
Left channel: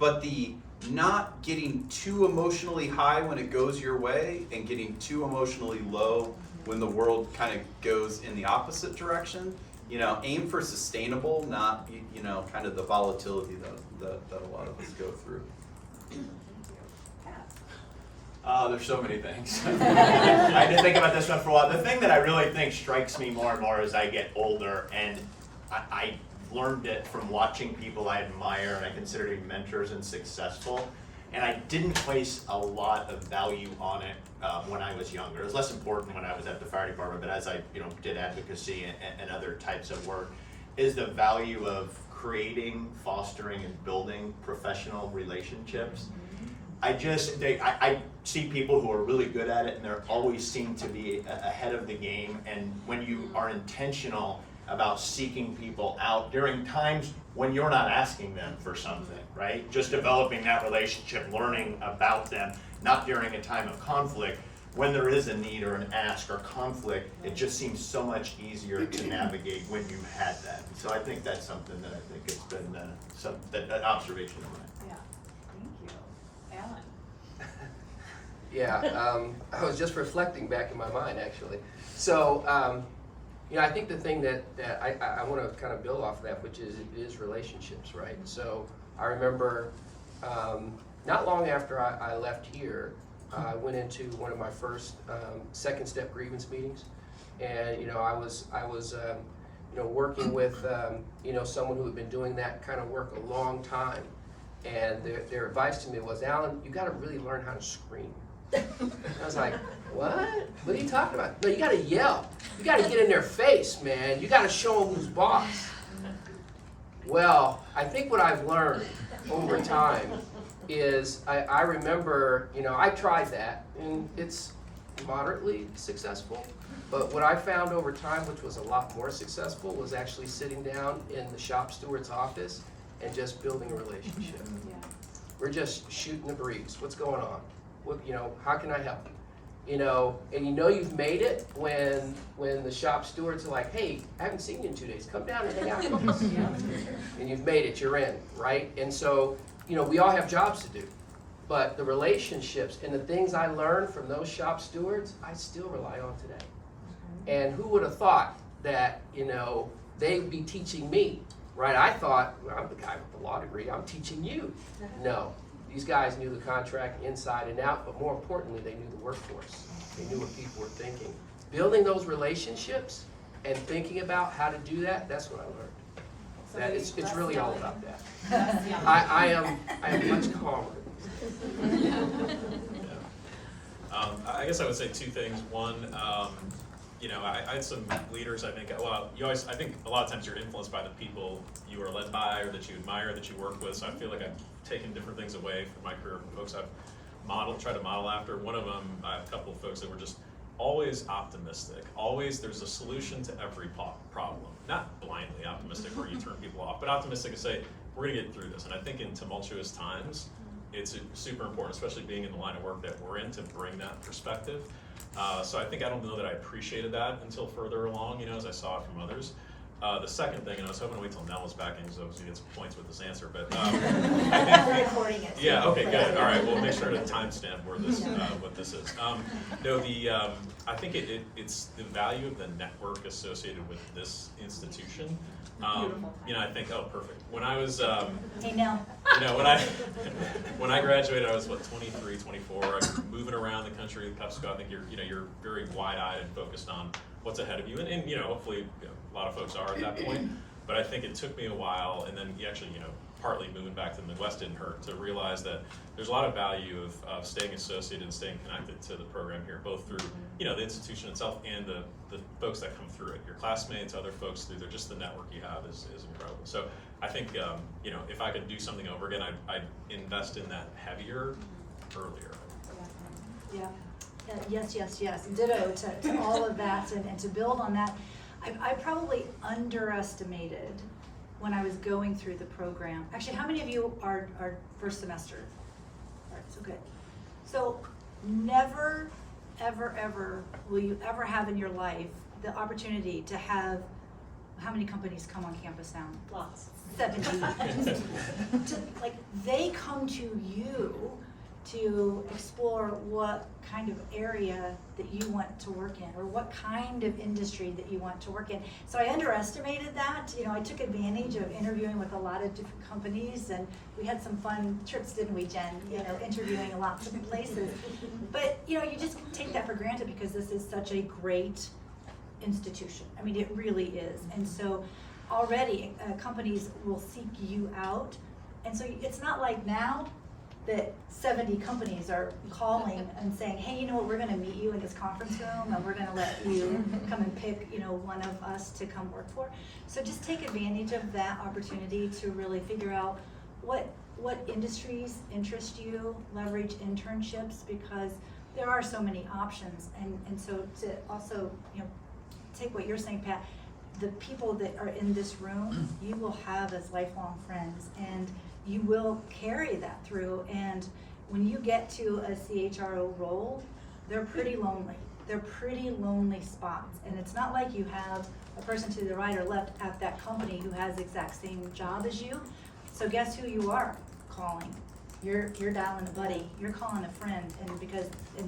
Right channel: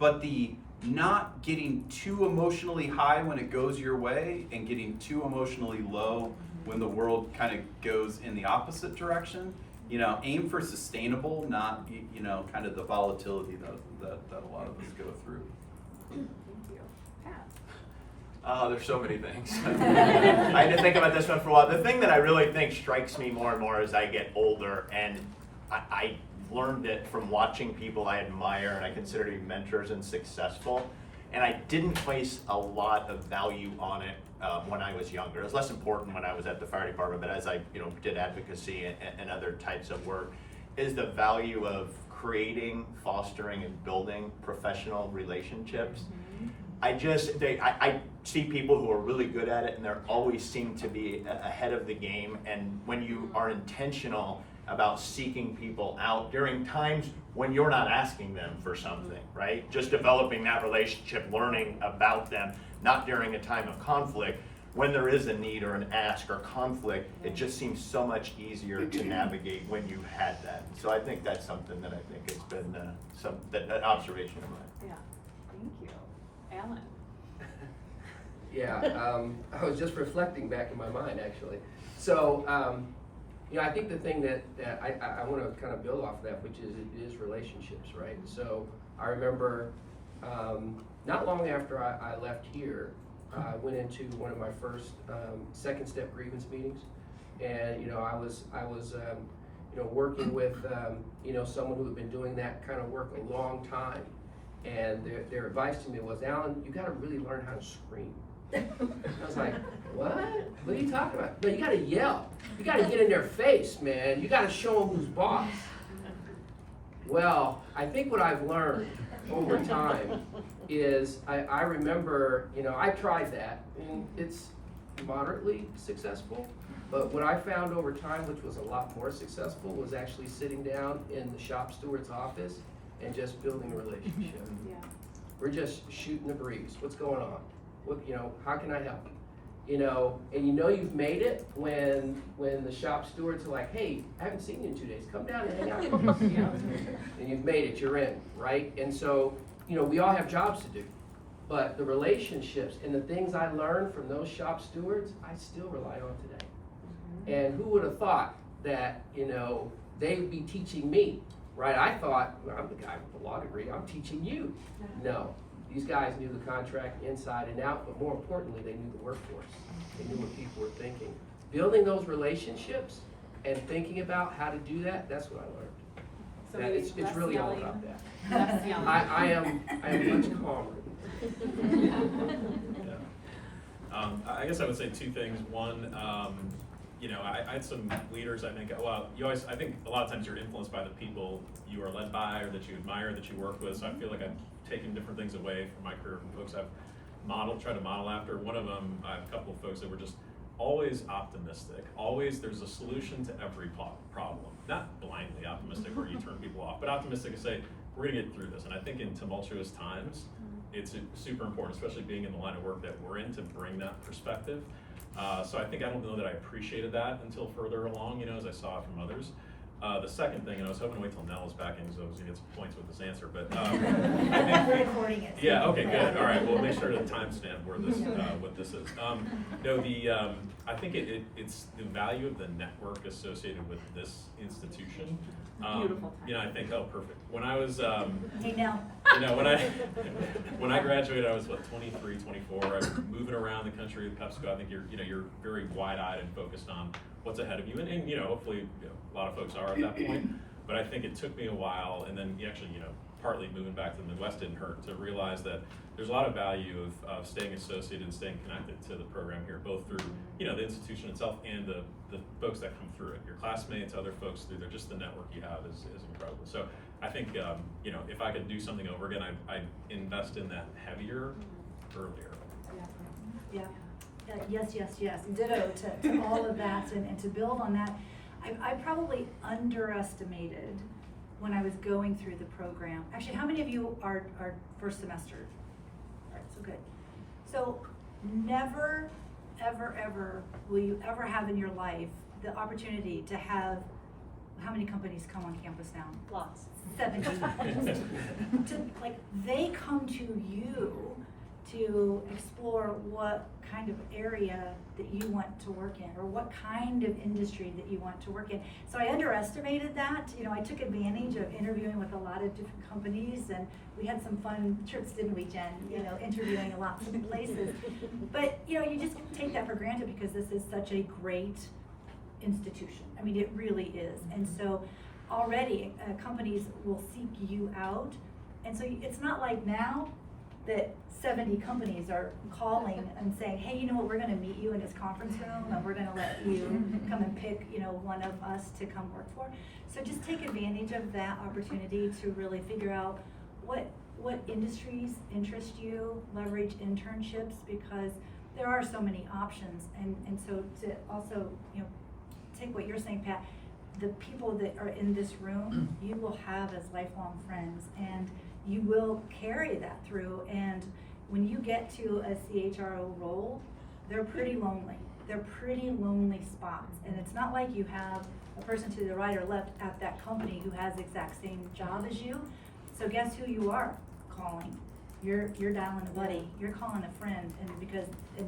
but the not getting too emotionally high when it goes your way and getting too emotionally low when the world kind of goes in the opposite direction. Aim for sustainable, not, kind of the volatility that a lot of us go through. There's so many things. I had to think about this one for a while. The thing that I really think strikes me more and more as I get older, and I learned it from watching people I admire and I consider to be mentors and successful, and I didn't place a lot of value on it when I was younger. It was less important when I was at the fire department, but as I did advocacy and other types of work, is the value of creating, fostering, and building professional relationships. I see people who are really good at it, and they always seem to be ahead of the game, and when you are intentional about seeking people out during times when you're not asking them for something, right? Just developing that relationship, learning about them, not during a time of conflict. When there is a need or an ask or conflict, it just seems so much easier to navigate when you had that. So I think that's something that I think has been that observation of mine. Yeah, thank you. Alan? Yeah, I was just reflecting back in my mind, actually. So, I think the thing that I want to kind of build off of that, which is relationships, right? So I remember not long after I left here, I went into one of my first second step grievance meetings, and I was working with someone who had been doing that kind of work a long time, and their advice to me was, Alan, you got to really learn how to scream. I was like, what? What are you talking about? No, you got to yell. You got to get in their face, man. You got to show them who's boss. Well, I think what I've learned over time is I remember, I tried that, and it's moderately successful, but what I found over time, which was a lot more successful, was actually sitting down in the shop steward's office and just building a relationship. Yeah. We're just shooting the breeze. What's going on? What, how can I help? And you've made it when the shop stewards are like, hey, I haven't seen you in 2 days. Come down and hang out with us. And you've made it, you're in, right? And so, we all have jobs to do, but the relationships and the things I learned from those shop stewards, I still rely on today. And who would have thought that, they'd be teaching me, right? I thought, well, I'm the guy with the law degree, I'm teaching you. No, these guys knew the contract inside and out, but more importantly, they knew the workforce. They knew what people were thinking. Building those relationships and thinking about how to do that, that's what I learned. That it's really all about that. I am much calmer. I guess I would say two things. One, I had some leaders. I think I think a lot of times you're influenced by the people you are led by or that you admire, that you work with. So I feel like I've taken different things away from my career from folks I've tried to model after. One of them, I have a couple of folks that were just always optimistic. Always there's a solution to every problem. Not blindly optimistic where you turn people off, but optimistic to say, we're gonna get through this. And I think in tumultuous times, it's super important, especially being in the line of work that we're in, to bring that perspective. So I don't know that I appreciated that until further along, as I saw it from others. The second thing, and I was hoping to wait till Nell was back in because I was gonna get some points with this answer, but We're recording it. yeah, okay, good. All right, we'll make sure to timestamp where this what this is. I think it's the value of the network associated with this institution. Beautiful. I think, oh, perfect. When I was Hey, Nell. when I graduated, I was 23, 24. I was moving around the country with PepsiCo. I think you're very wide-eyed and focused on what's ahead of you, and hopefully a lot of folks are at that point. But I think it took me a while, and then actually partly moving back to the Midwest didn't hurt, to realize that there's a lot of value of staying associated and staying connected to the program here, both through the institution itself and the folks that come through it, your classmates, other folks through there. Just the network you have is incredible. So I think if I could do something over again, I'd invest in that heavier earlier. Yeah. Yes. Ditto to all of that, and to build on that, I probably underestimated when I was going through the program. Actually, how many of you are first semester? All right, so good. So never, ever will you ever have in your life the opportunity to have, how many companies come on campus now? Lots. 70. They come to you to explore what kind of area that you want to work in, or what kind of industry that you want to work in. So I underestimated that. I took advantage of interviewing with a lot of different companies, and we had some fun trips, didn't we, Jen? Interviewing in lots of places. But you just take that for granted because this is such a great institution. I mean, it really is. And so already companies will seek you out. And so it's not like now that 70 companies are calling and saying, hey, we're gonna meet you in this conference room and we're gonna let you come and pick, one of us to come work for. So just take advantage of that opportunity to really figure out what industries interest you, leverage internships, because there are so many options. And so to also, take what you're saying, Pat, the people that are in this room, you will have as lifelong friends, and you will carry that through. And when you get to a CHRO role, they're pretty lonely. They're pretty lonely spots. And it's not like you have a person to the right or left at that company who has the exact same job as you. So guess who you are calling? You're dialing a buddy, you're calling a friend, and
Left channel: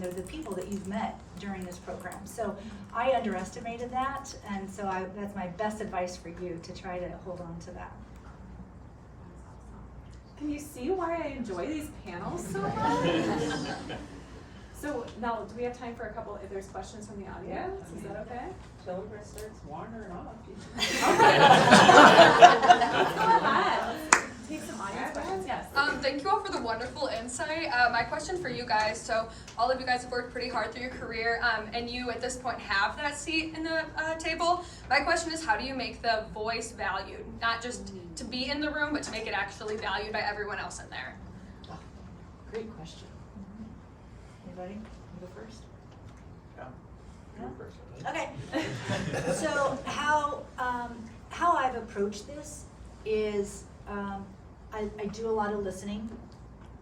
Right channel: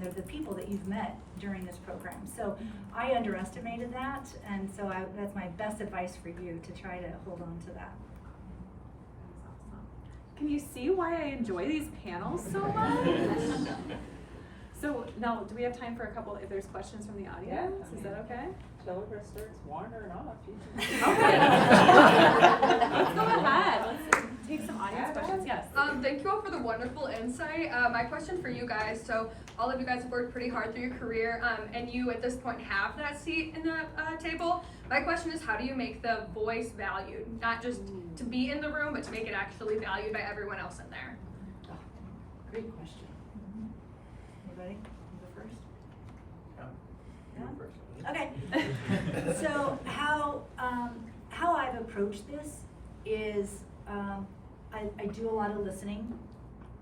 they're the people that you've met during this program. So I underestimated that, and so that's my best advice for you, to try to hold on to that. Can you see why I enjoy these panels so much? So now, do we have time for a couple, if there's questions from the audience? Is that okay? Till everybody starts wandering off. Let's go ahead. Let's take some audience questions. Yes. Thank you all for the wonderful insight. My question for you guys, so all of you guys have worked pretty hard through your career, and you at this point have that seat in the table. My question is, how do you make the voice valued? Not just to be in the room, but to make it actually valued by everyone else in there. Great question. Anybody? You go first? Yeah. Okay. So how I've approached this is I do a lot of listening,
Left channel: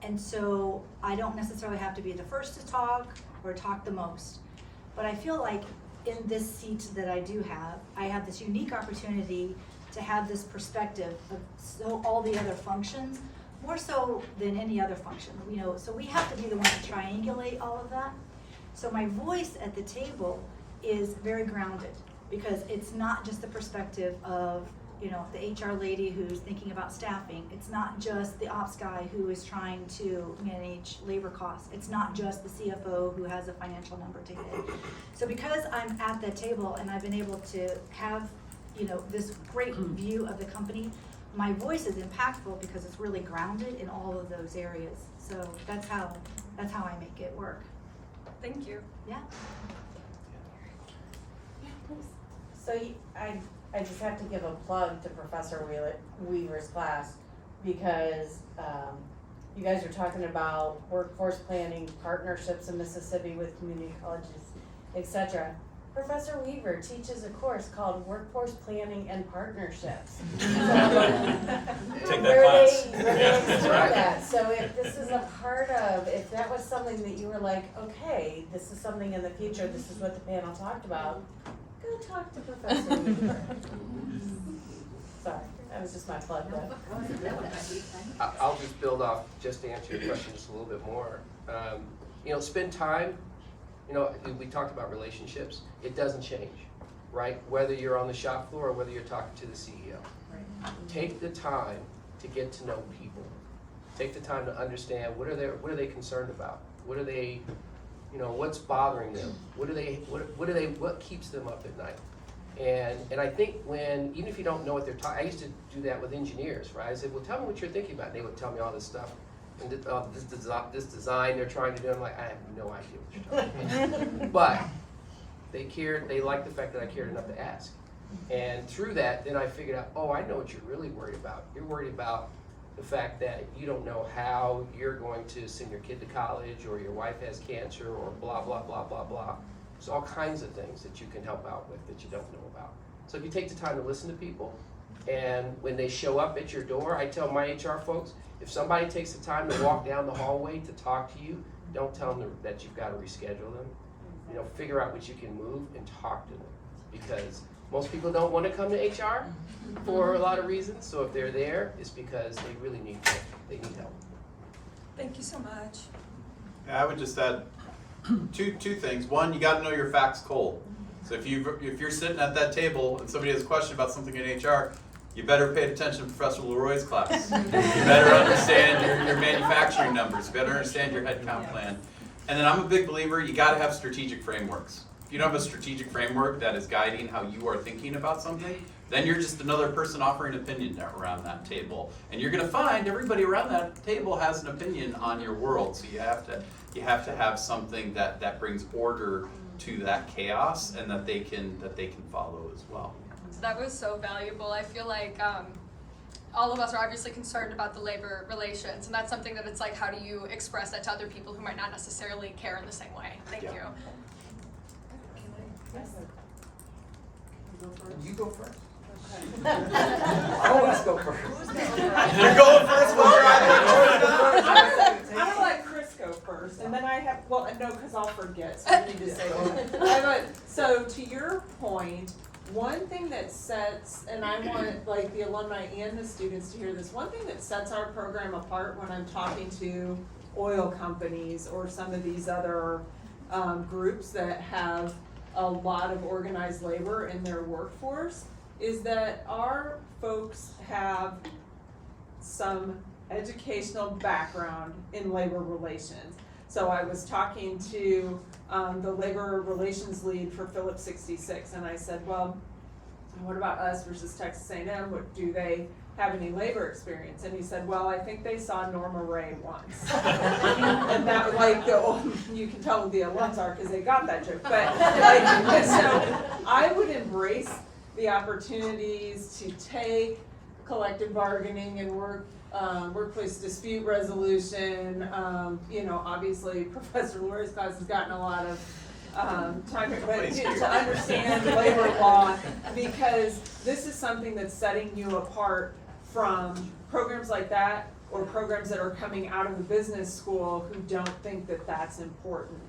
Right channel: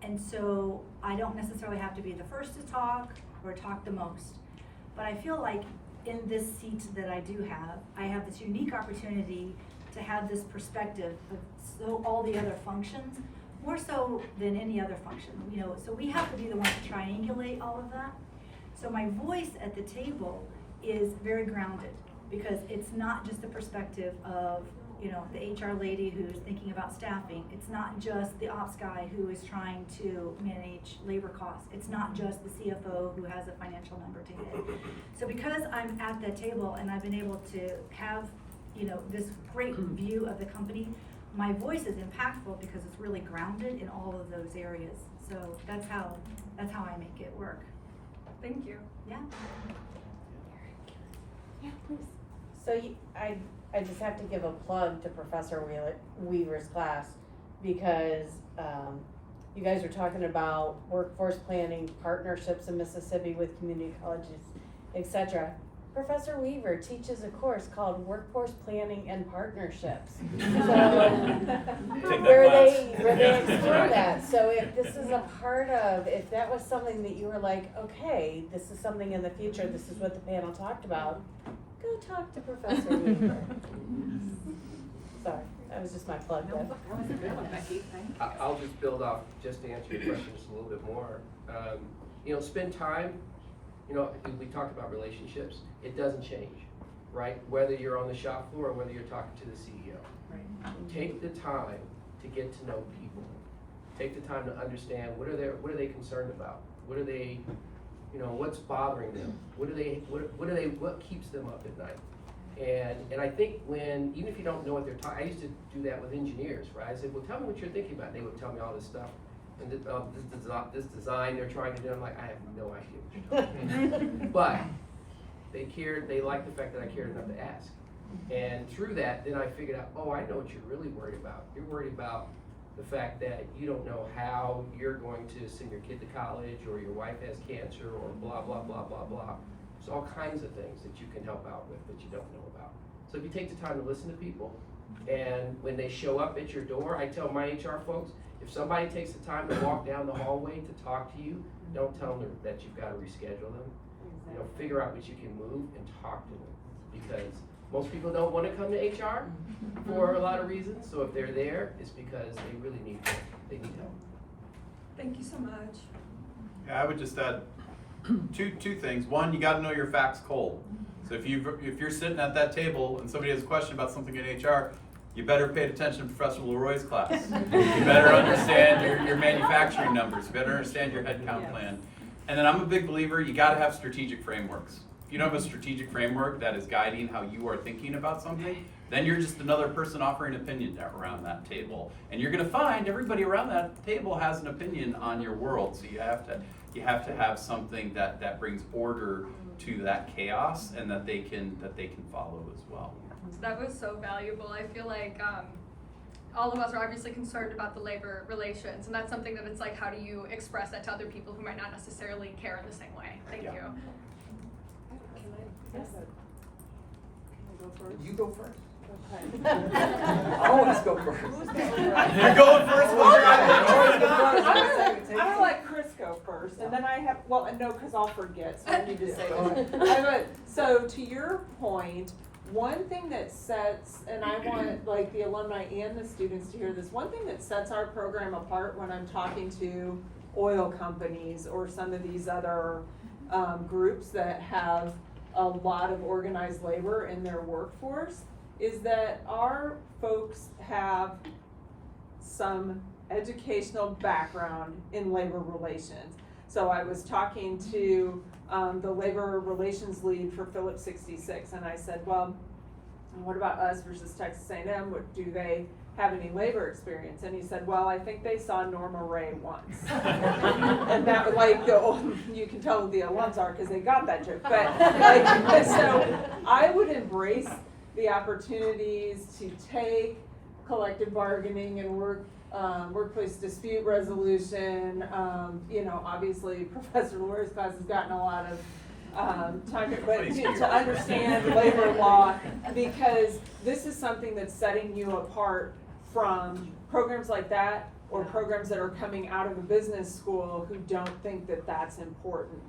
and so I don't necessarily have to be the first to talk or talk the most. But I feel like in this seat that I do have, I have this unique opportunity to have this perspective of all the other functions, more so than any other function. You know, so we have to be the one to triangulate all of that. So my voice at the table is very grounded, because it's not just the perspective of, you know, the HR lady who's thinking about staffing. It's not just the ops guy who is trying to manage labor costs. It's not just the CFO who has a financial number to hit. So because I'm at that table and I've been able to have, you know, this great view of the company, my voice is impactful because it's really grounded in all of those areas. So that's how I make it work. Thank you. Yeah. Yeah, please. So I just have to give a plug to Professor Weaver's class, because you guys are talking about workforce planning, partnerships in Mississippi with community colleges, etc. Professor Weaver teaches a course called Workforce Planning and Partnerships. Take that where class. they explore that. So if this is a part of, if that was something that you were like, okay, this is something in the future, this is what the panel talked about, go talk to Professor Weaver. Sorry, that was just my plug. I'll just build off, just to answer your question just a little bit more. You know, spend time, you know, we talked about relationships. It doesn't change, right? Whether you're on the shop floor or whether you're talking to the CEO. Take the time to get to know people. Take the time to understand what are they concerned about? What are they, you know, what's bothering them? What keeps them up at night? And I think even if you don't know what they're talking, I used to do that with engineers, right? I said, well, tell me what you're thinking about. And they would tell me all this stuff. And this design they're trying to do, I'm like, I have no idea what you're talking about. But they liked the fact that I cared enough to ask. And through that, then I figured out, oh, I know what you're really worried about. You're worried about the fact that you don't know how you're going to send your kid to college, or your wife has cancer, or blah, blah, blah, blah, blah. There's all kinds of things that you can help out with that you don't know about. So if you take the time to listen to people, and when they show up at your door, I tell my HR folks, if somebody takes the time to walk down the hallway to talk to you, don't tell them that you've got to reschedule them. You know, figure out what you can move and talk to them, because most people don't want to come to HR for a lot of reasons. So if they're there, it's because they really need help. They need help. Thank you so much. Yeah, I would just add two things. One, you got to know your facts cold. So if you're sitting at that table and somebody has a question about something in HR, you better pay attention to Professor Leroy's class. You better understand your manufacturing numbers. You better understand your headcount plan. And then I'm a big believer, you got to have strategic frameworks. If you don't have a strategic framework that is guiding how you are thinking about something, then you're just another person offering an opinion around that table. And you're going to find everybody around that table has an opinion on your world. So you have to have something that brings order to that chaos, and that they can follow as well. So that was so valuable. I feel like all of us are obviously concerned about the labor relations, and that's something that it's like, how do you express that to other people who might not necessarily care in the same way? Thank you. Yes. You go first. I always go first. You're going first, whether I want you or not. I'm gonna let Chris go first, and then I have, well, no, because I'll forget, so I need to say that. So to your point, one thing that sets, and I want like the alumni and the students to hear this, one thing that sets our program apart when I'm talking to oil companies or some of these other groups that have a lot of organized labor in their workforce is that our folks have some educational background in labor relations. So I was talking to the labor relations lead for Phillips 66, and I said, well, what about us versus Texas A&M? What, do they have any labor experience? And he said, well, I think they saw Norma Ray once. And that, like, you can tell who the alums are because they got that joke. But like, so I would embrace the opportunities to take collective bargaining and workplace dispute resolution. You know, obviously Professor Lori's class has gotten a lot of time, but to understand labor law, because this is something that's setting you apart from programs like that or programs that are coming out of the business school who don't think that that's important.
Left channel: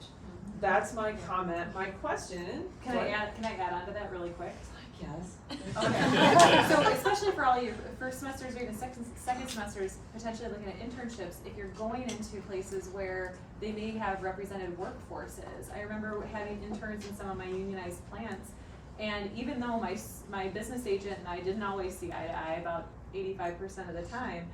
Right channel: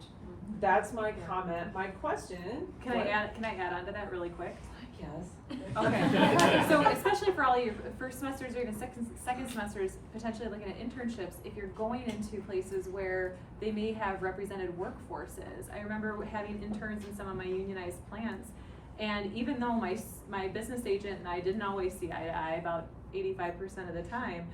That's my comment. My question. Can I add on to that really quick? Yes. Okay. So especially for all your first semesters or even second semesters, potentially looking at internships, if you're going into places where they may have represented workforces. I remember having interns in some of my unionized plants, and even though my business agent and I didn't always see eye to eye about 85% of the time,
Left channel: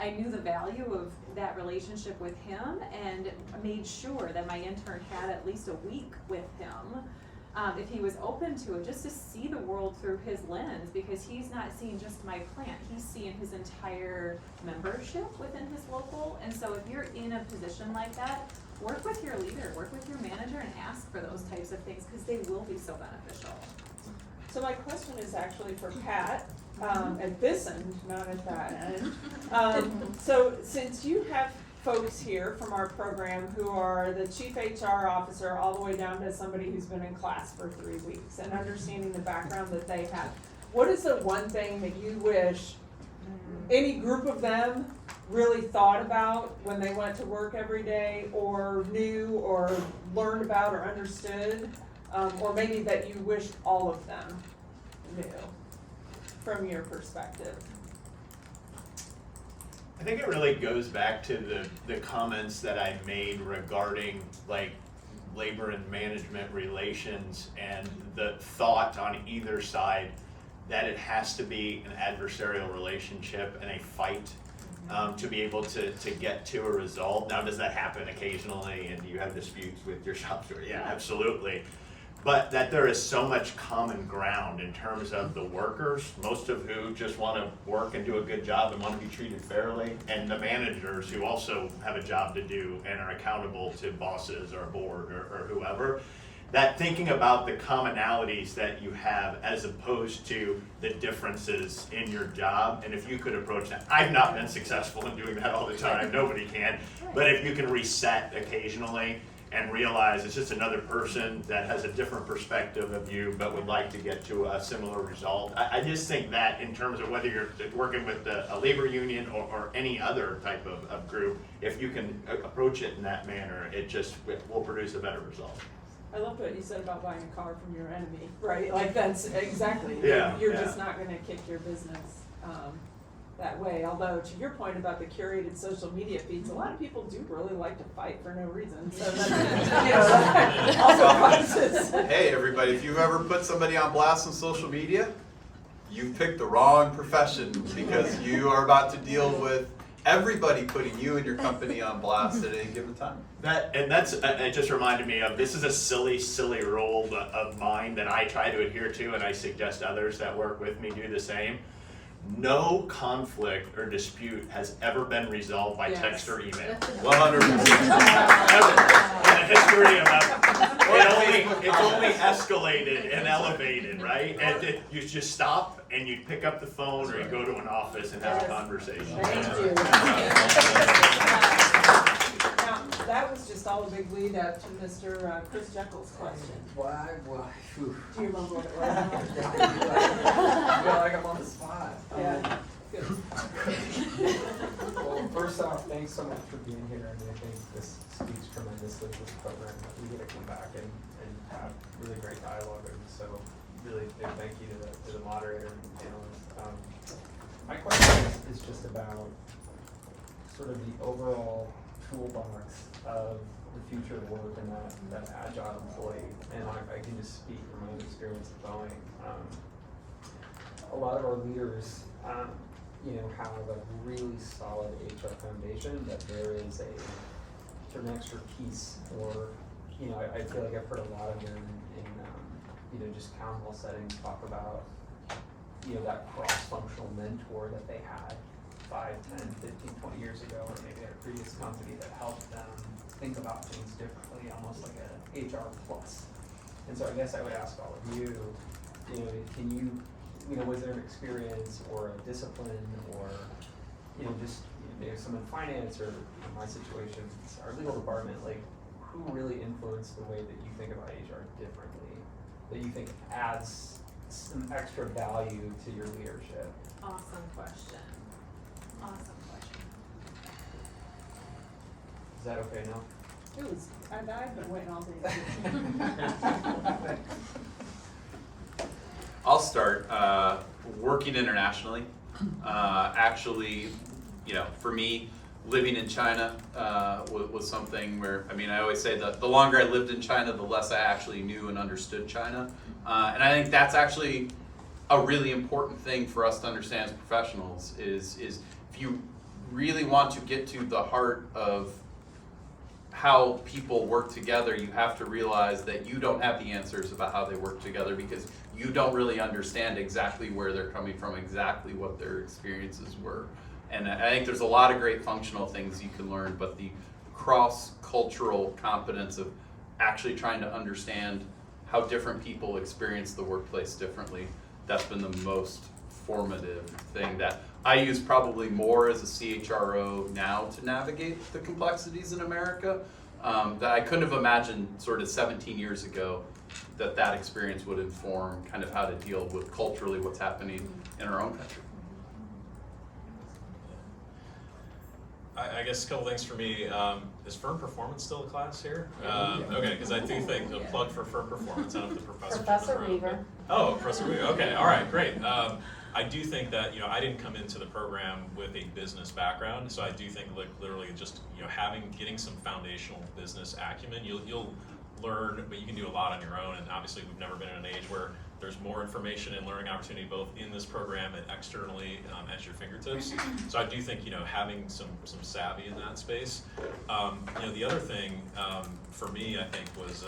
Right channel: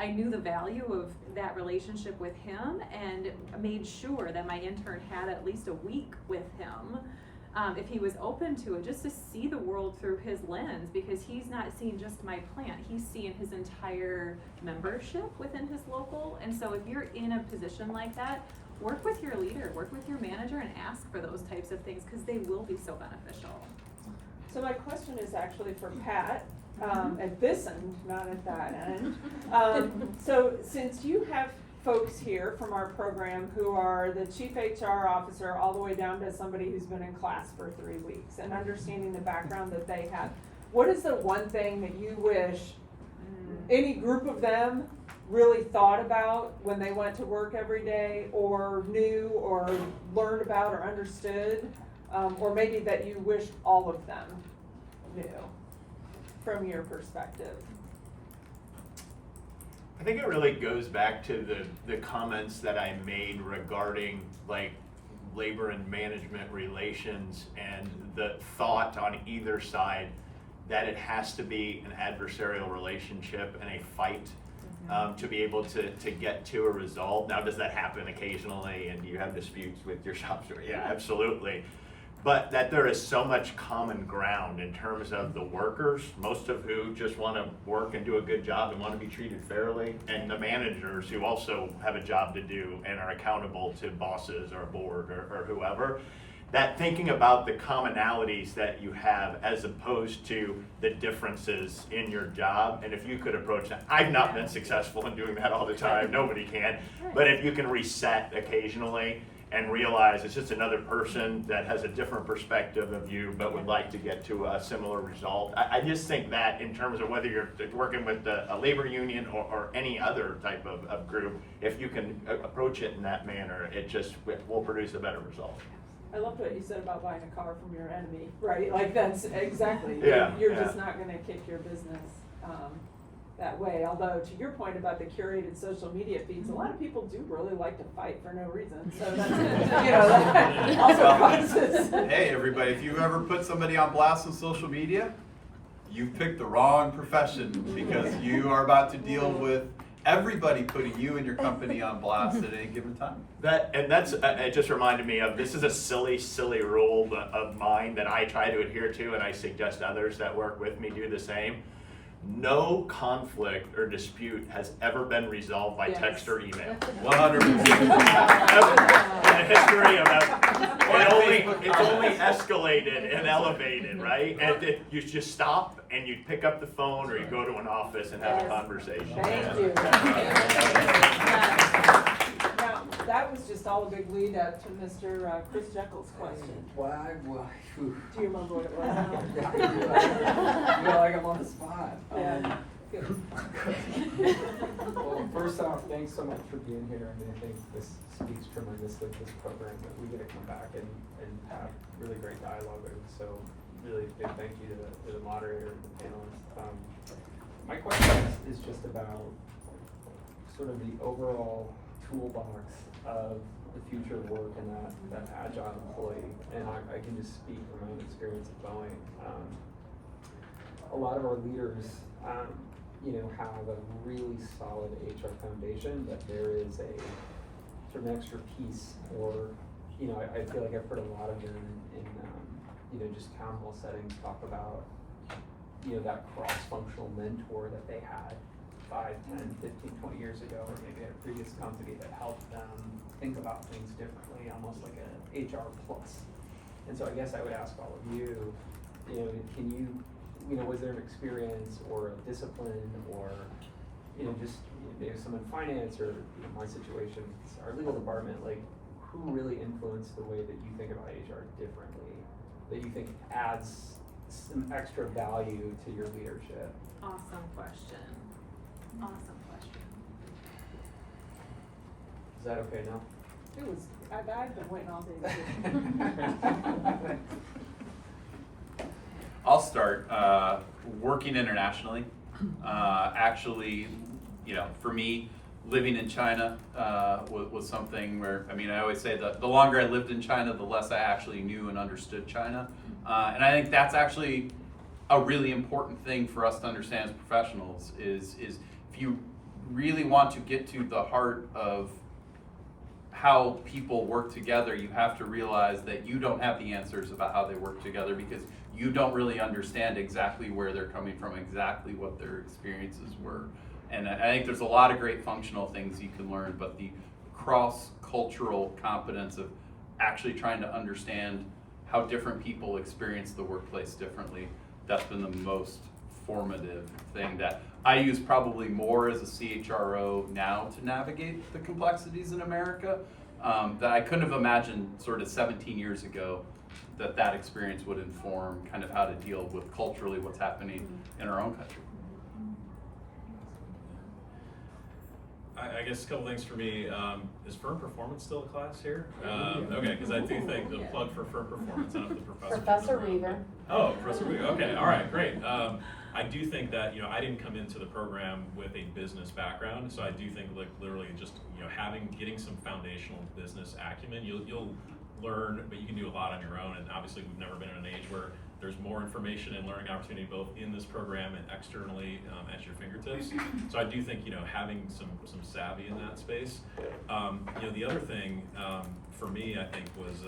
I knew the value of that relationship with him and made sure that my intern had at least a week with him. If he was open to it, just to see the world through his lens, because he's not seeing just my plant, he's seeing his entire membership within his local. And so if you're in a position like that, work with your leader, work with your manager, and ask for those types of things, because they will be so beneficial. So my question is actually for Pat, at this end, not at that end. So since you have folks here from our program who are the chief HR officer all the way down to somebody who's been in class for 3 weeks and understanding the background that they have, what is the one thing that you wish any group of them really thought about when they went to work every day, or knew or learned about or understood, or maybe that you wish all of them knew from your perspective? I think it really goes back to the comments that I made regarding like labor and management relations, and the thought on either side that it has to be an adversarial relationship and a fight to be able to get to a result. Now, does that happen occasionally, and do you have disputes with your shop steward? Yeah, absolutely. But that there is so much common ground in terms of the workers, most of who just want to work and do a good job and want to be treated fairly, and the managers who also have a job to do and are accountable to bosses or board or whoever. That thinking about the commonalities that you have as opposed to the differences in your job, and if you could approach that. I've not been successful in doing that all the time, nobody can, but if you can reset occasionally and realize it's just another person that has a different perspective of you but would like to get to a similar result. I just think that in terms of whether you're working with a labor union or any other type of group, if you can approach it in that manner, it will produce a better result. I love what you said about buying a car from your enemy, right? Like, that's exactly, Yeah, you're yeah. just not gonna kick your business that way. Although, to your point about the curated social media feeds, a lot of people do really like to fight for no reason, so, you know, that also causes. Hey, everybody, if you've ever put somebody on blast on social media, you've picked the wrong profession, because you are about to deal with everybody putting you and your company on blast at any given time. It just reminded me of, this is a silly rule of mine that I try to adhere to, and I suggest others that work with me do the same. No conflict or dispute has ever been resolved by text or email. 100%. Ever. In the history of it's only escalated and elevated, right? And you just stop and you pick up the phone, or you go to an office and have a conversation. Thank you. Now, That was just all a big lead up to Mr. Chris Jekyll's question. Why, phew. Do you remember what it was? I feel like I'm on the spot. Well, first off, thanks so much for being here. I mean, I think this speaks tremendously to this program. We get to come back and have really great dialogue. And so really big thank you to the moderator and the panelists. My question is just about sort of the overall toolbox of the future of work and that agile employee. And I can just speak from my own experience at Boeing. A lot of our leaders, have a really solid HR foundation, but there is a sort of expertise, or, I feel like I've heard a lot of them in just town hall settings talk about, that cross-functional mentor that they had 5, 10, 15, 20 years ago, or maybe at a previous company that helped them think about things differently, almost like an HR plus. And so I guess I would ask all of you, can you, was there an experience or a discipline or, just maybe someone in finance or my situation, our legal department, like who really influenced the way that you think about HR differently, that you think adds some extra value to your leadership? Awesome question. Is that okay now? It was, I've been waiting on things. I'll start. Working internationally, actually, for me, living in China was something where, I always say that the longer I lived in China, the less I actually knew and understood China. And I think that's actually a really important thing for us to understand as professionals is if you really want to get to the heart of how people work together, you have to realize that you don't have the answers about how they work together because you don't really understand exactly where they're coming from, exactly what their experiences were. And I think there's a lot of great functional things you can learn, but the cross-cultural competence of actually trying to understand how different people experience the workplace differently, that's been the most formative thing that I use probably more as a CHRO now to navigate the complexities in America that I couldn't have imagined sort of 17 years ago that experience would inform kind of how to deal with culturally what's happening in our own country. I guess a couple things for me. Is firm performance still a class here? Okay, because I do think the plug for firm performance. I don't know if the professor. Professor Weaver. Oh, Professor Weaver. Okay, all right, great. I do think that I didn't come into the program with a business background, so I do think like literally just getting some foundational business acumen. You'll learn, but you can do a lot on your own. And obviously, we've never been in an age where there's more information and learning opportunity both in this program and externally at your fingertips. So I do think having some savvy in that space. The other thing for me, I think was,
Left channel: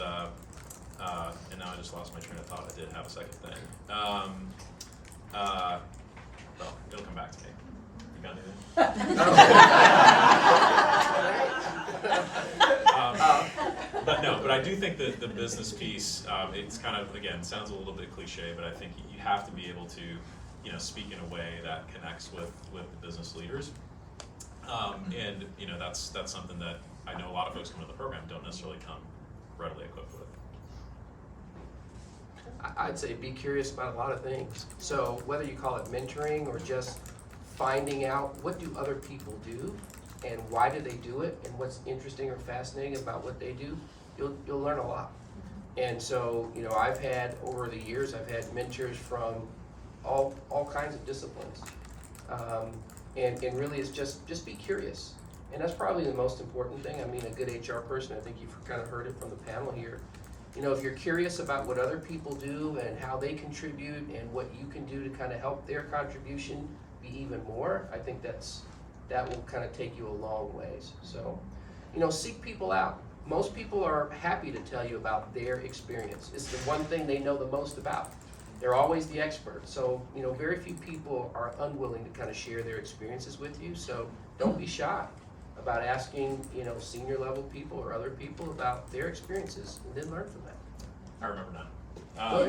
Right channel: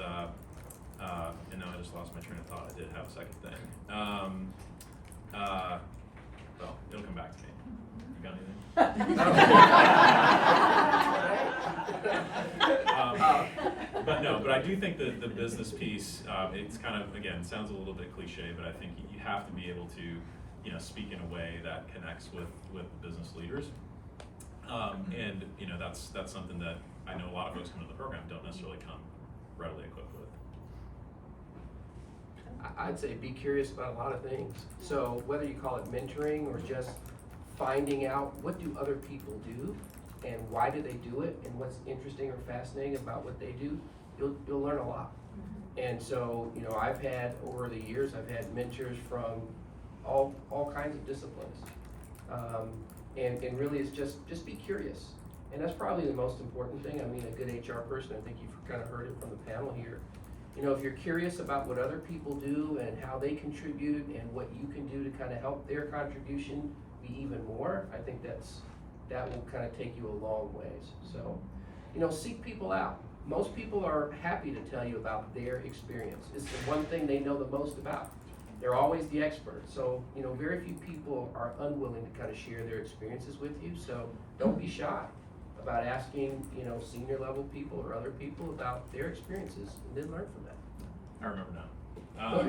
and now I just lost my train of thought. I did have a second thing. Well, it'll come back to me. You got anything? But I do think that the business piece, it's kind of, again, sounds a little bit cliche, but I think you have to be able to, speak in a way that connects with business leaders. And that's something that I know a lot of folks come to the program don't necessarily come readily equipped with. I'd say be curious about a lot of things. So whether you call it mentoring or just finding out what do other people do and why do they do it and what's interesting or fascinating about what they do, you'll learn a lot. And so, I've had, over the years, I've had mentors from all kinds of disciplines. And really it's just be curious. And that's probably the most important thing. A good HR person, I think you've kind of heard it from the panel here. If you're curious about what other people do and how they contribute and what you can do to kind of help their contribution be even more, I think that will kind of take you a long ways. So, seek people out. Most people are happy to tell you about their experience. It's the one thing they know the most about. They're always the expert. So, very few people are unwilling to kind of share their experiences with you. So don't be shy about asking, senior level people or other people about their experiences and then learn from that. I remember now. Well,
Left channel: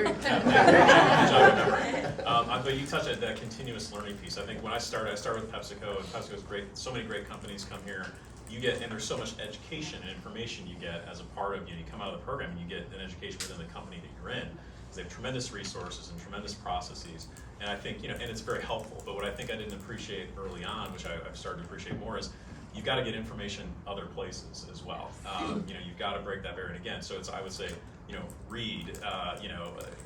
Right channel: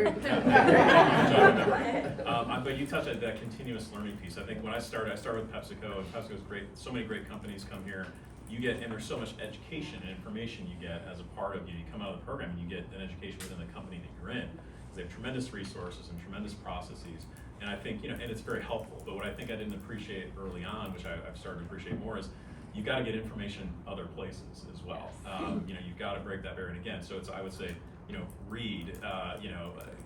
But you touched on that continuous learning piece. I think when I started with PepsiCo, and PepsiCo is great. So many great companies come here. you get, and there's so much education and information you get as a part of, you come out of the program and you get an education within the company that you're in. Because they have tremendous resources and tremendous processes. And I think, and it's very helpful. But what I think I didn't appreciate early on, which I've started to appreciate more, is you've got to get information other places as well. You've got to break that barrier. And again, so I would say, read,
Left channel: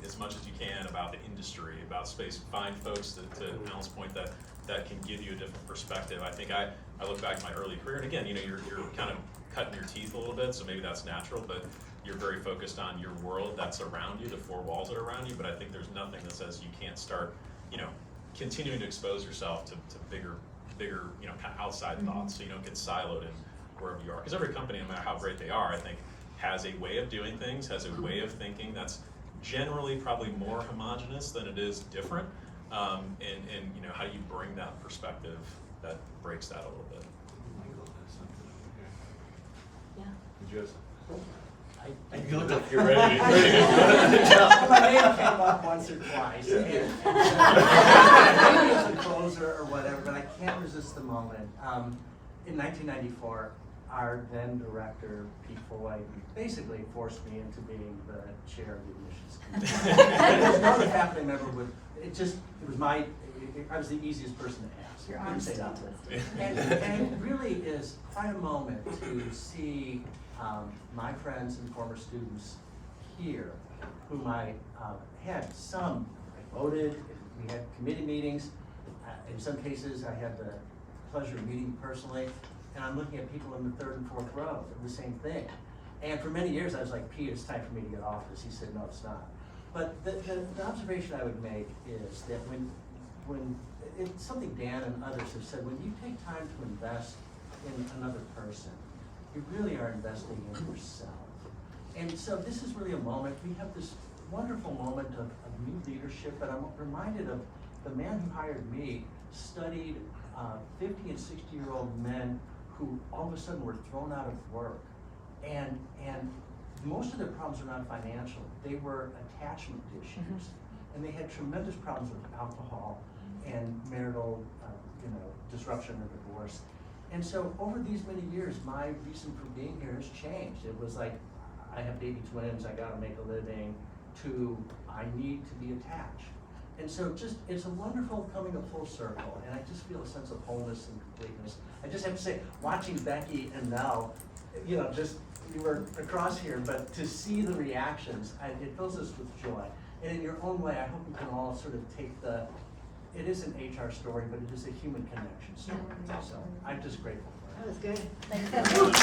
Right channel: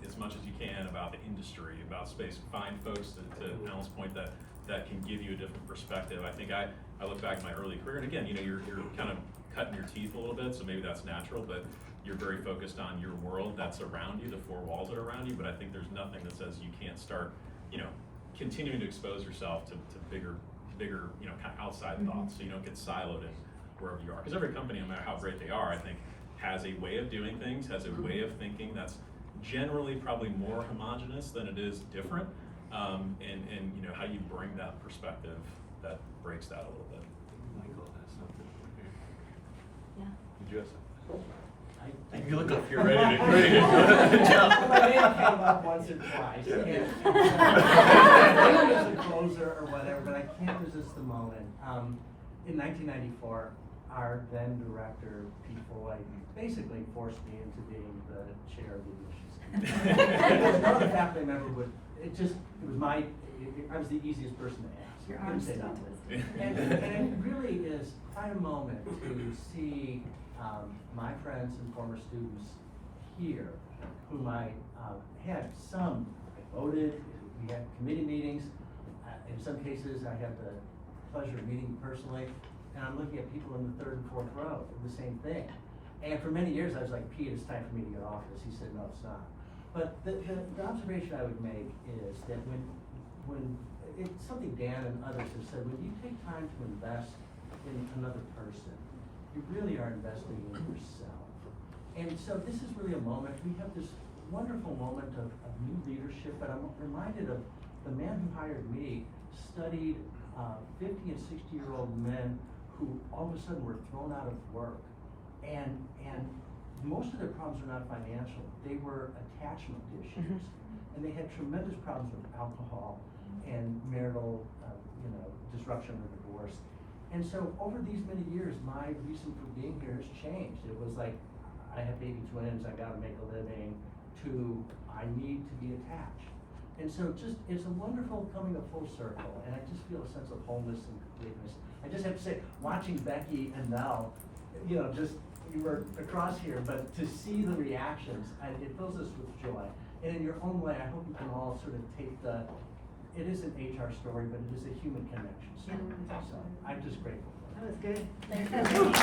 as much as you can about the industry, about space. Find folks to Alan's point that can give you a different perspective. I think I look back at my early career, and again, you're kind of cutting your teeth a little bit, so maybe that's natural, but you're very focused on your world that's around you, the four walls that are around you. But I think there's nothing that says you can't start, continuing to expose yourself to bigger, kind of outside thoughts, so you don't get siloed in wherever you are. Because every company, no matter how great they are, I think, has a way of doing things, has a way of thinking that's generally probably more homogenous than it is different. And how do you bring that perspective that breaks that a little bit? Michael has something here. Yeah. Did you have something? You look like you're ready to go. My name came up once or twice. Maybe it's a closer or whatever, but I can't resist the moment. In 1994, our then director, Pete Frohning, basically forced me into being the chair of the admissions committee. There's no other faculty member with, I was the easiest person to ask. Your arms Say still that. twisted. And it really is quite a moment to see my friends and former students here, whom I had some voted, we had committee meetings. In some cases, I had the pleasure of meeting personally, and I'm looking at people in the third and fourth row of the same thing. And for many years, I was like, Pete, it's time for me to get off this. He said, no, it's not. But the observation I would make is that when it's something Dan and others have said, when you take time to invest in another person, you really are investing in yourself. And so this is really a moment, we have this wonderful moment of new leadership, but I'm reminded of the man who hired me, studied 50 and 60-year-old men who all of a sudden were thrown out of work. And most of their problems were not financial, they were attachment issues. And they had tremendous problems with alcohol and marital disruption or divorce. And so over these many years, my reason for being here has changed. It was like, I have baby twins, I gotta make a living, to I need to be attached. And so it's a wonderful coming of full circle, and I just feel a sense of wholeness and completeness. I just have to say, watching Becky and Mel, you were across here, but to see the reactions, it fills us with joy. And in your own way, I hope you can all sort of take it is an HR story, but it is a human connection story. So I'm just grateful for that. That was good.